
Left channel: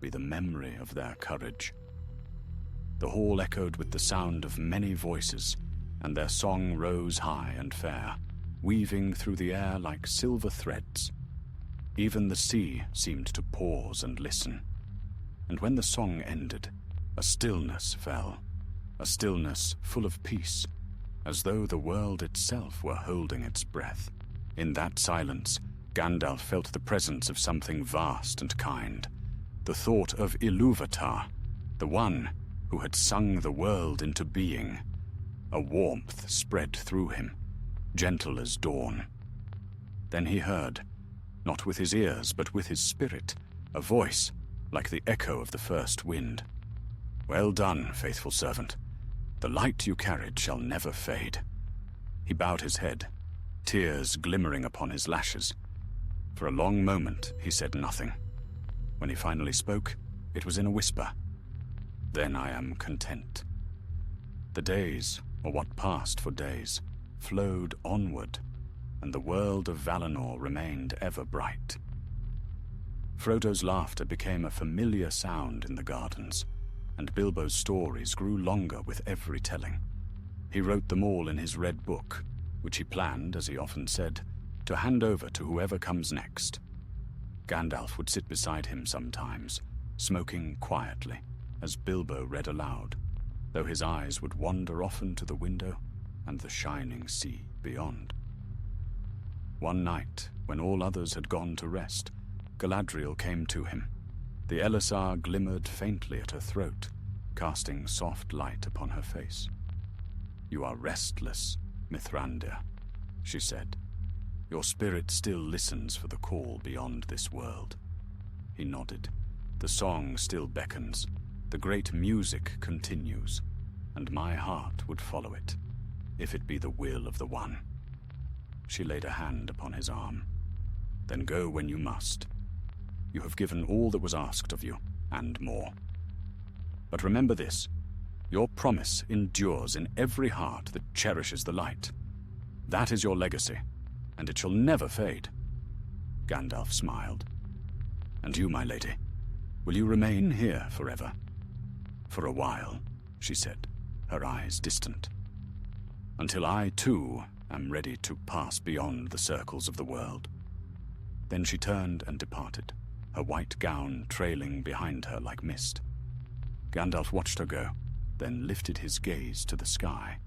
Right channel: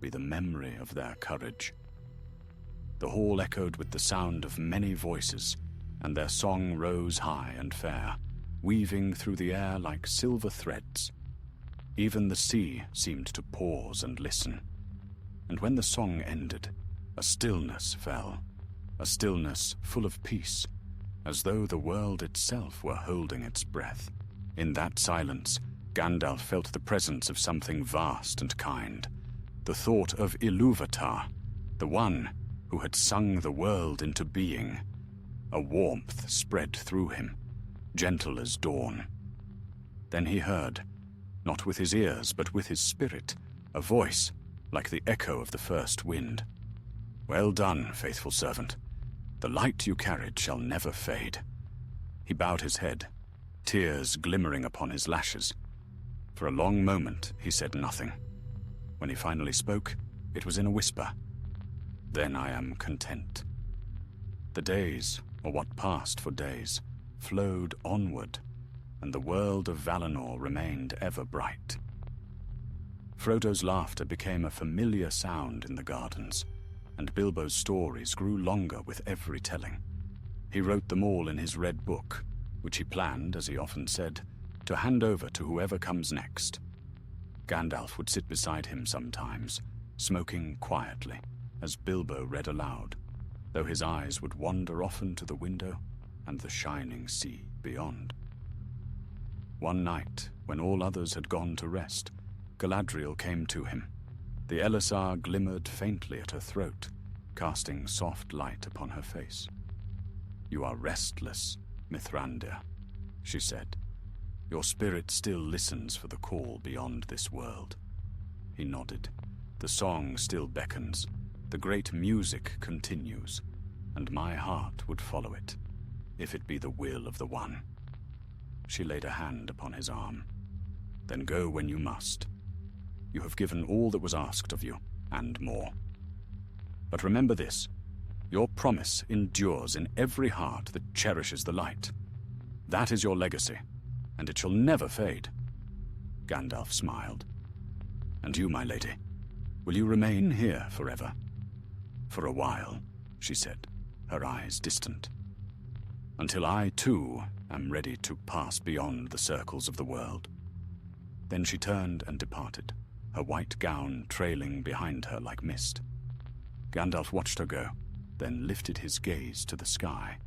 be the memory of their courage." The hall echoed with the sound of many voices, and their song rose high and fair, weaving through the air like silver threads. Even the sea seemed to pause and listen, and when the song ended, a stillness fell, a stillness full of peace, as though the world itself were holding its breath. In that silence, Gandalf felt the presence of something vast and kind. The thought of Ilúvatar, the one who had sung the world into being. A warmth spread through him, gentle as dawn. Then he heard, not with his ears but with his spirit, a voice like the echo of the first wind. "Well done, faithful servant. The light you carried shall never fade." He bowed his head, tears glimmering upon his lashes. For a long moment he said nothing. When he finally spoke, it was in a whisper. "Then I am content." The days, or what passed for days, flowed onward, and the world of Valinor remained ever bright. Frodo's laughter became a familiar sound in the gardens, and Bilbo's stories grew longer with every telling. He wrote them all in his red book, which he planned, as he often said, to hand over to whoever comes next. Gandalf would sit beside him sometimes, smoking quietly, as Bilbo read aloud, though his eyes would wander often to the window and the shining sea beyond. One night, when all others had gone to rest, Galadriel came to him. The Elisar glimmered faintly at her throat, casting soft light upon her face. "You are restless, Mithrandir," she said. "Your spirit still listens for the call beyond this world." He nodded. "The song still beckons, the great music continues, and my heart would follow it, if it be the will of the One." She laid a hand upon his arm. "Then go when you must. You have given all that was asked of you, and more. But remember this, your promise endures in every heart that cherishes the light. That is your legacy, and it shall never fade." Gandalf smiled. "And you, my lady, will you remain here forever?" "For a while," she said, her eyes distant. "Until I, too, am ready to pass beyond the circles of the world." Then she turned and departed, her white gown trailing behind her like mist. Gandalf watched her go, then lifted his gaze to the sky,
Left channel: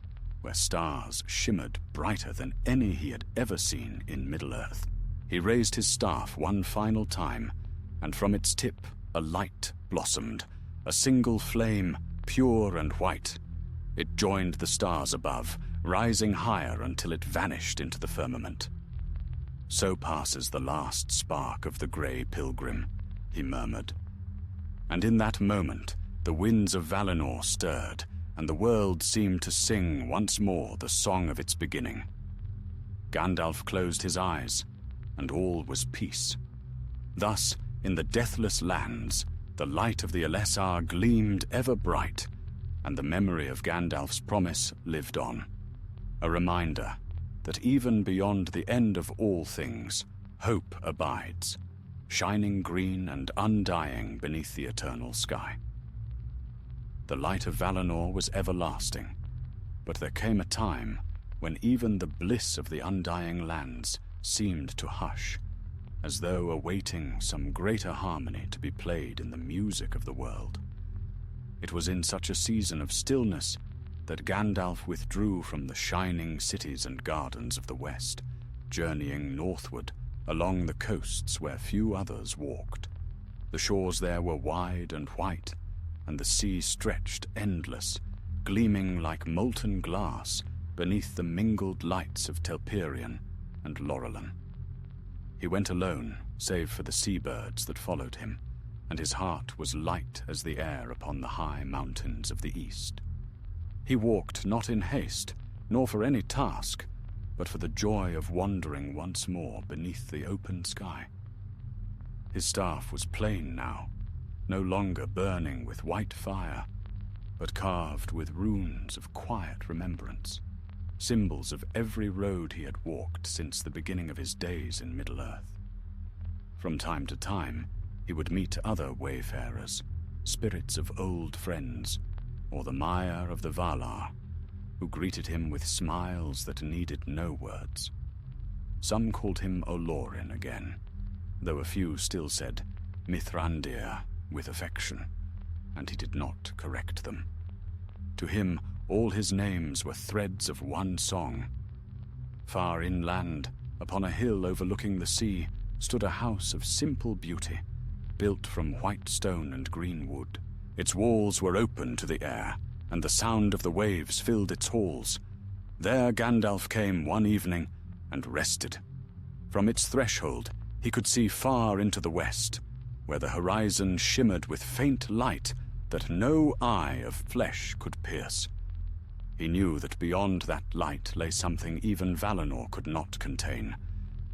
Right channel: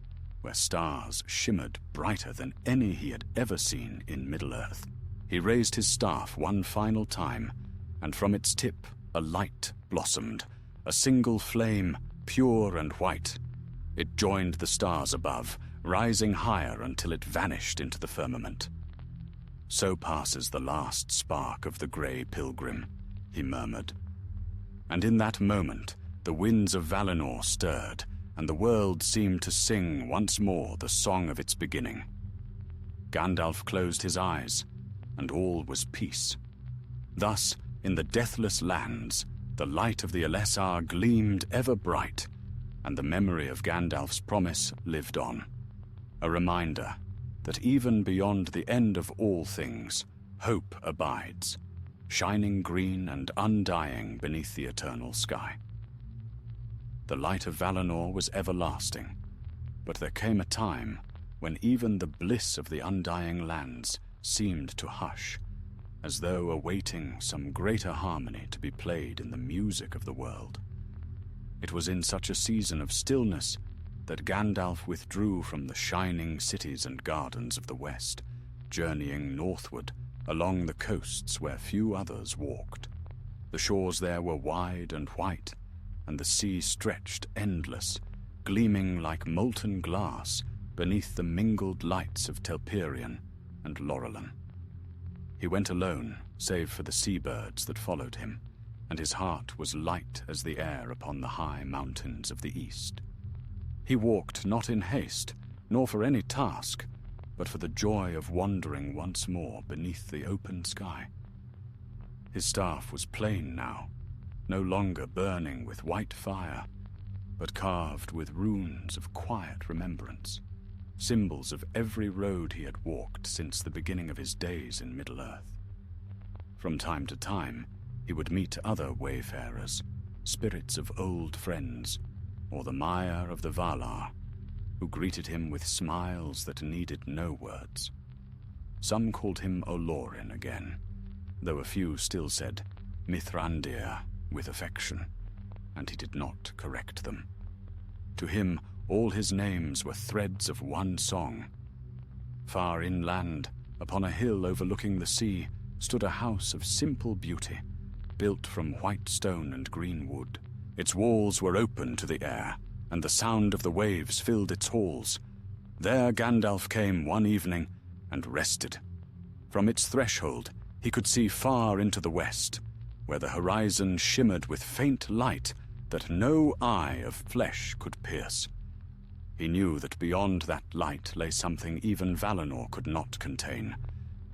where stars shimmered brighter than any he had ever seen in Middle-earth. He raised his staff one final time, and from its tip a light blossomed, a single flame, pure and white. It joined the stars above, rising higher until it vanished into the firmament. "So passes the last spark of the grey pilgrim," he murmured. And in that moment, the winds of Valinor stirred, and the world seemed to sing once more the song of its beginning. Gandalf closed his eyes, and all was peace. Thus, in the deathless lands, the light of the Elisar gleamed ever bright, and the memory of Gandalf's promise lived on. A reminder that even beyond the end of all things, hope abides, shining green and undying beneath the eternal sky. The light of Valinor was everlasting, but there came a time when even the bliss of the undying lands seemed to hush, as though awaiting some greater harmony to be played in the music of the world. It was in such a season of stillness that Gandalf withdrew from the shining cities and gardens of the west, journeying northward along the coasts where few others walked. The shores there were wide and white, and the sea stretched endless, gleaming like molten glass beneath the mingled lights of Telperion and Lorelin. He went alone, save for the seabirds that followed him, and his heart was light as the air upon the high mountains of the east. He walked not in haste, nor for any task, but for the joy of wandering once more beneath the open sky. His staff was plain now, no longer burning with white fire, but carved with runes of quiet remembrance, symbols of every road he had walked since the beginning of his days in Middle-earth. From time to time, he would meet other wayfarers, spirits of old friends, or the Maiar of the Valar, who greeted him with smiles that needed no words. Some called him Olorin again, though a few still said Mithrandir with affection, and he did not correct them. To him, all his names were threads of one song. Far inland, upon a hill overlooking the sea, stood a house of simple beauty, built from white stone and green wood, Its walls were open to the air, and the sound of the waves filled its halls. There Gandalf came one evening and rested. From its threshold, he could see far into the west, where the horizon shimmered with faint light that no eye of flesh could pierce. He knew that beyond that light lay something even Valinor could not contain,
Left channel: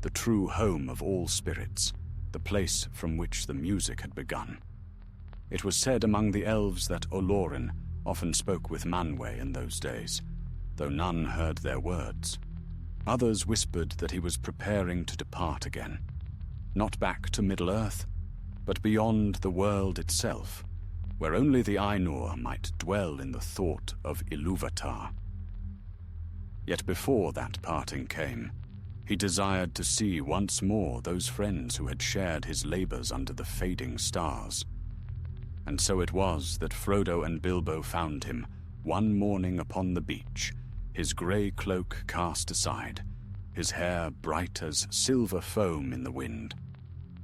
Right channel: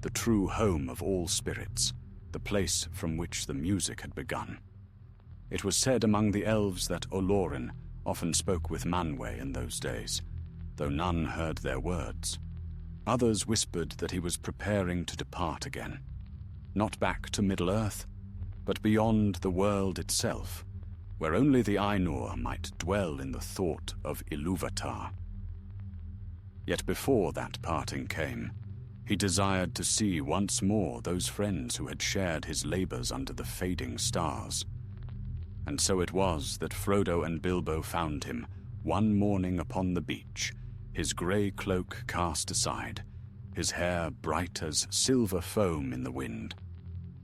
the true home of all spirits, the place from which the music had begun. It was said among the elves that Olorin often spoke with Manwë in those days, though none heard their words. Others whispered that he was preparing to depart again, not back to Middle-earth, but beyond the world itself, where only the Ainur might dwell in the thought of Ilúvatar. Yet before that parting came, he desired to see once more those friends who had shared his labors under the fading stars. And so it was that Frodo and Bilbo found him one morning upon the beach, his grey cloak cast aside, his hair bright as silver foam in the wind.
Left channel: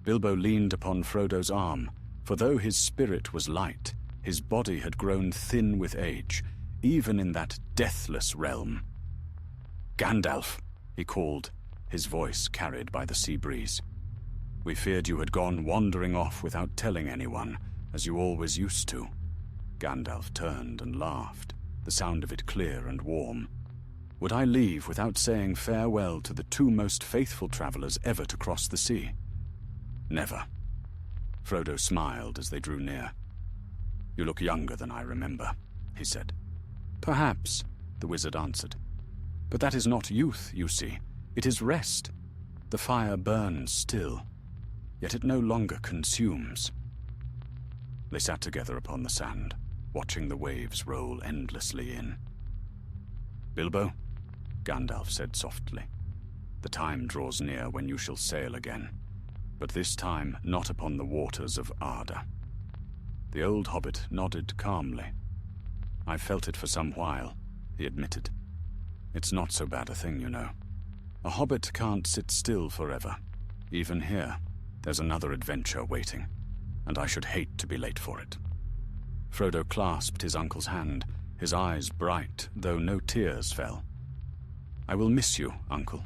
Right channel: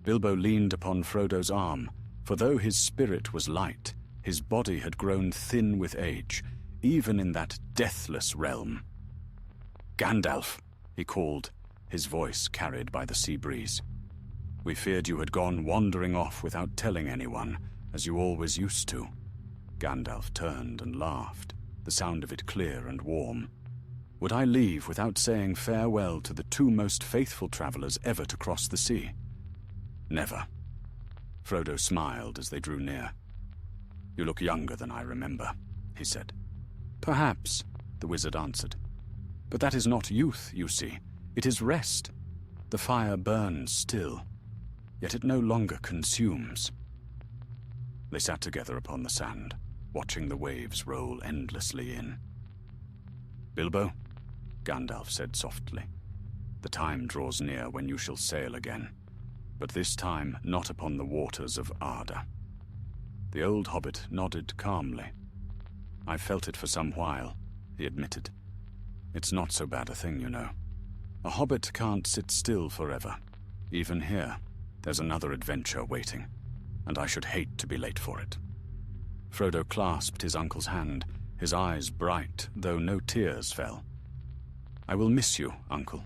Bilbo leaned upon Frodo's arm, for though his spirit was light, his body had grown thin with age, even in that deathless realm. "Gandalf," he called, his voice carried by the sea breeze. "We feared you had gone wandering off without telling anyone, as you always used to." Gandalf turned and laughed, the sound of it clear and warm. "Would I leave without saying farewell to the two most faithful travelers ever to cross the sea?" "Never." Frodo smiled as they drew near. "You look younger than I remember," he said. "Perhaps," the wizard answered. "But that is not youth, you see. It is rest. The fire burns still, yet it no longer consumes." They sat together upon the sand, watching the waves roll endlessly in. "Bilbo," Gandalf said softly, "the time draws near when you shall sail again, but this time not upon the waters of Arda." The old hobbit nodded calmly. "I've felt it for some while," he admitted. "It's not so bad a thing, you know. A hobbit can't sit still forever. Even here, there's another adventure waiting, and I should hate to be late for it." Frodo clasped his uncle's hand, his eyes bright, though no tears fell. "I will miss you, uncle.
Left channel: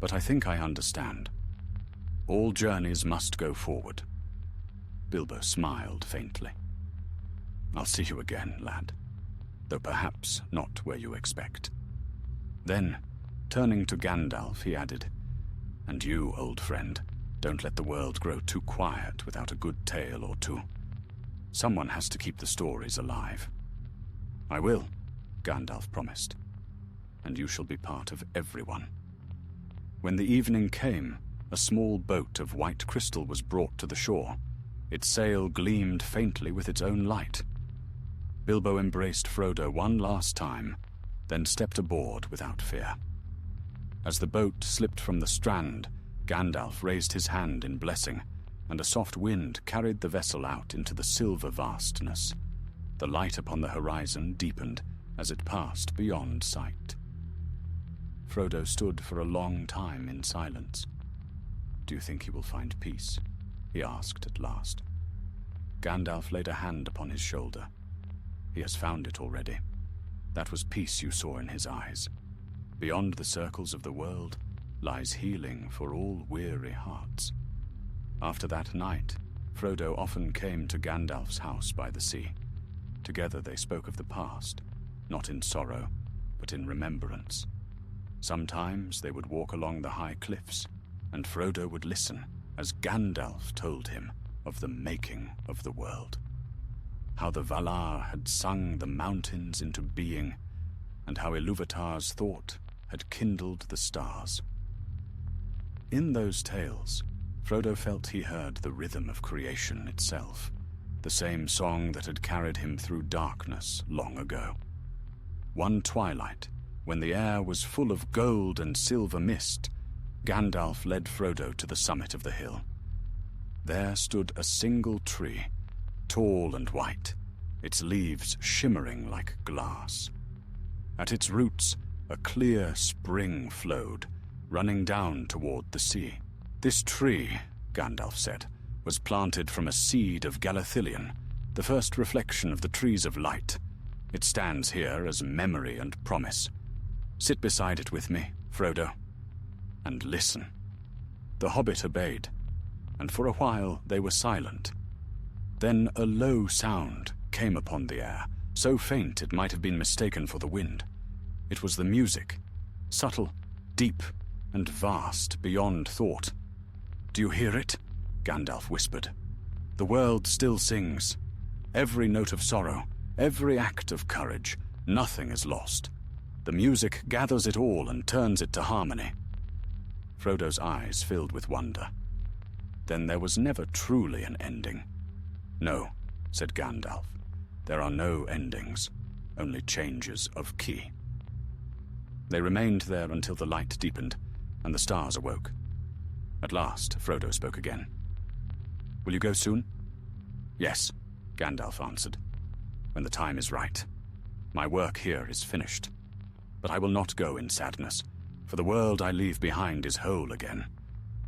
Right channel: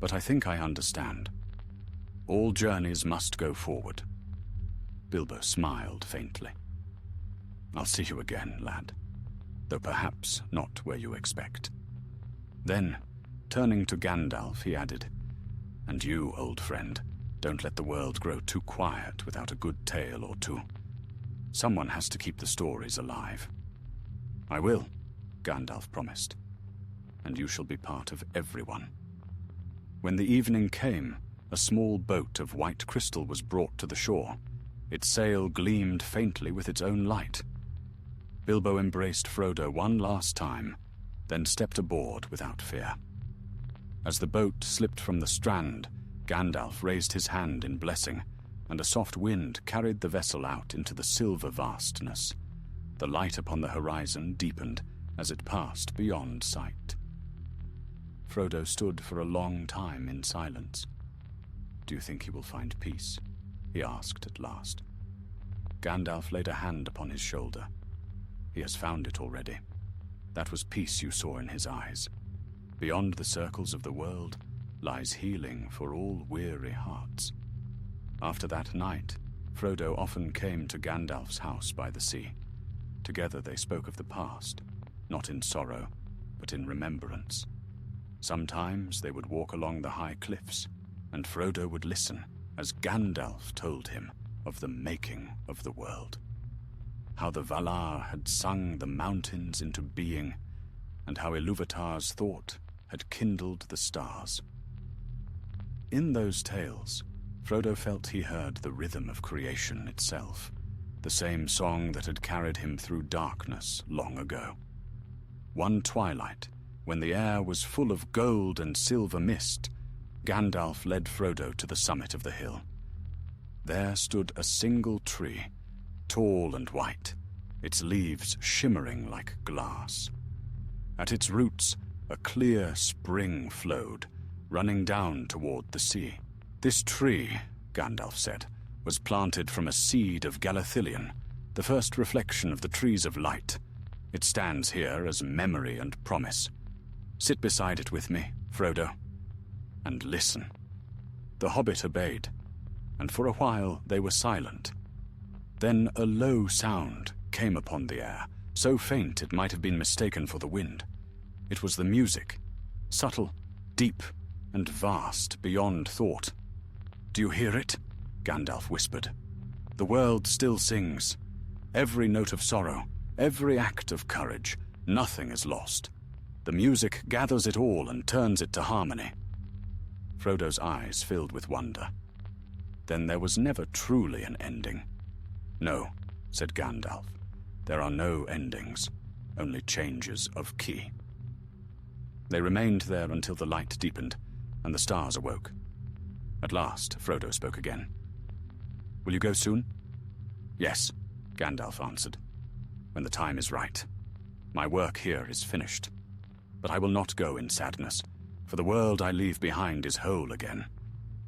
But I think I understand. All journeys must go forward." Bilbo smiled faintly. "I'll see you again, lad, though perhaps not where you expect." Then, turning to Gandalf, he added, "And you, old friend, don't let the world grow too quiet without a good tale or two. Someone has to keep the stories alive." "I will," Gandalf promised, "and you shall be part of everyone." When the evening came, a small boat of white crystal was brought to the shore. Its sail gleamed faintly with its own light. Bilbo embraced Frodo one last time, then stepped aboard without fear. As the boat slipped from the strand, Gandalf raised his hand in blessing, and a soft wind carried the vessel out into the silver vastness. The light upon the horizon deepened as it passed beyond sight. Frodo stood for a long time in silence. "Do you think he will find peace?" he asked at last. Gandalf laid a hand upon his shoulder. "He has found it already. That was peace you saw in his eyes. Beyond the circles of the world lies healing for all weary hearts." After that night, Frodo often came to Gandalf's house by the sea. Together they spoke of the past, not in sorrow, but in remembrance. Sometimes they would walk along the high cliffs, and Frodo would listen as Gandalf told him of the making of the world. How the Valar had sung the mountains into being, and how Ilúvatar's thought had kindled the stars. In those tales, Frodo felt he heard the rhythm of creation itself, the same song that had carried him through darkness long ago. One twilight, when the air was full of gold and silver mist, Gandalf led Frodo to the summit of the hill. There stood a single tree, tall and white, its leaves shimmering like glass. At its roots, a clear spring flowed, running down toward the sea. "This tree," Gandalf said, "was planted from a seed of Galadriel, the first reflection of the trees of light. It stands here as memory and promise. Sit beside it with me, Frodo, and listen." The hobbit obeyed, and for a while they were silent. Then a low sound came upon the air, so faint it might have been mistaken for the wind. It was the music, subtle, deep, and vast beyond thought. "Do you hear it?" Gandalf whispered. "The world still sings. Every note of sorrow, every act of courage, nothing is lost. The music gathers it all and turns it to harmony." Frodo's eyes filled with wonder. "Then there was never truly an ending." "No," said Gandalf. "There are no endings, only changes of key." They remained there until the light deepened and the stars awoke. At last, Frodo spoke again. "Will you go soon?" "Yes," Gandalf answered. "When the time is right. My work here is finished. But I will not go in sadness, for the world I leave behind is whole again,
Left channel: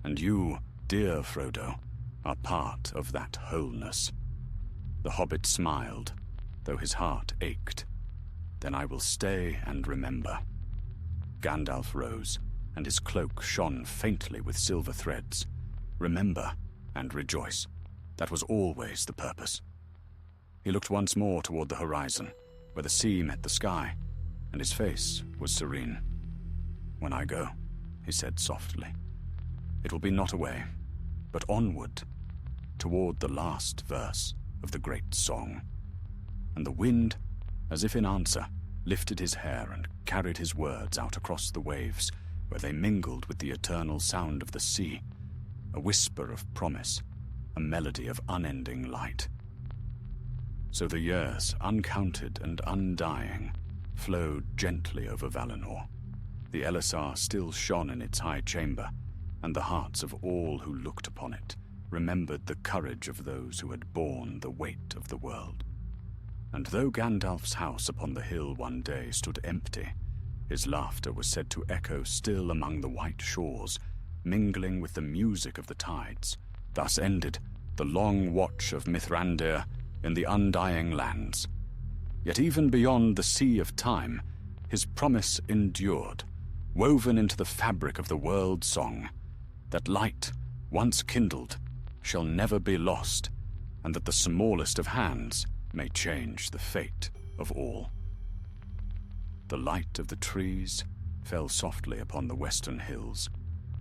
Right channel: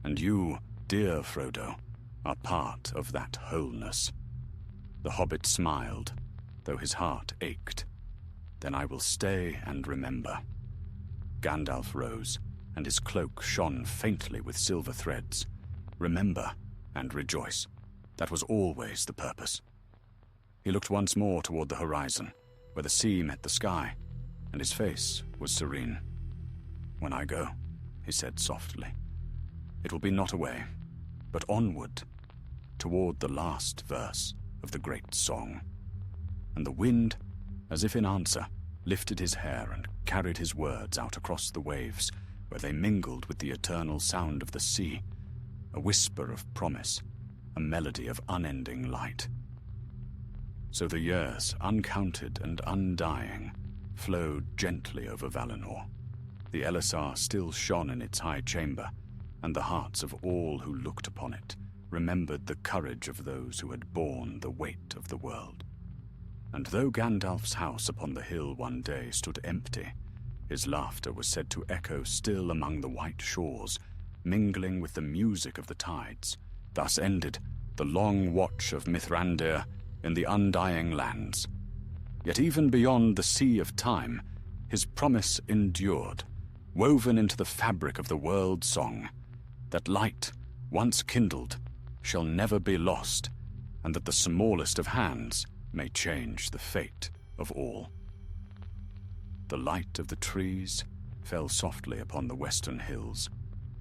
and you, dear Frodo, are part of that wholeness." The hobbit smiled, though his heart ached. "Then I will stay and remember." Gandalf rose, and his cloak shone faintly with silver threads. Remember and rejoice. That was always the purpose. He looked once more toward the horizon, where the sea met the sky, and his face was serene. "When I go," he said softly, "it will be not away, but onward, toward the last verse of the great song." And the wind, as if in answer, lifted his hair and carried his words out across the waves, where they mingled with the eternal sound of the sea, a whisper of promise, a melody of unending light. So the years, uncounted and undying, flowed gently over Valinor. The Elisar still shone in its high chamber, and the hearts of all who looked upon it remembered the courage of those who had borne the weight of the world. And though Gandalf's house upon the hill one day stood empty, his laughter was said to echo still among the white shores, mingling with the music of the tides. Thus ended the long watch of Mithrandir in the undying lands. Yet even beyond the sea of time, his promise endured, woven into the fabric of the world song, that light, once kindled, shall never be lost, and that the smallest of hands may change the fate of all. The light of the trees fell softly upon the western hills,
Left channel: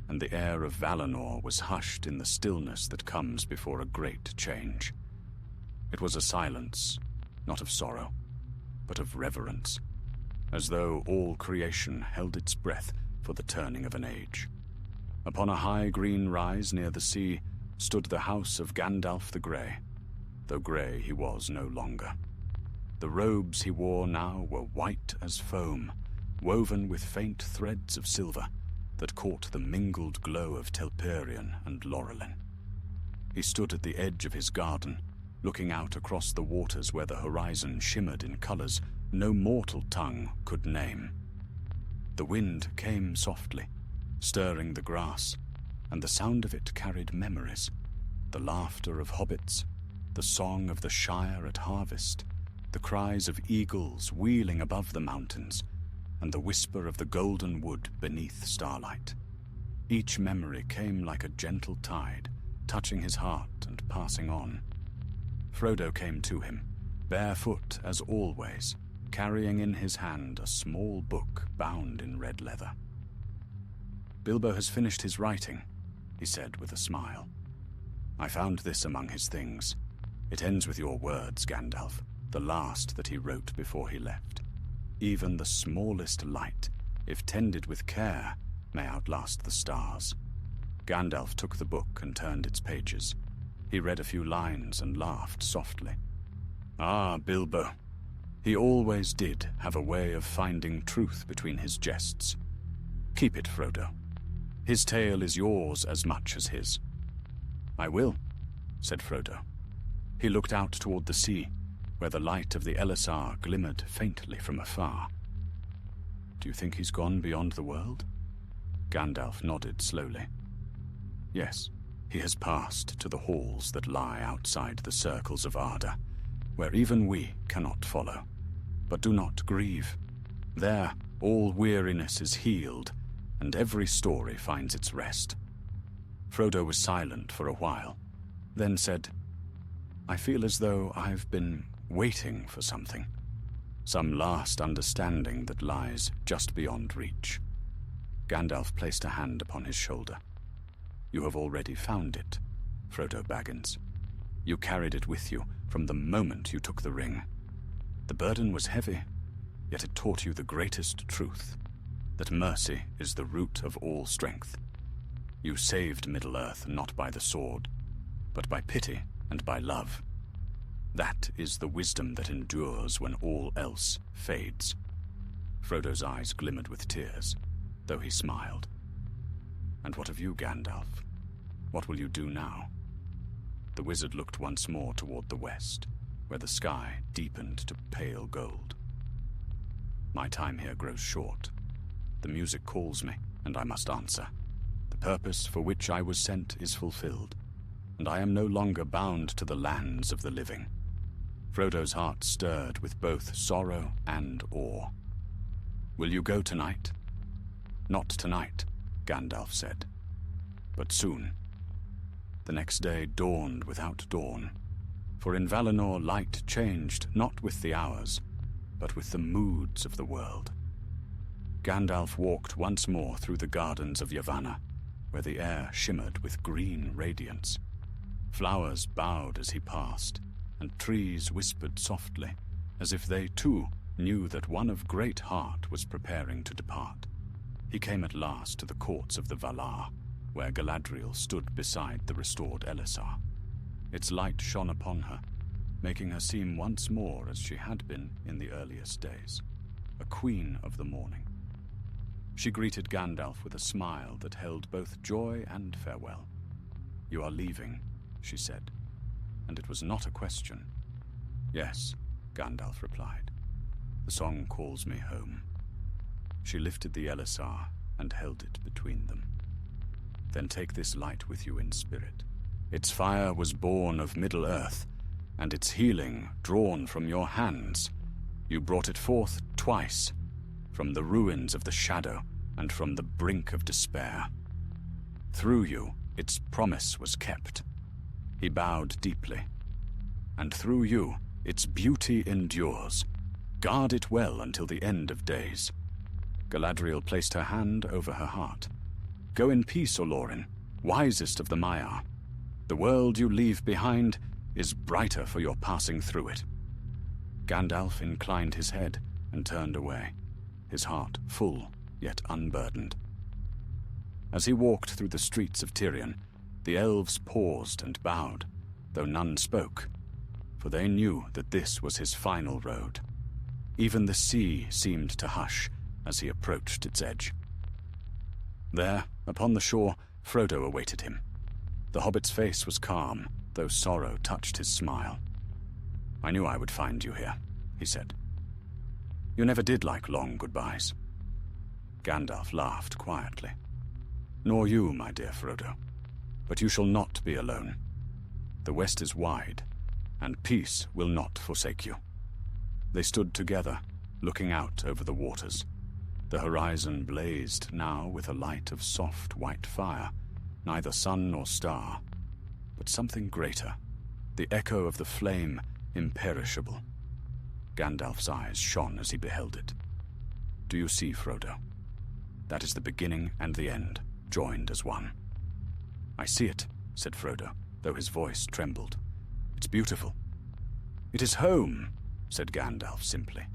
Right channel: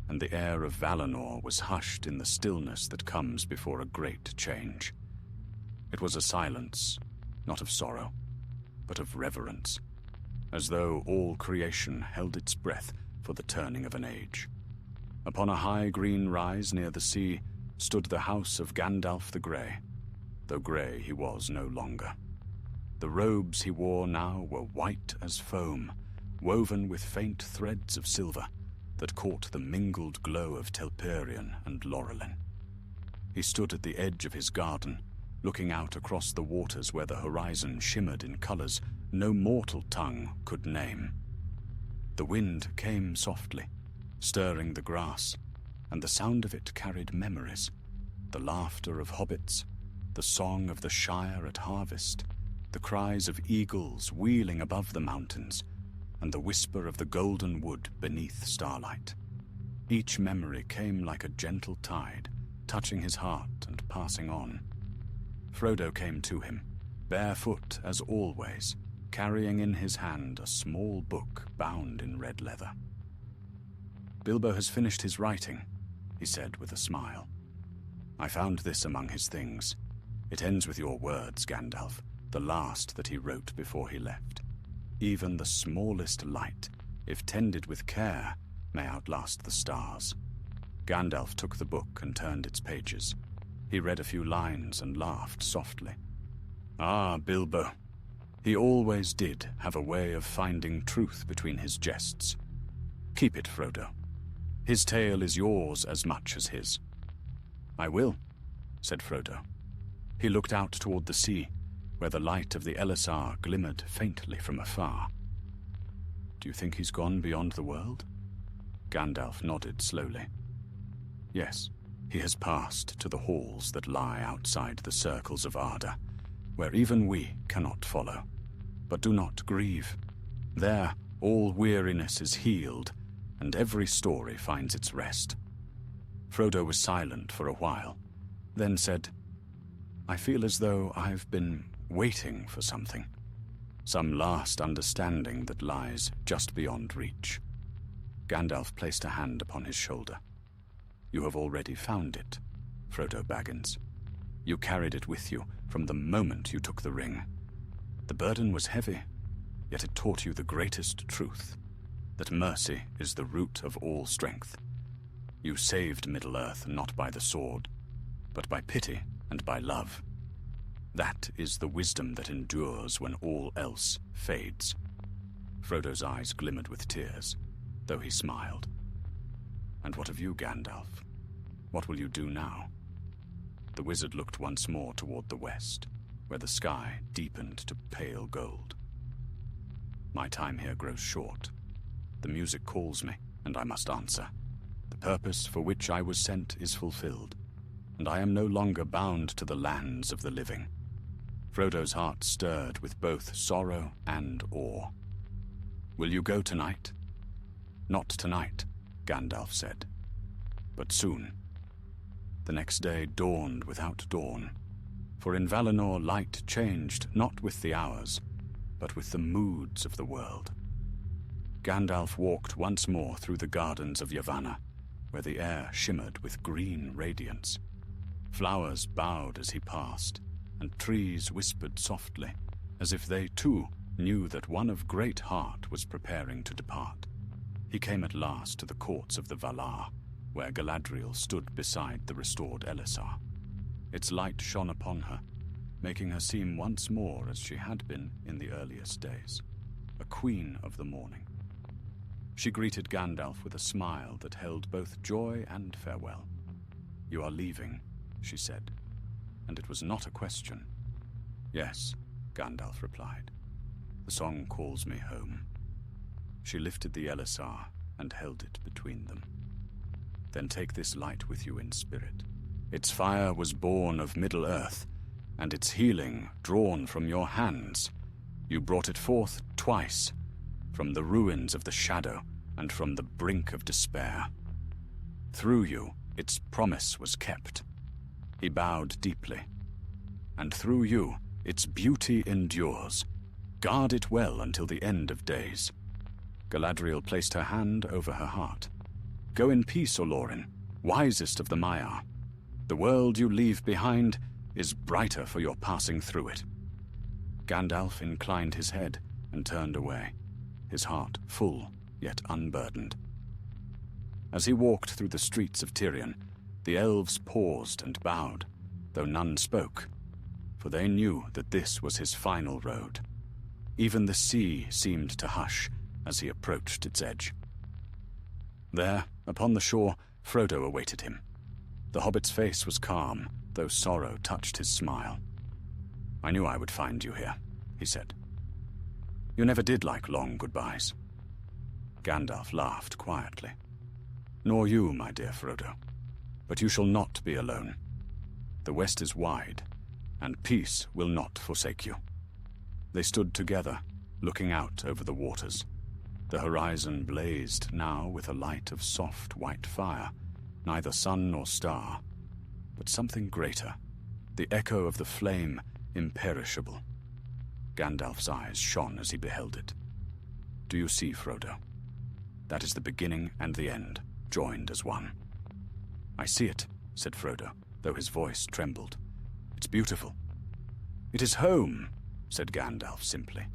and the air of Valinor was hushed in the stillness that comes before a great change. It was a silence, not of sorrow, but of reverence, as though all creation held its breath for the turning of an age. Upon a high green rise near the sea stood the house of Gandalf the Grey, though grey he was no longer. The robes he wore now were white as foam, woven with faint threads of silver that caught the mingled glow of Telperion and Laurelin. He stood at the edge of his garden, looking out across the waters where the horizon shimmered in colors no mortal tongue could name. The wind came softly, stirring the grass, and the sound of it carried memories, the laughter of hobbits, the song of the Shire at harvest, the cries of eagles wheeling above the mountains, and the whisper of the golden wood beneath starlight. Each memory came like a gentle tide, touching his heart and passing on. Frodo came to him, barefoot as always, carrying in his hand a small book bound in red leather. "Bilbo has finished his writing," he said with a smile. "I found this among his things. It ends with your words, Gandalf, the last that he wrote before he left. Even the smallest light, if tended with care, may outlast the stars." Gandalf took the book and turned its pages. He read a few lines and laughed softly. "Ah, Bilbo. He always did have a way of finding truth between his jests. Keep it, Frodo. His tale is yours as much as his." "I will," said Frodo. He looked out toward the sea, where the light of the Elisar glimmered faintly from afar. "Do you think he's gone beyond the world?" Gandalf nodded slowly. "Yes, he has passed to the halls that lie outside the circles of Arda, where even we cannot follow. But do not grieve. There, all weariness is healed, and every story finds its rest." Frodo was silent for a while, then said, "I feel as though I've been waiting for something. Some last understanding that lies just beyond reach." Gandalf placed a hand upon his shoulder. "You have already found it, Frodo Baggins. You carried it with you from the moment you took the ring. The burden was heavy, yet it taught you the greatest truth, that mercy is the root of all strength. You saved Middle-earth not by the sword, but by pity and by love. That is the wisdom that endures when all else fades." Frodo's eyes glimmered with tears, though he smiled. "And what of you, Gandalf? What will you do now?" The wizard looked once more toward the west, where the sky deepened to pale gold. "My time here grows short. The music calls me, and I must answer. The purpose for which I was sent is fulfilled, and I am no longer bound to the lands of the living." Frodo's heart stirred with both sorrow and awe. "Will you go tonight?" "Not tonight," Gandalf said, "but soon." The next day dawned without dawn, for in Valinor light changed not with the hours, but with the moods of the world. Gandalf walked once more through the gardens of Yavanna, where the air shimmered with green radiance. Flowers bowed as he passed, and trees whispered softly, as if they too knew that one of great heart was preparing to depart. He came at last to the courts of the Valar, where Galadriel stood beside the restored Elessar. Its light shone upon her, making her seem once more as she had been in the earliest days, a queen of the morning. She greeted Gandalf with a smile that held both joy and farewell. "You are leaving," she said, and it was not a question. "Yes," Gandalf replied. "The song calls me home." She lifted the Elessar and held it between them. "Then take this light with you in spirit. Its fire was born of Middle-earth, and its healing drawn from your hands. You brought it forth twice, from the ruins of the shadow and from the brink of despair. Through you, its promise was kept." He bowed deeply. "And through you, its beauty endures. Guard it well until the end of days." Galadriel placed her hand over her heart. "Go in peace, Olorin, wisest of the Maiar. The world you leave behind is brighter for your passing through it." Gandalf inclined his head and turned away, his heart full yet unburdened. As he walked through the streets of Tirion, the elves paused and bowed, though none spoke, for they knew that this was his final road. Even the sea seemed to hush as he approached its edge. There, upon the shore, Frodo awaited him. The hobbit's face was calm, though sorrow touched his smile. "I knew I would find you here," he said. "You never did like long goodbyes." Gandalf laughed quietly. "Nor you, my dear Frodo. But you shall not be alone. The west is wide, and peace will not forsake you." They stood together, looking out over the waters. The horizon blazed now with a light of soft white fire, neither sun nor star, but something greater, the echo of the flame imperishable. Gandalf's eyes shone as he beheld it. "Do you see, Frodo? That is the beginning and the end, joined as one." "I see it," said Frodo, though his voice trembled. "It's beautiful." "It is home," said Gandalf simply.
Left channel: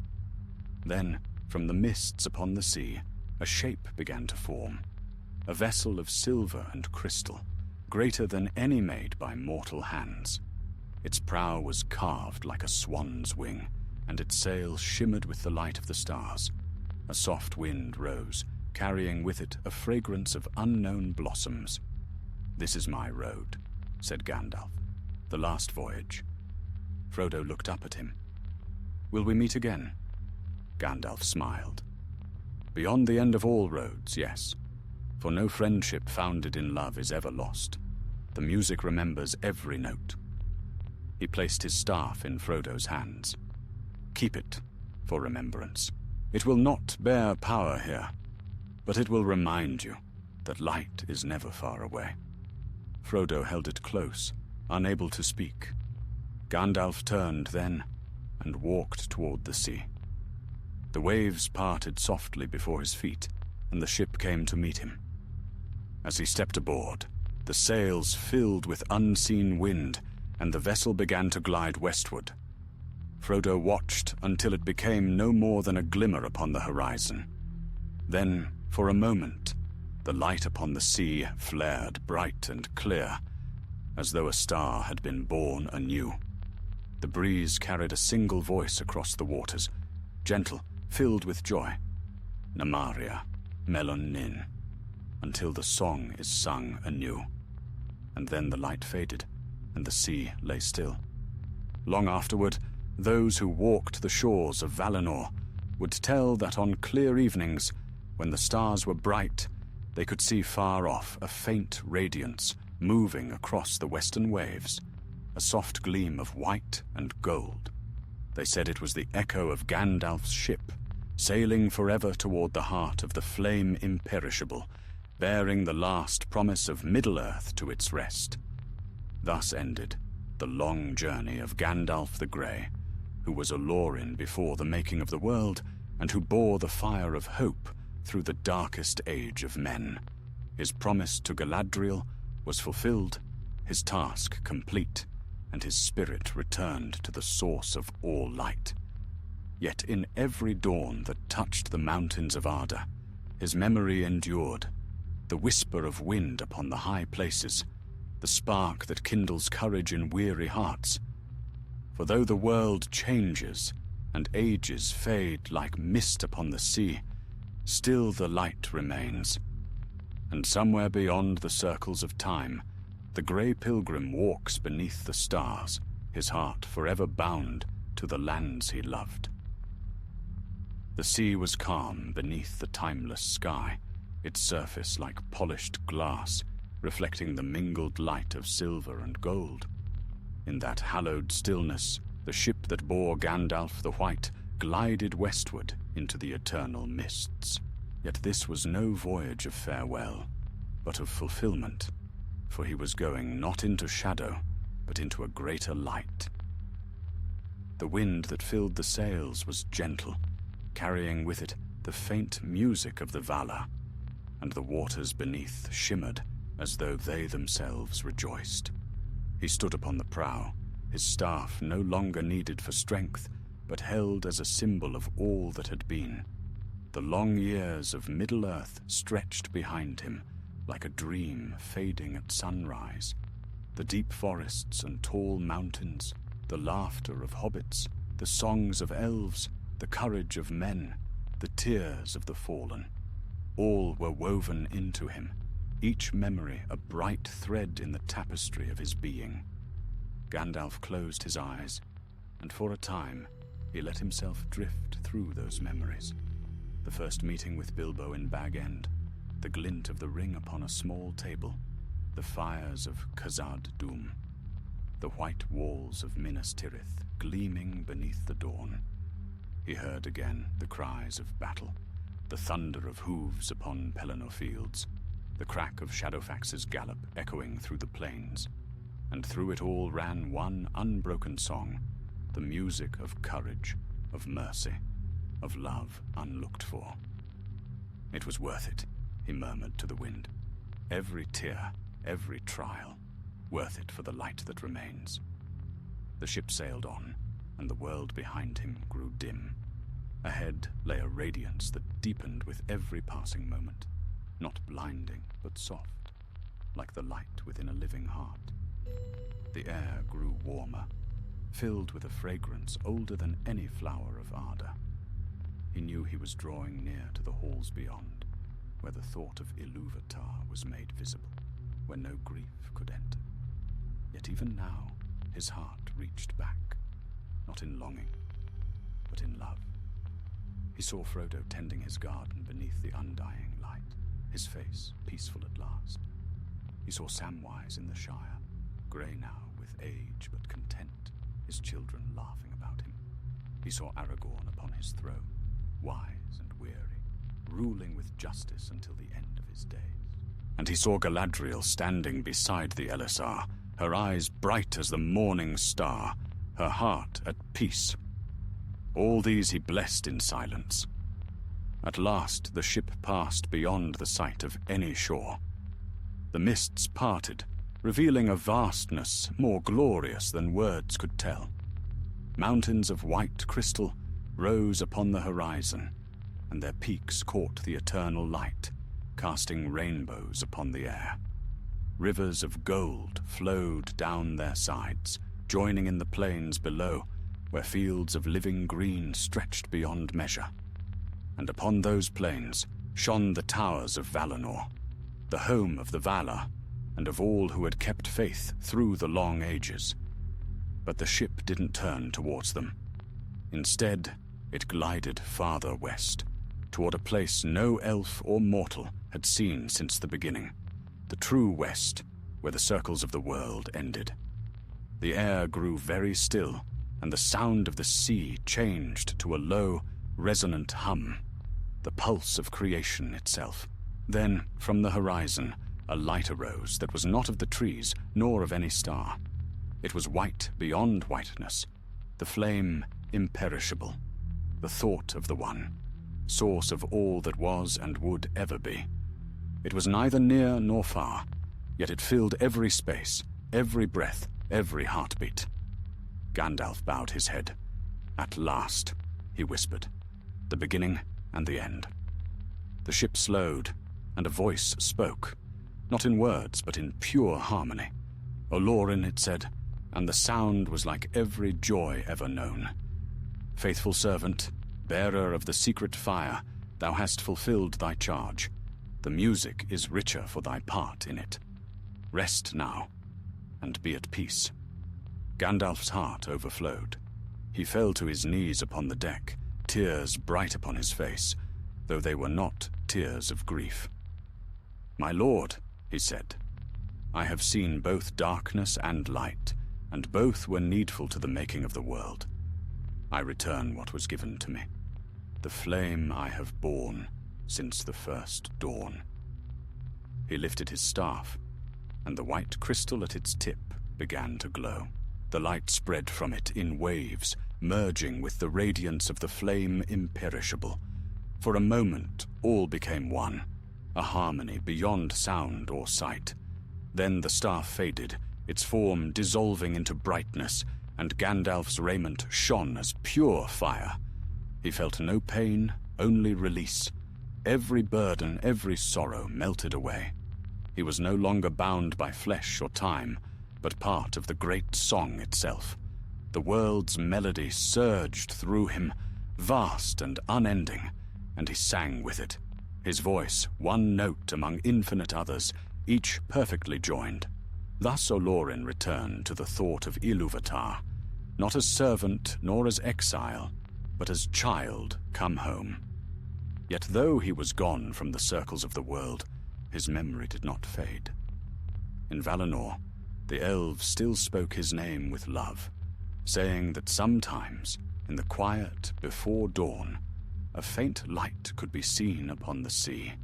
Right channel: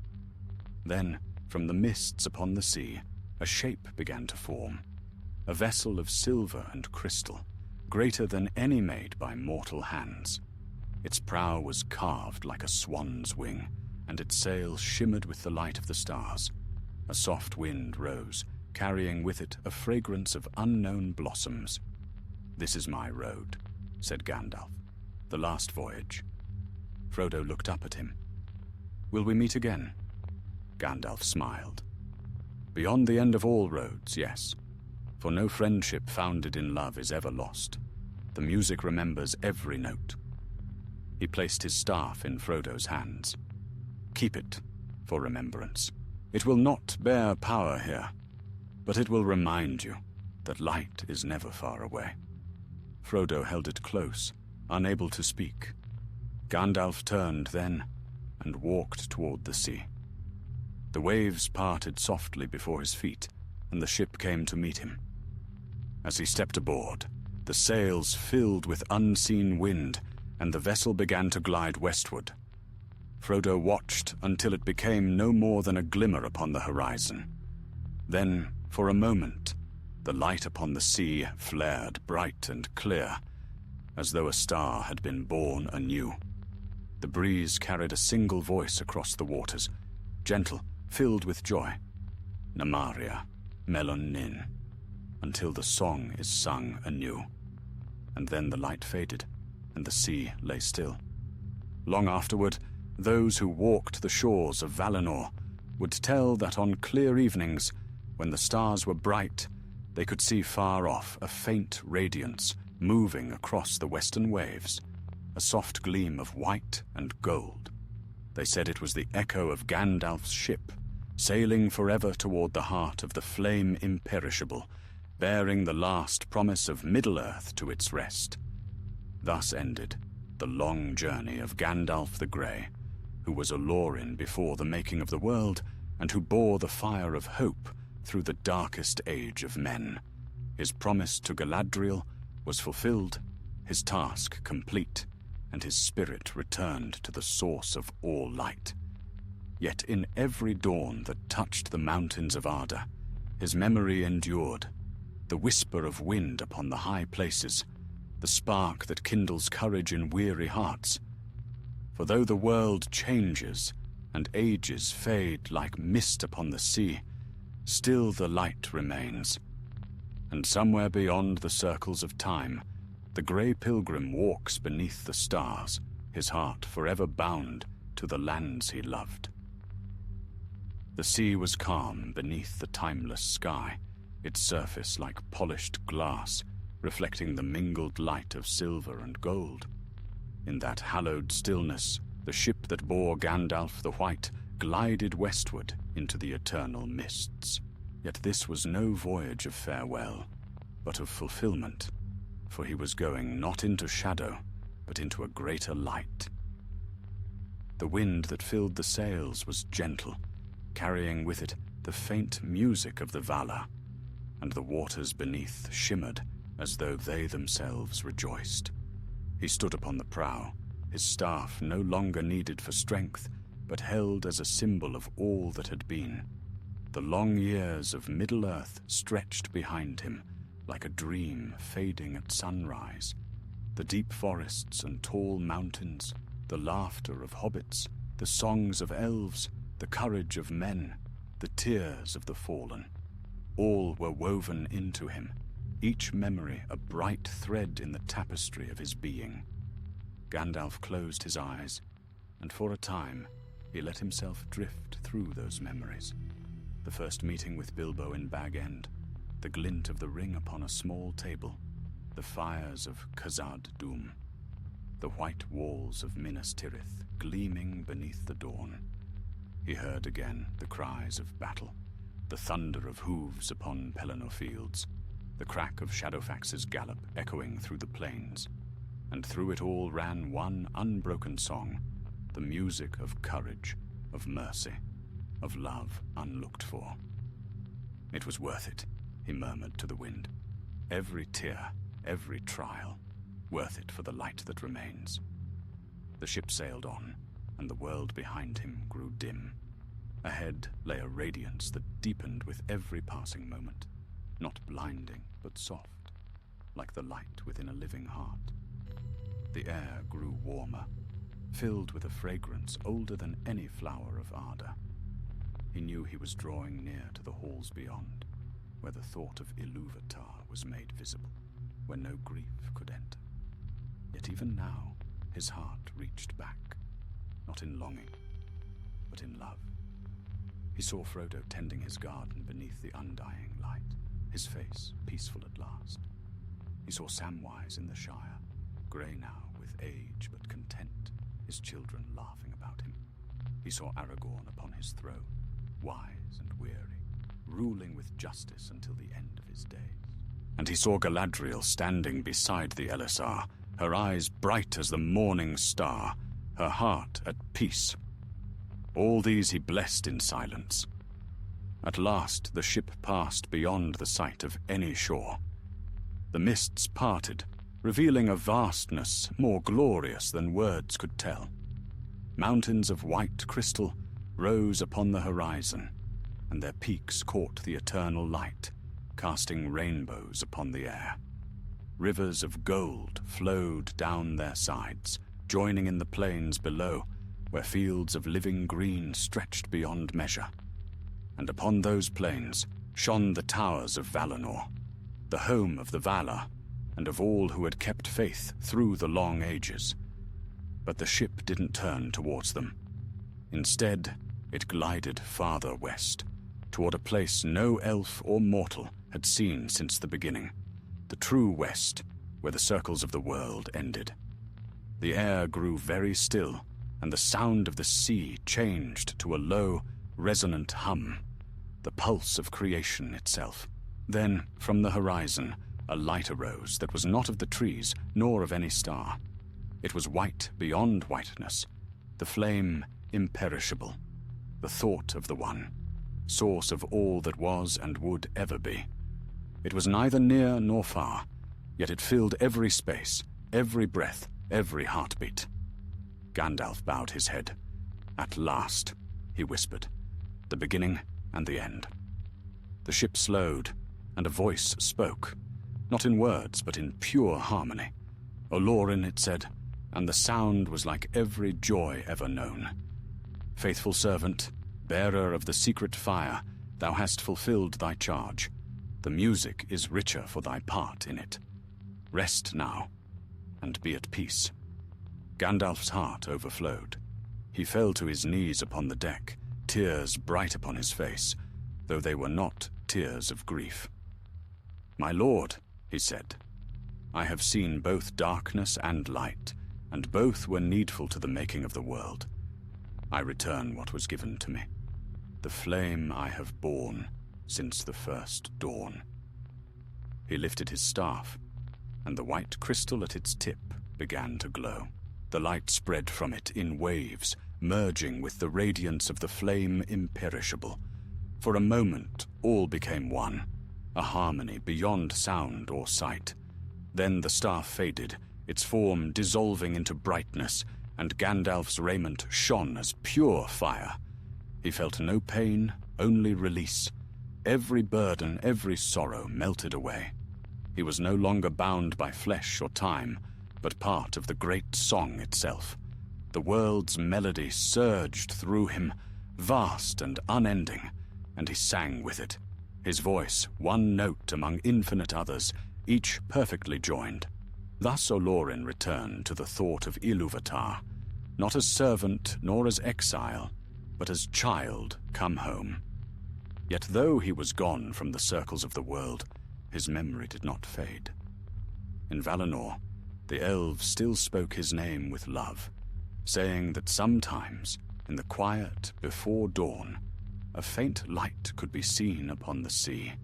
Then, from the mists upon the sea, a shape began to form, a vessel of silver and crystal, greater than any made by mortal hands. Its prow was carved like a swan's wing, and its sails shimmered with the light of the stars. A soft wind rose, carrying with it a fragrance of unknown blossoms. "This is my road," said Gandalf. "The last voyage." Frodo looked up at him. "Will we meet again?" Gandalf smiled. "Beyond the end of all roads, yes. For no friendship founded in love is ever lost. The music remembers every note." He placed his staff in Frodo's hands. "Keep it for remembrance. It will not bear power here, but it will remind you that light is never far away." Frodo held it close, unable to speak. Gandalf turned then and walked toward the sea. The waves parted softly before his feet, and the ship came to meet him. As he stepped aboard, the sails filled with unseen wind, and the vessel began to glide westward. Frodo watched until it became no more than a glimmer upon the horizon. Then, for a moment, the light upon the sea flared bright and clear, as though a star had been born anew. The breeze carried a single voice across the waters, gentle, filled with joy. Namaria, Melon Nin, until the song is sung anew. And then the light faded, and the sea lay still. Long afterward, those who walked the shores of Valinor would tell that on clear evenings, when the stars were bright, they could see far off a faint radiance moving across the western waves, a soft gleam of white and gold. They said it was the echo of Gandalf's ship, sailing forever toward the heart of the flame imperishable, bearing the last promise of Middle-earth to its rest. Thus ended the long journey of Gandalf the Grey, who was a Lorin before the making of the world, and who bore the fire of hope through the darkest age of men. His promise to Galadriel was fulfilled, his task complete, and his spirit returned to the source of all light. Yet in every dawn that touched the mountains of Arda, his memory endured, the whisper of wind upon the high places, the spark that kindles courage in weary hearts. For though the world changes, and ages fade like mist upon the sea, still the light remains. And somewhere beyond the circles of time, the grey pilgrim walks beneath the stars, his heart forever bound to the lands he loved. The sea was calm beneath the timeless sky, its surface like polished glass, reflecting the mingled light of silver and gold. In that hallowed stillness, the ship that bore Gandalf the White glided westward into the eternal mists. Yet this was no voyage of farewell, but of fulfillment, for he was going not into shadow, but into a greater light. The wind that filled the sails was gentle, carrying with it the faint music of the Valar, and the waters beneath shimmered as though they themselves rejoiced. He stood upon the prow, his staff no longer needed for strength, but held as a symbol of all that had been. The long years of Middle-earth stretched behind him, like a dream fading at sunrise. The deep forests and tall mountains, the laughter of hobbits, the songs of elves, the courage of men, the tears of the fallen, all were woven into him, each memory a bright thread in the tapestry of his being. Gandalf closed his eyes, and for a time he let himself drift through those memories. The first meeting with Bilbo in Bag End, the glint of the ring upon a small table, the fires of Khazad Dûm, the white walls of Minas Tirith gleaming beneath the dawn. He heard again the cries of battle, the thunder of hooves upon Pelennor fields, the crack of Shadowfax's gallop echoing through the plains, and through it all ran one unbroken song, the music of courage, of mercy, of love unlooked for. It was worth it, he murmured to the wind. Every tear, every trial, worth it for the light that remains. The ship sailed on, and the world behind him grew dim. Ahead lay a radiance that deepened with every passing moment, not blinding, but soft, like the light within a living heart. The air grew warmer, filled with a fragrance older than any flower of Arda. He knew he was drawing near to the halls beyond, where the thought of Ilúvatar was made visible, where no grief could enter. Yet even now, his heart reached back, not in longing, but in love. He saw Frodo tending his garden beneath the undying light, his face peaceful at last. He saw Samwise in the Shire, grey now with age but content, his children laughing about him. He saw Aragorn upon his throne, wise and weary, ruling with justice until the end of his days. And he saw Galadriel standing beside the Elisar, her eyes bright as the morning star, her heart at peace. All these he blessed in silence. At last the ship passed beyond the sight of any shore. The mists parted, revealing a vastness more glorious than words could tell. Mountains of white crystal rose upon the horizon, and their peaks caught the eternal light, casting rainbows upon the air. Rivers of gold flowed down their sides, joining in the plains below, where fields of living green stretched beyond measure. And upon those plains shone the towers of Valinor, the home of the Valar, and of all who had kept faith through the long ages. But the ship didn't turn towards them. Instead, it glided farther west, toward a place no elf or mortal had seen since the beginning, the true west, where the circles of the world ended. The air grew very still, and the sound of the sea changed to a low, resonant hum, the pulse of creation itself. Then, from the horizon, a light arose that was not of the trees, nor of any star. It was white beyond whiteness, the flame imperishable, the thought of the One, source of all that was and would ever be. It was neither near nor far, yet it filled every space, every breath, every heartbeat. Gandalf bowed his head. At last, he whispered, the beginning and the end. The ship slowed, and a voice spoke, not in words, but in pure harmony. Olorin, it said, and the sound was like every joy ever known. Faithful servant, bearer of the secret fire, thou hast fulfilled thy charge. The music is richer for thy part in it. Rest now, and be at peace. Gandalf's heart overflowed. He fell to his knees upon the deck, tears bright upon his face, though they were not tears of grief. My lord, he said, I have seen both darkness and light, and both were needful to the making of the world. I return what was given to me, the flame I have borne since the first dawn. He lifted his staff, and the white crystal at its tip began to glow. The light spread from it in waves, merging with the radiance of the flame imperishable. For a moment, all became one, a harmony beyond sound or sight. Then the staff faded, its form dissolving into brightness, and Gandalf's raiment shone as pure fire. He felt no pain, only release. Every burden, every sorrow melted away. He was no longer bound by flesh or time, but part of the great song itself. The world's melody surged through him, vast and unending, and he sang with it, his voice one note among infinite others, each perfectly joined. Thus Olorin returned to the thought of Ilúvatar, not as servant nor as exile, but as child come home. Yet though he was gone from the circles of the world, his memory did not fade. In Valinor, the elves still spoke his name with love, saying that sometimes, in the quiet before dawn, a faint light could be seen upon the sea,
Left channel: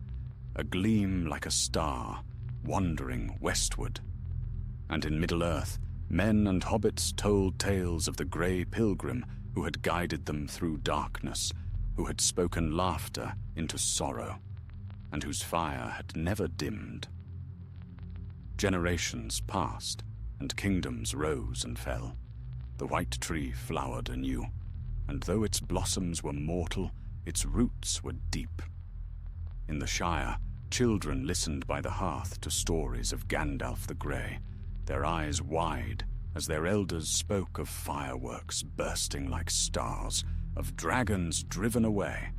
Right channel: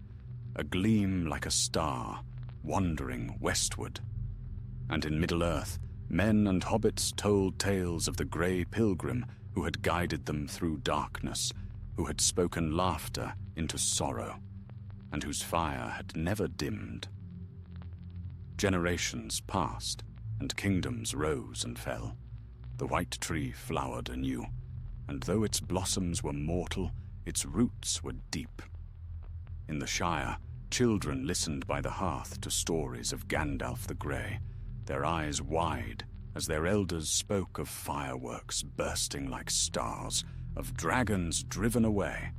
a gleam like a star, wandering westward. And in Middle-earth, men and hobbits told tales of the grey pilgrim who had guided them through darkness, who had spoken laughter into sorrow, and whose fire had never dimmed. Generations passed, and kingdoms rose and fell. The white tree flowered anew, and though its blossoms were mortal, its roots were deep. In the Shire, children listened by the hearth to stories of Gandalf the Grey, their eyes wide as their elders spoke of fireworks bursting like stars, of dragons driven away,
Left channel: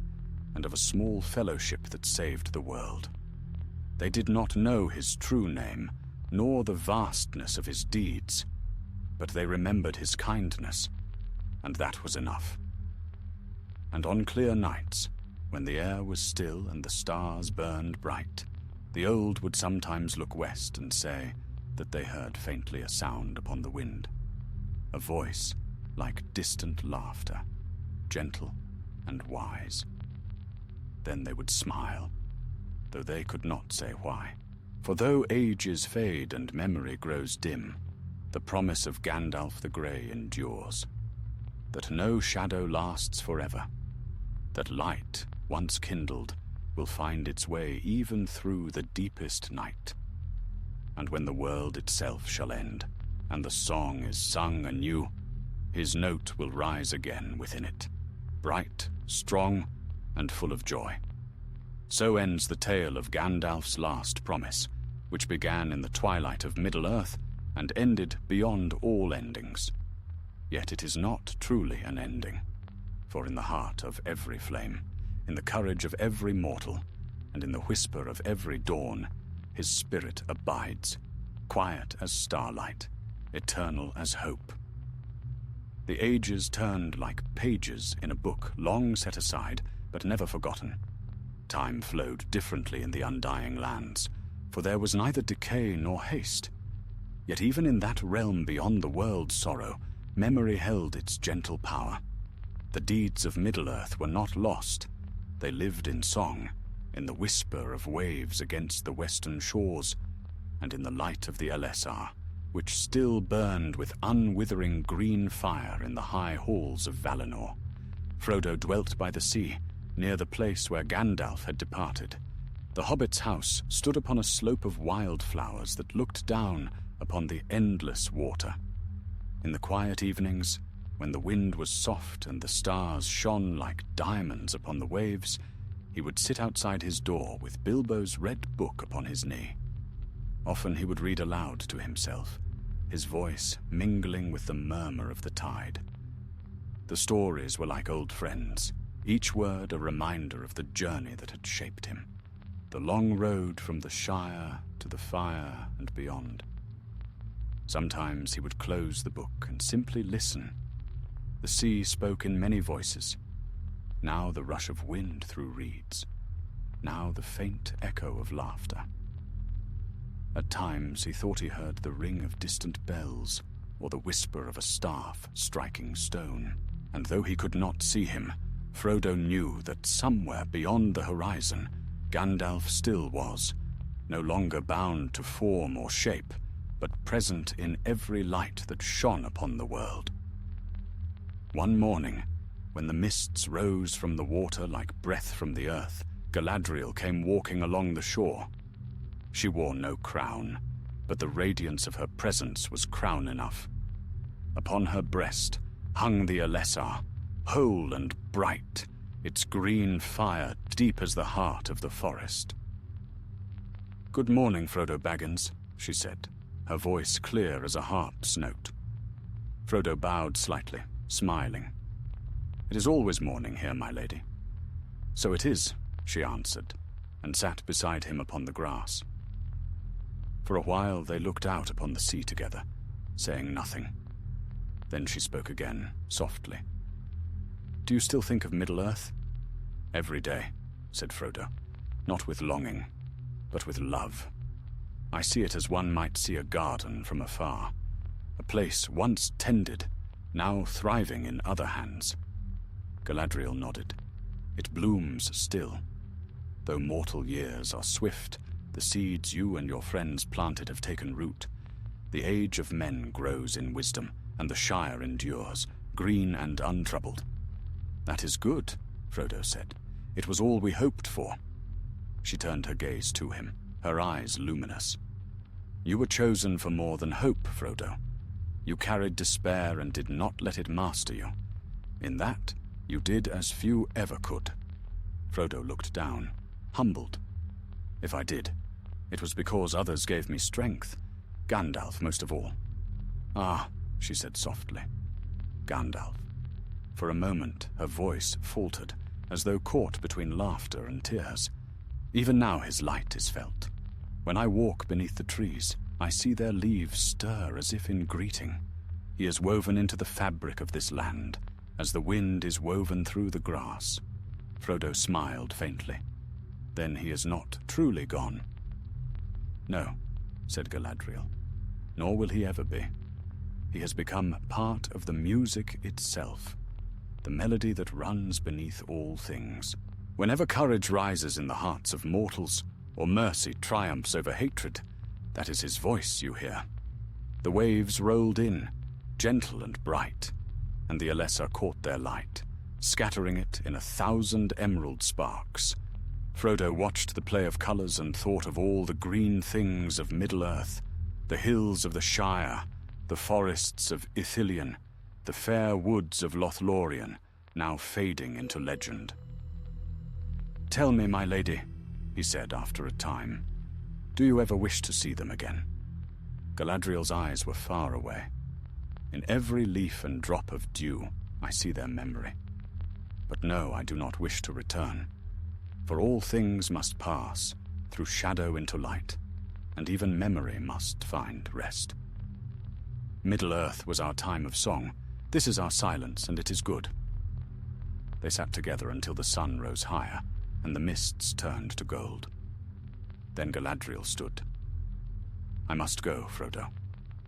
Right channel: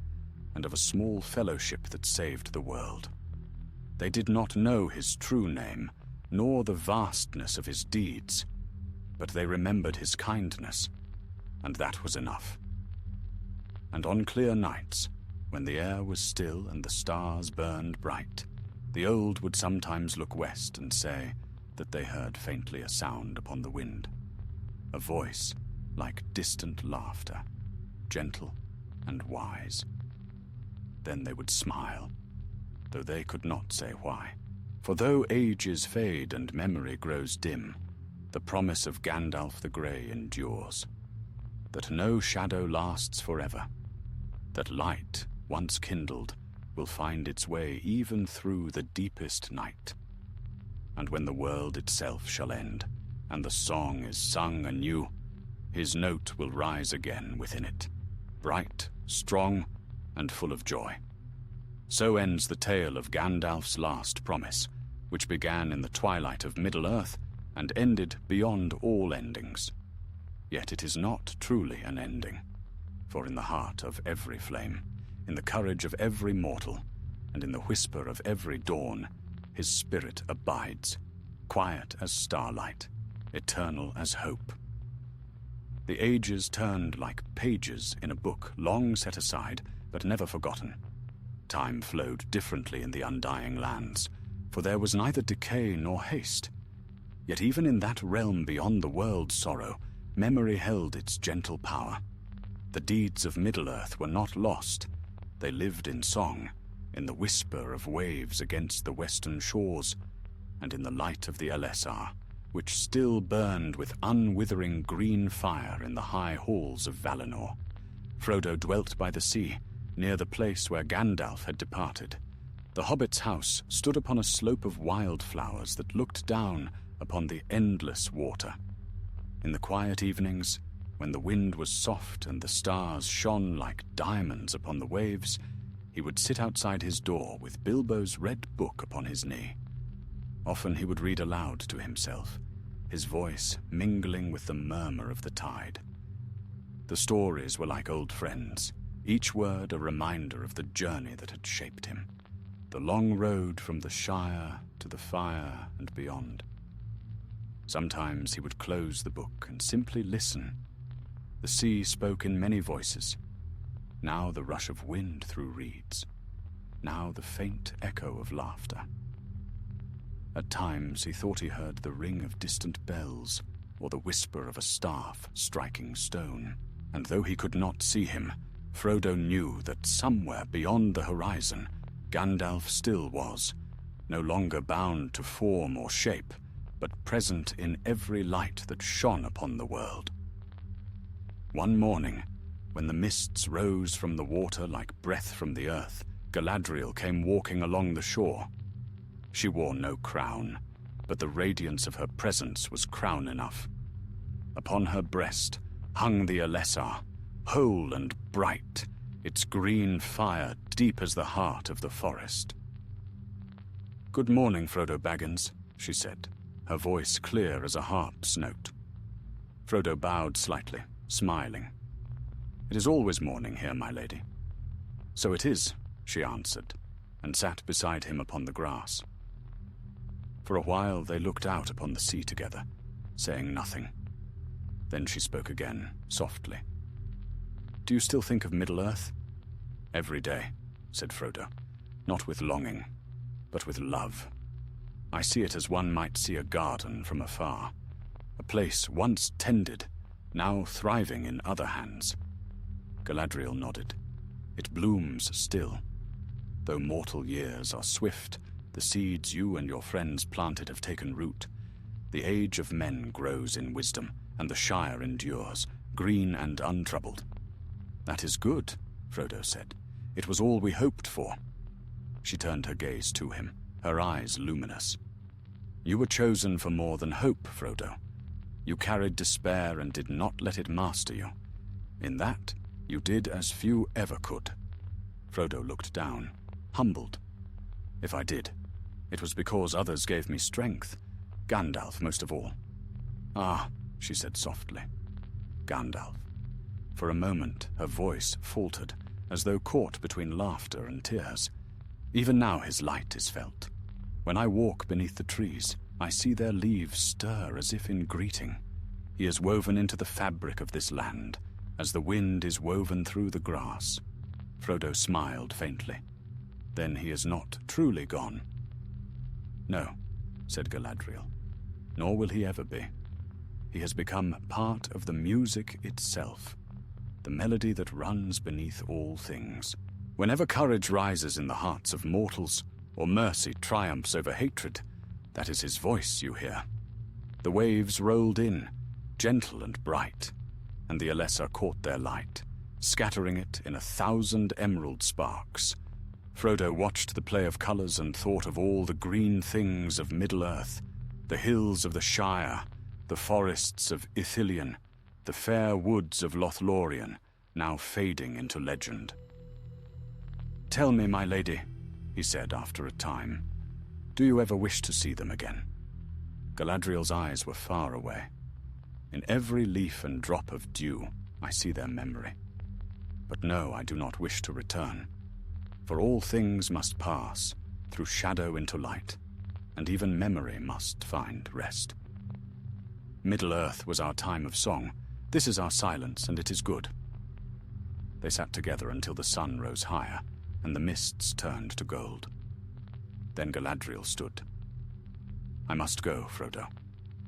and of a small fellowship that saved the world. They did not know his true name, nor the vastness of his deeds, but they remembered his kindness, and that was enough. And on clear nights, when the air was still and the stars burned bright, the old would sometimes look west and say that they heard faintly a sound upon the wind, a voice like distant laughter, gentle and wise. Then they would smile, though they could not say why. For though ages fade and memory grows dim, the promise of Gandalf the Grey endures, that no shadow lasts forever, that light, once kindled, will find its way even through the deepest night. And when the world itself shall end, and the song is sung anew, his note will rise again within it, bright, strong, and full of joy. So ends the tale of Gandalf's last promise, which began in the twilight of Middle-earth and ended beyond all endings. Yet it is not truly an ending, for in the heart of every flame, in the courage of every mortal, and in the whisper of every dawn, his spirit abides, quiet as starlight, eternal as hope. The ages turned like pages in a book long set aside, but never forgotten. Time flowed differently in the undying lands, for there was neither decay nor haste. Yet even in that realm beyond the world's sorrow, memory held its gentle power. The deeds of Middle-earth were not lost. They lived in song, in the whisper of waves against the western shores, and in the light of the Elessar, which still burned with unwithering green fire in the high halls of Valinor. Frodo dwelt by the sea, near the place where Gandalf had departed. The hobbit's house stood upon a slope of wildflowers that looked down upon the endless water. In the quiet evenings, when the wind was soft and the stars shone like diamonds upon the waves, he would sit outside his door with Bilbo's red book upon his knee. Often he would read aloud to himself, his voice mingling with the murmur of the tide. The stories were like old friends, each word a reminder of the journey that had shaped him, the long road from the Shire to the fire and beyond. Sometimes he would close the book and simply listen. The sea spoke in many voices, now the rush of wind through reeds, now the faint echo of laughter. At times he thought he heard the ring of distant bells or the whisper of a staff striking stone, and though he could not see him, Frodo knew that somewhere beyond the horizon, Gandalf still was, no longer bound to form or shape, but present in every light that shone upon the world. One morning, when the mists rose from the water like breath from the earth, Galadriel came walking along the shore. She wore no crown, but the radiance of her presence was crown enough. Upon her breast hung the Elessar, whole and bright, its green fire deep as the heart of the forest. "Good morning, Frodo Baggins," she said, her voice clear as a harp's note. Frodo bowed slightly, smiling. "It is always morning here, my lady." "So it is," she answered, and sat beside him upon the grass. For a while they looked out upon the sea together, saying nothing. Then she spoke again, softly. "Do you still think of Middle-earth?" "Every day," said Frodo, "not with longing, but with love. I see it as one might see a garden from afar, a place once tended, now thriving in other hands." Galadriel nodded. "It blooms still. Though mortal years are swift, the seeds you and your friends planted have taken root. The age of men grows in wisdom, and the Shire endures, green and untroubled." "That is good," Frodo said. "It was all we hoped for." She turned her gaze to him, her eyes luminous. "You were chosen for more than hope, Frodo. You carried despair and did not let it master you. In that, you did as few ever could." Frodo looked down, humbled. "If I did, it was because others gave me strength, Gandalf most of all." "Ah," she said softly. "Gandalf." For a moment her voice faltered, as though caught between laughter and tears. "Even now his light is felt. When I walk beneath the trees, I see their leaves stir as if in greeting. He is woven into the fabric of this land, as the wind is woven through the grass." Frodo smiled faintly. "Then he is not truly gone." "No," said Galadriel, "nor will he ever be. he has become part of the music itself, the melody that runs beneath all things. Whenever courage rises in the hearts of mortals, or mercy triumphs over hatred, that is his voice you hear. The waves rolled in, gentle and bright, and the Alessa caught their light, scattering it in 1,000 emerald sparks. Frodo watched the play of colours and thought of all the green things of Middle-earth, the hills of the Shire, the forests of Ithilien, the fair woods of Lothlorien, now fading into legend. "Tell me, my lady," he said after a time, "do you ever wish to see them again?" Galadriel's eyes were far away. "In every leaf and drop of dew I see their memory. But no, I do not wish to return. For all things must pass, through shadow into light, and even memory must find rest. Middle-earth was our time of song. This is our silence, and it is good." They sat together until the sun rose higher, and the mists turned to gold. Then Galadriel stood. "I must go, Frodo.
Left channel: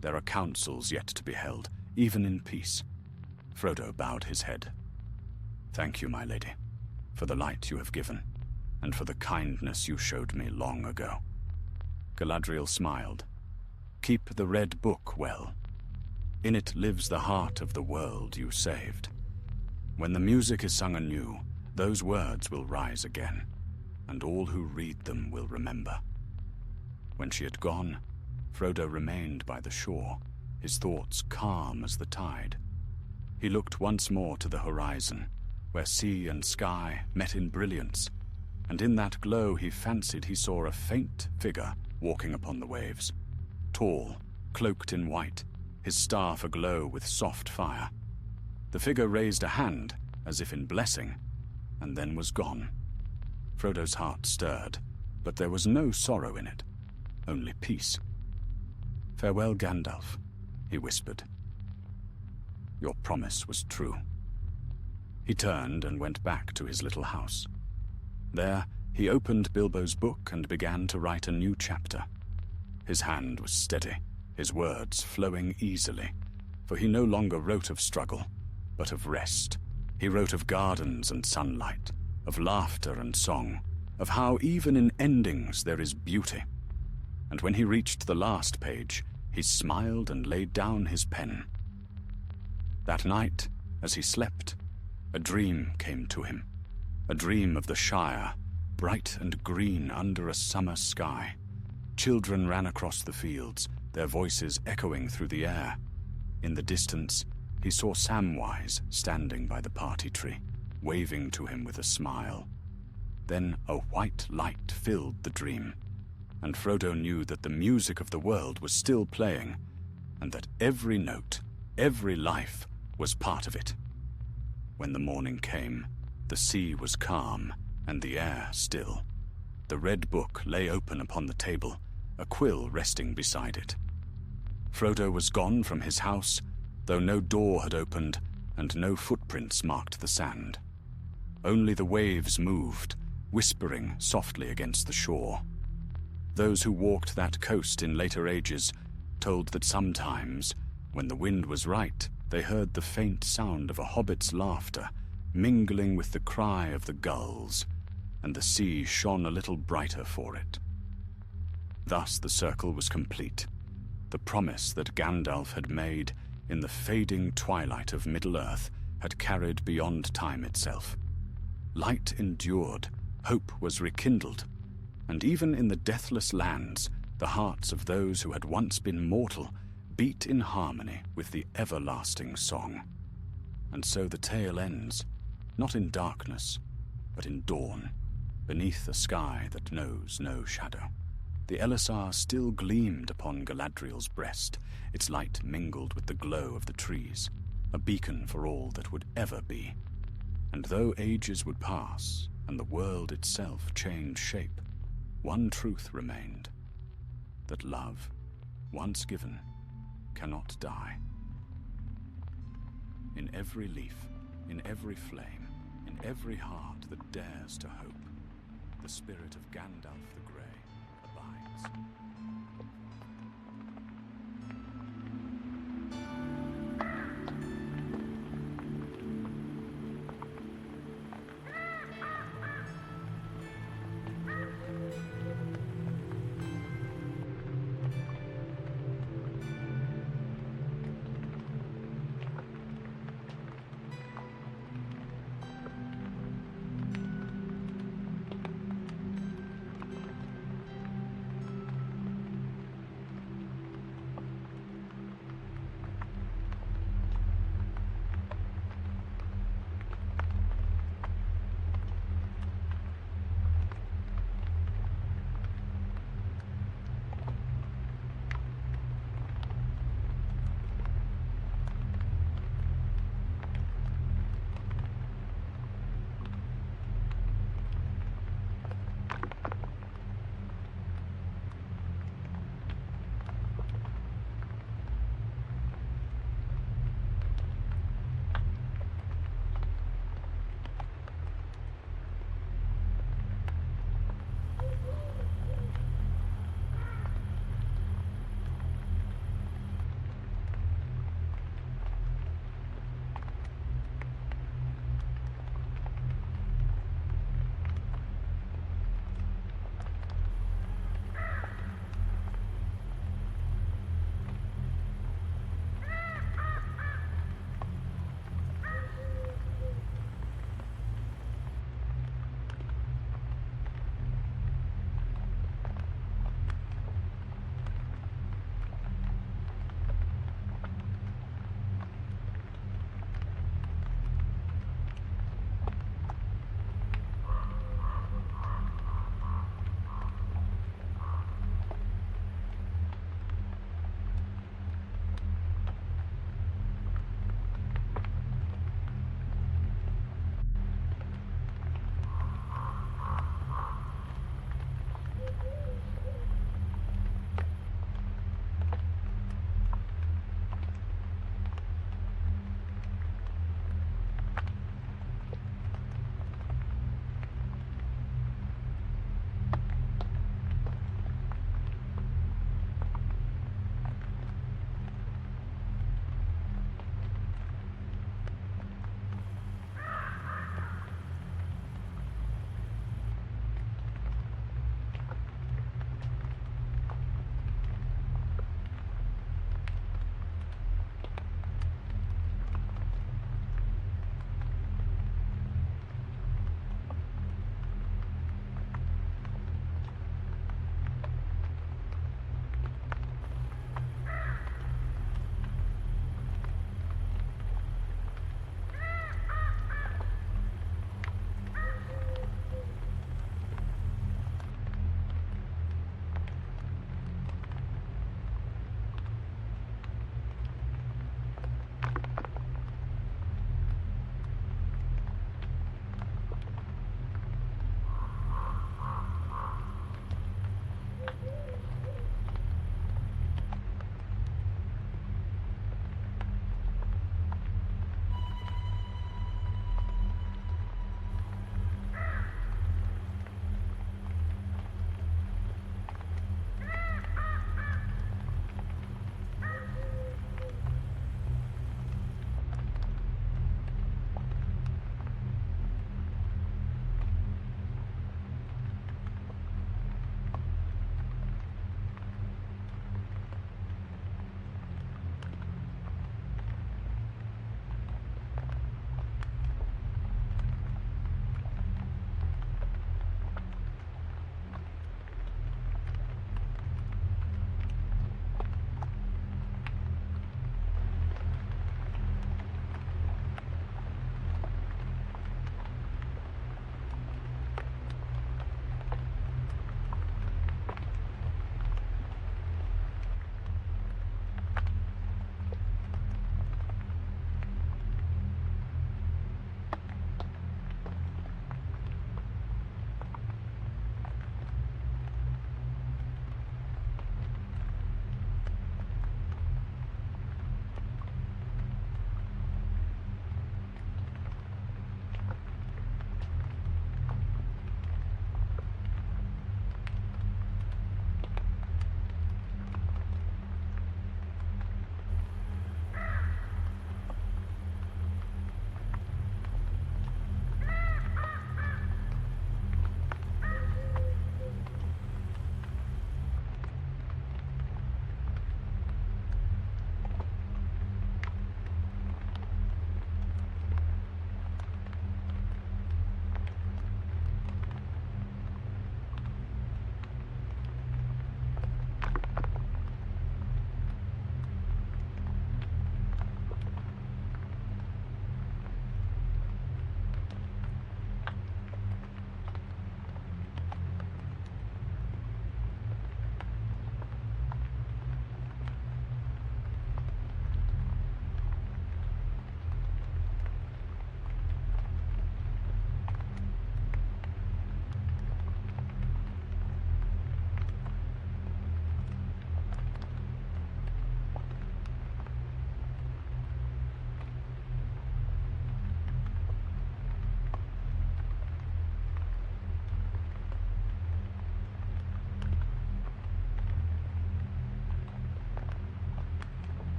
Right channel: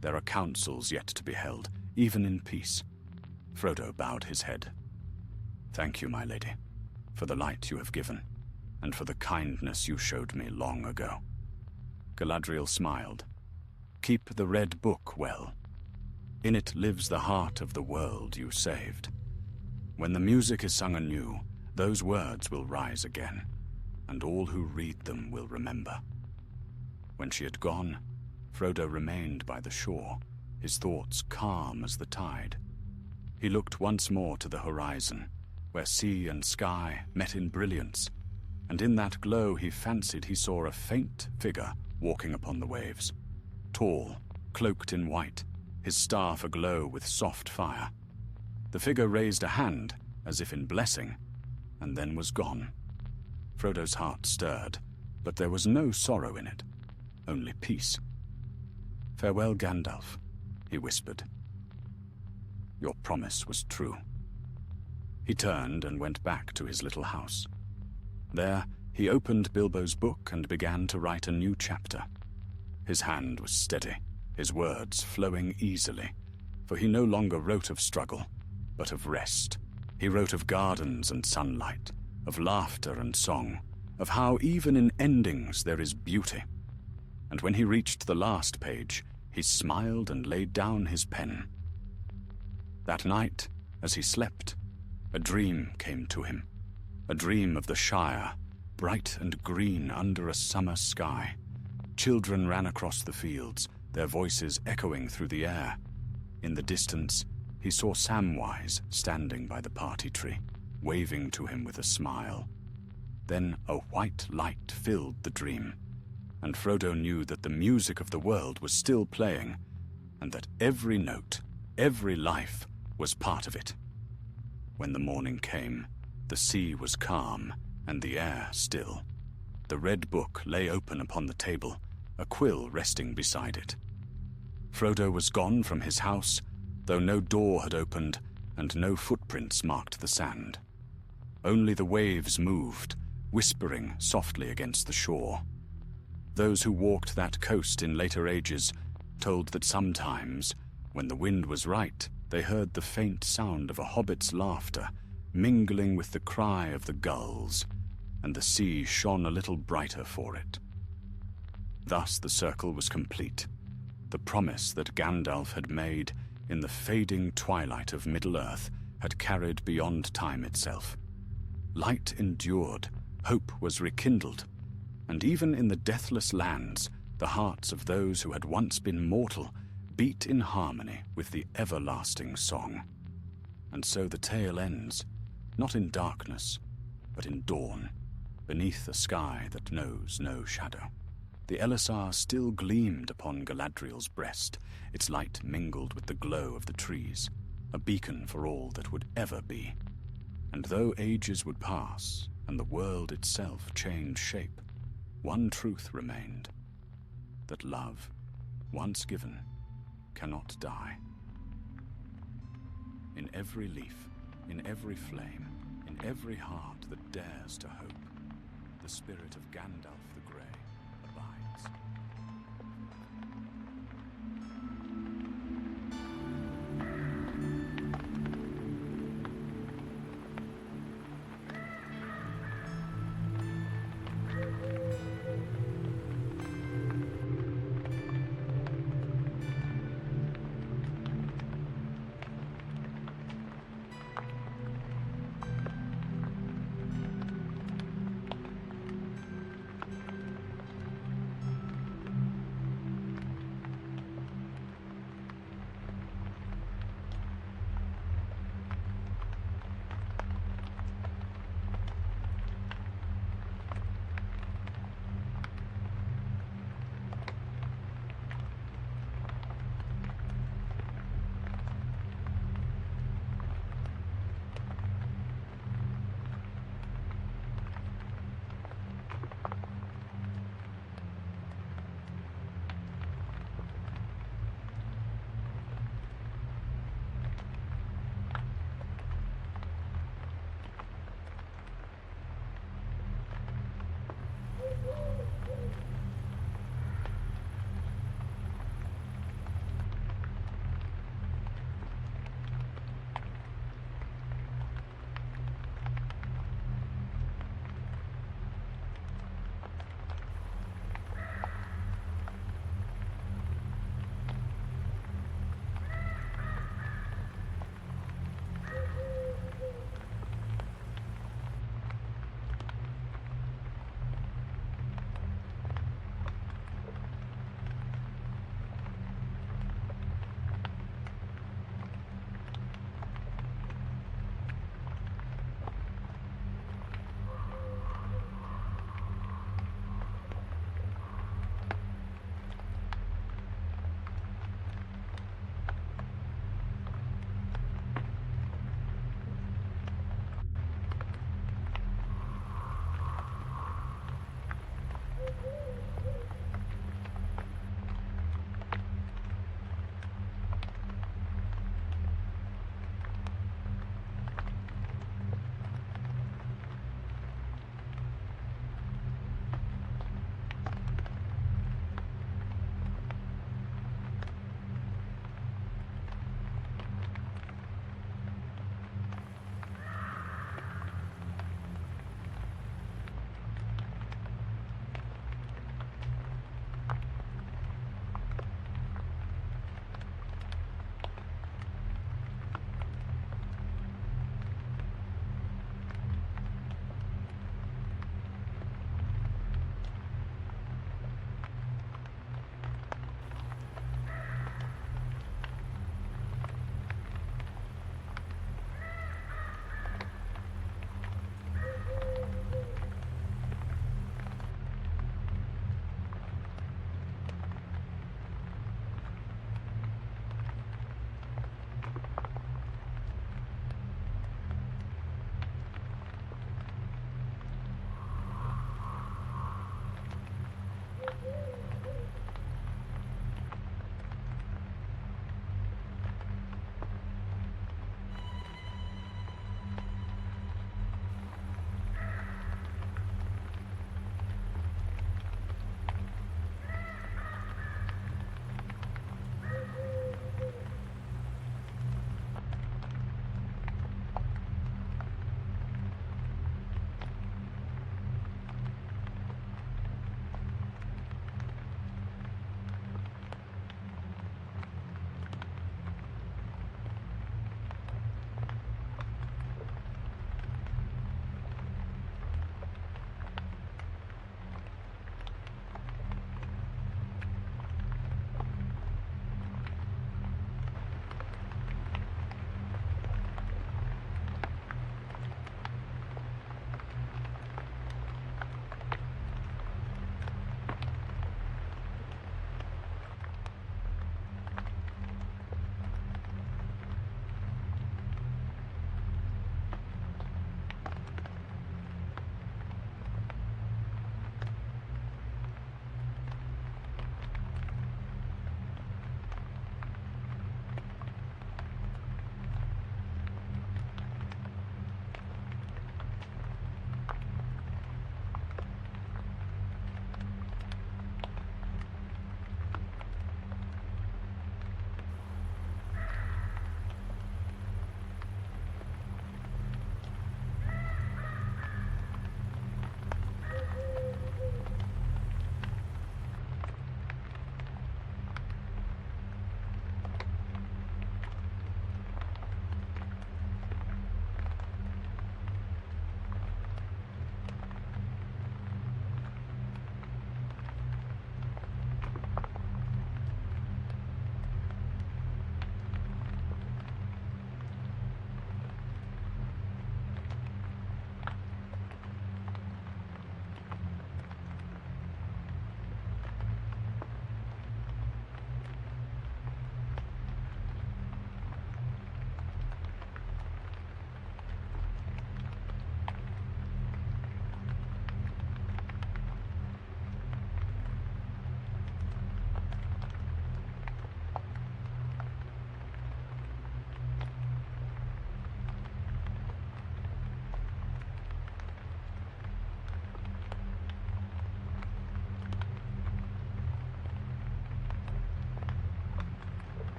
There are councils yet to be held, even in peace." Frodo bowed his head. "Thank you, my lady, for the light you have given, and for the kindness you showed me long ago." Galadriel smiled. "Keep the red book well. In it lives the heart of the world you saved. When the music is sung anew, those words will rise again, and all who read them will remember." When she had gone, Frodo remained by the shore, his thoughts calm as the tide. He looked once more to the horizon, where sea and sky met in brilliance, and in that glow he fancied he saw a faint figure walking upon the waves, tall, cloaked in white, his staff aglow with soft fire. The figure raised a hand, as if in blessing, and then was gone. Frodo's heart stirred, but there was no sorrow in it, only peace. "Farewell, Gandalf," he whispered. "Your promise was true." He turned and went back to his little house. There, he opened Bilbo's book and began to write a new chapter. His hand was steady, his words flowing easily, for he no longer wrote of struggle, but of rest. He wrote of gardens and sunlight, of laughter and song, of how even in endings there is beauty. And when he reached the last page, he smiled and laid down his pen. That night, as he slept, a dream came to him, a dream of the Shire, bright and green under a summer sky. Children ran across the fields, their voices echoing through the air. In the distance, he saw Samwise standing by the party tree, waving to him with a smile. Then a white light filled the dream, and Frodo knew that the music of the world was still playing, and that every note, every life, was part of it. When the morning came, the sea was calm and the air still. The red book lay open upon the table, a quill resting beside it. Frodo was gone from his house, though no door had opened and no footprints marked the sand. Only the waves moved, whispering softly against the shore. Those who walked that coast in later ages told that sometimes, when the wind was right, they heard the faint sound of a hobbit's laughter mingling with the cry of the gulls, and the sea shone a little brighter for it. Thus the circle was complete, the promise that Gandalf had made in the fading twilight of Middle-earth had carried beyond time itself. Light endured, hope was rekindled, and even in the deathless lands, the hearts of those who had once been mortal beat in harmony with the everlasting song. And so the tale ends, not in darkness, but in dawn, beneath a sky that knows no shadow. The Elisar still gleamed upon Galadriel's breast, its light mingled with the glow of the trees, a beacon for all that would ever be. And though ages would pass, and the world itself change shape, one truth remained, that love, once given, cannot die. In every leaf, in every flame, in every heart that dares to hope, the spirit of Gandalf the Grey abides.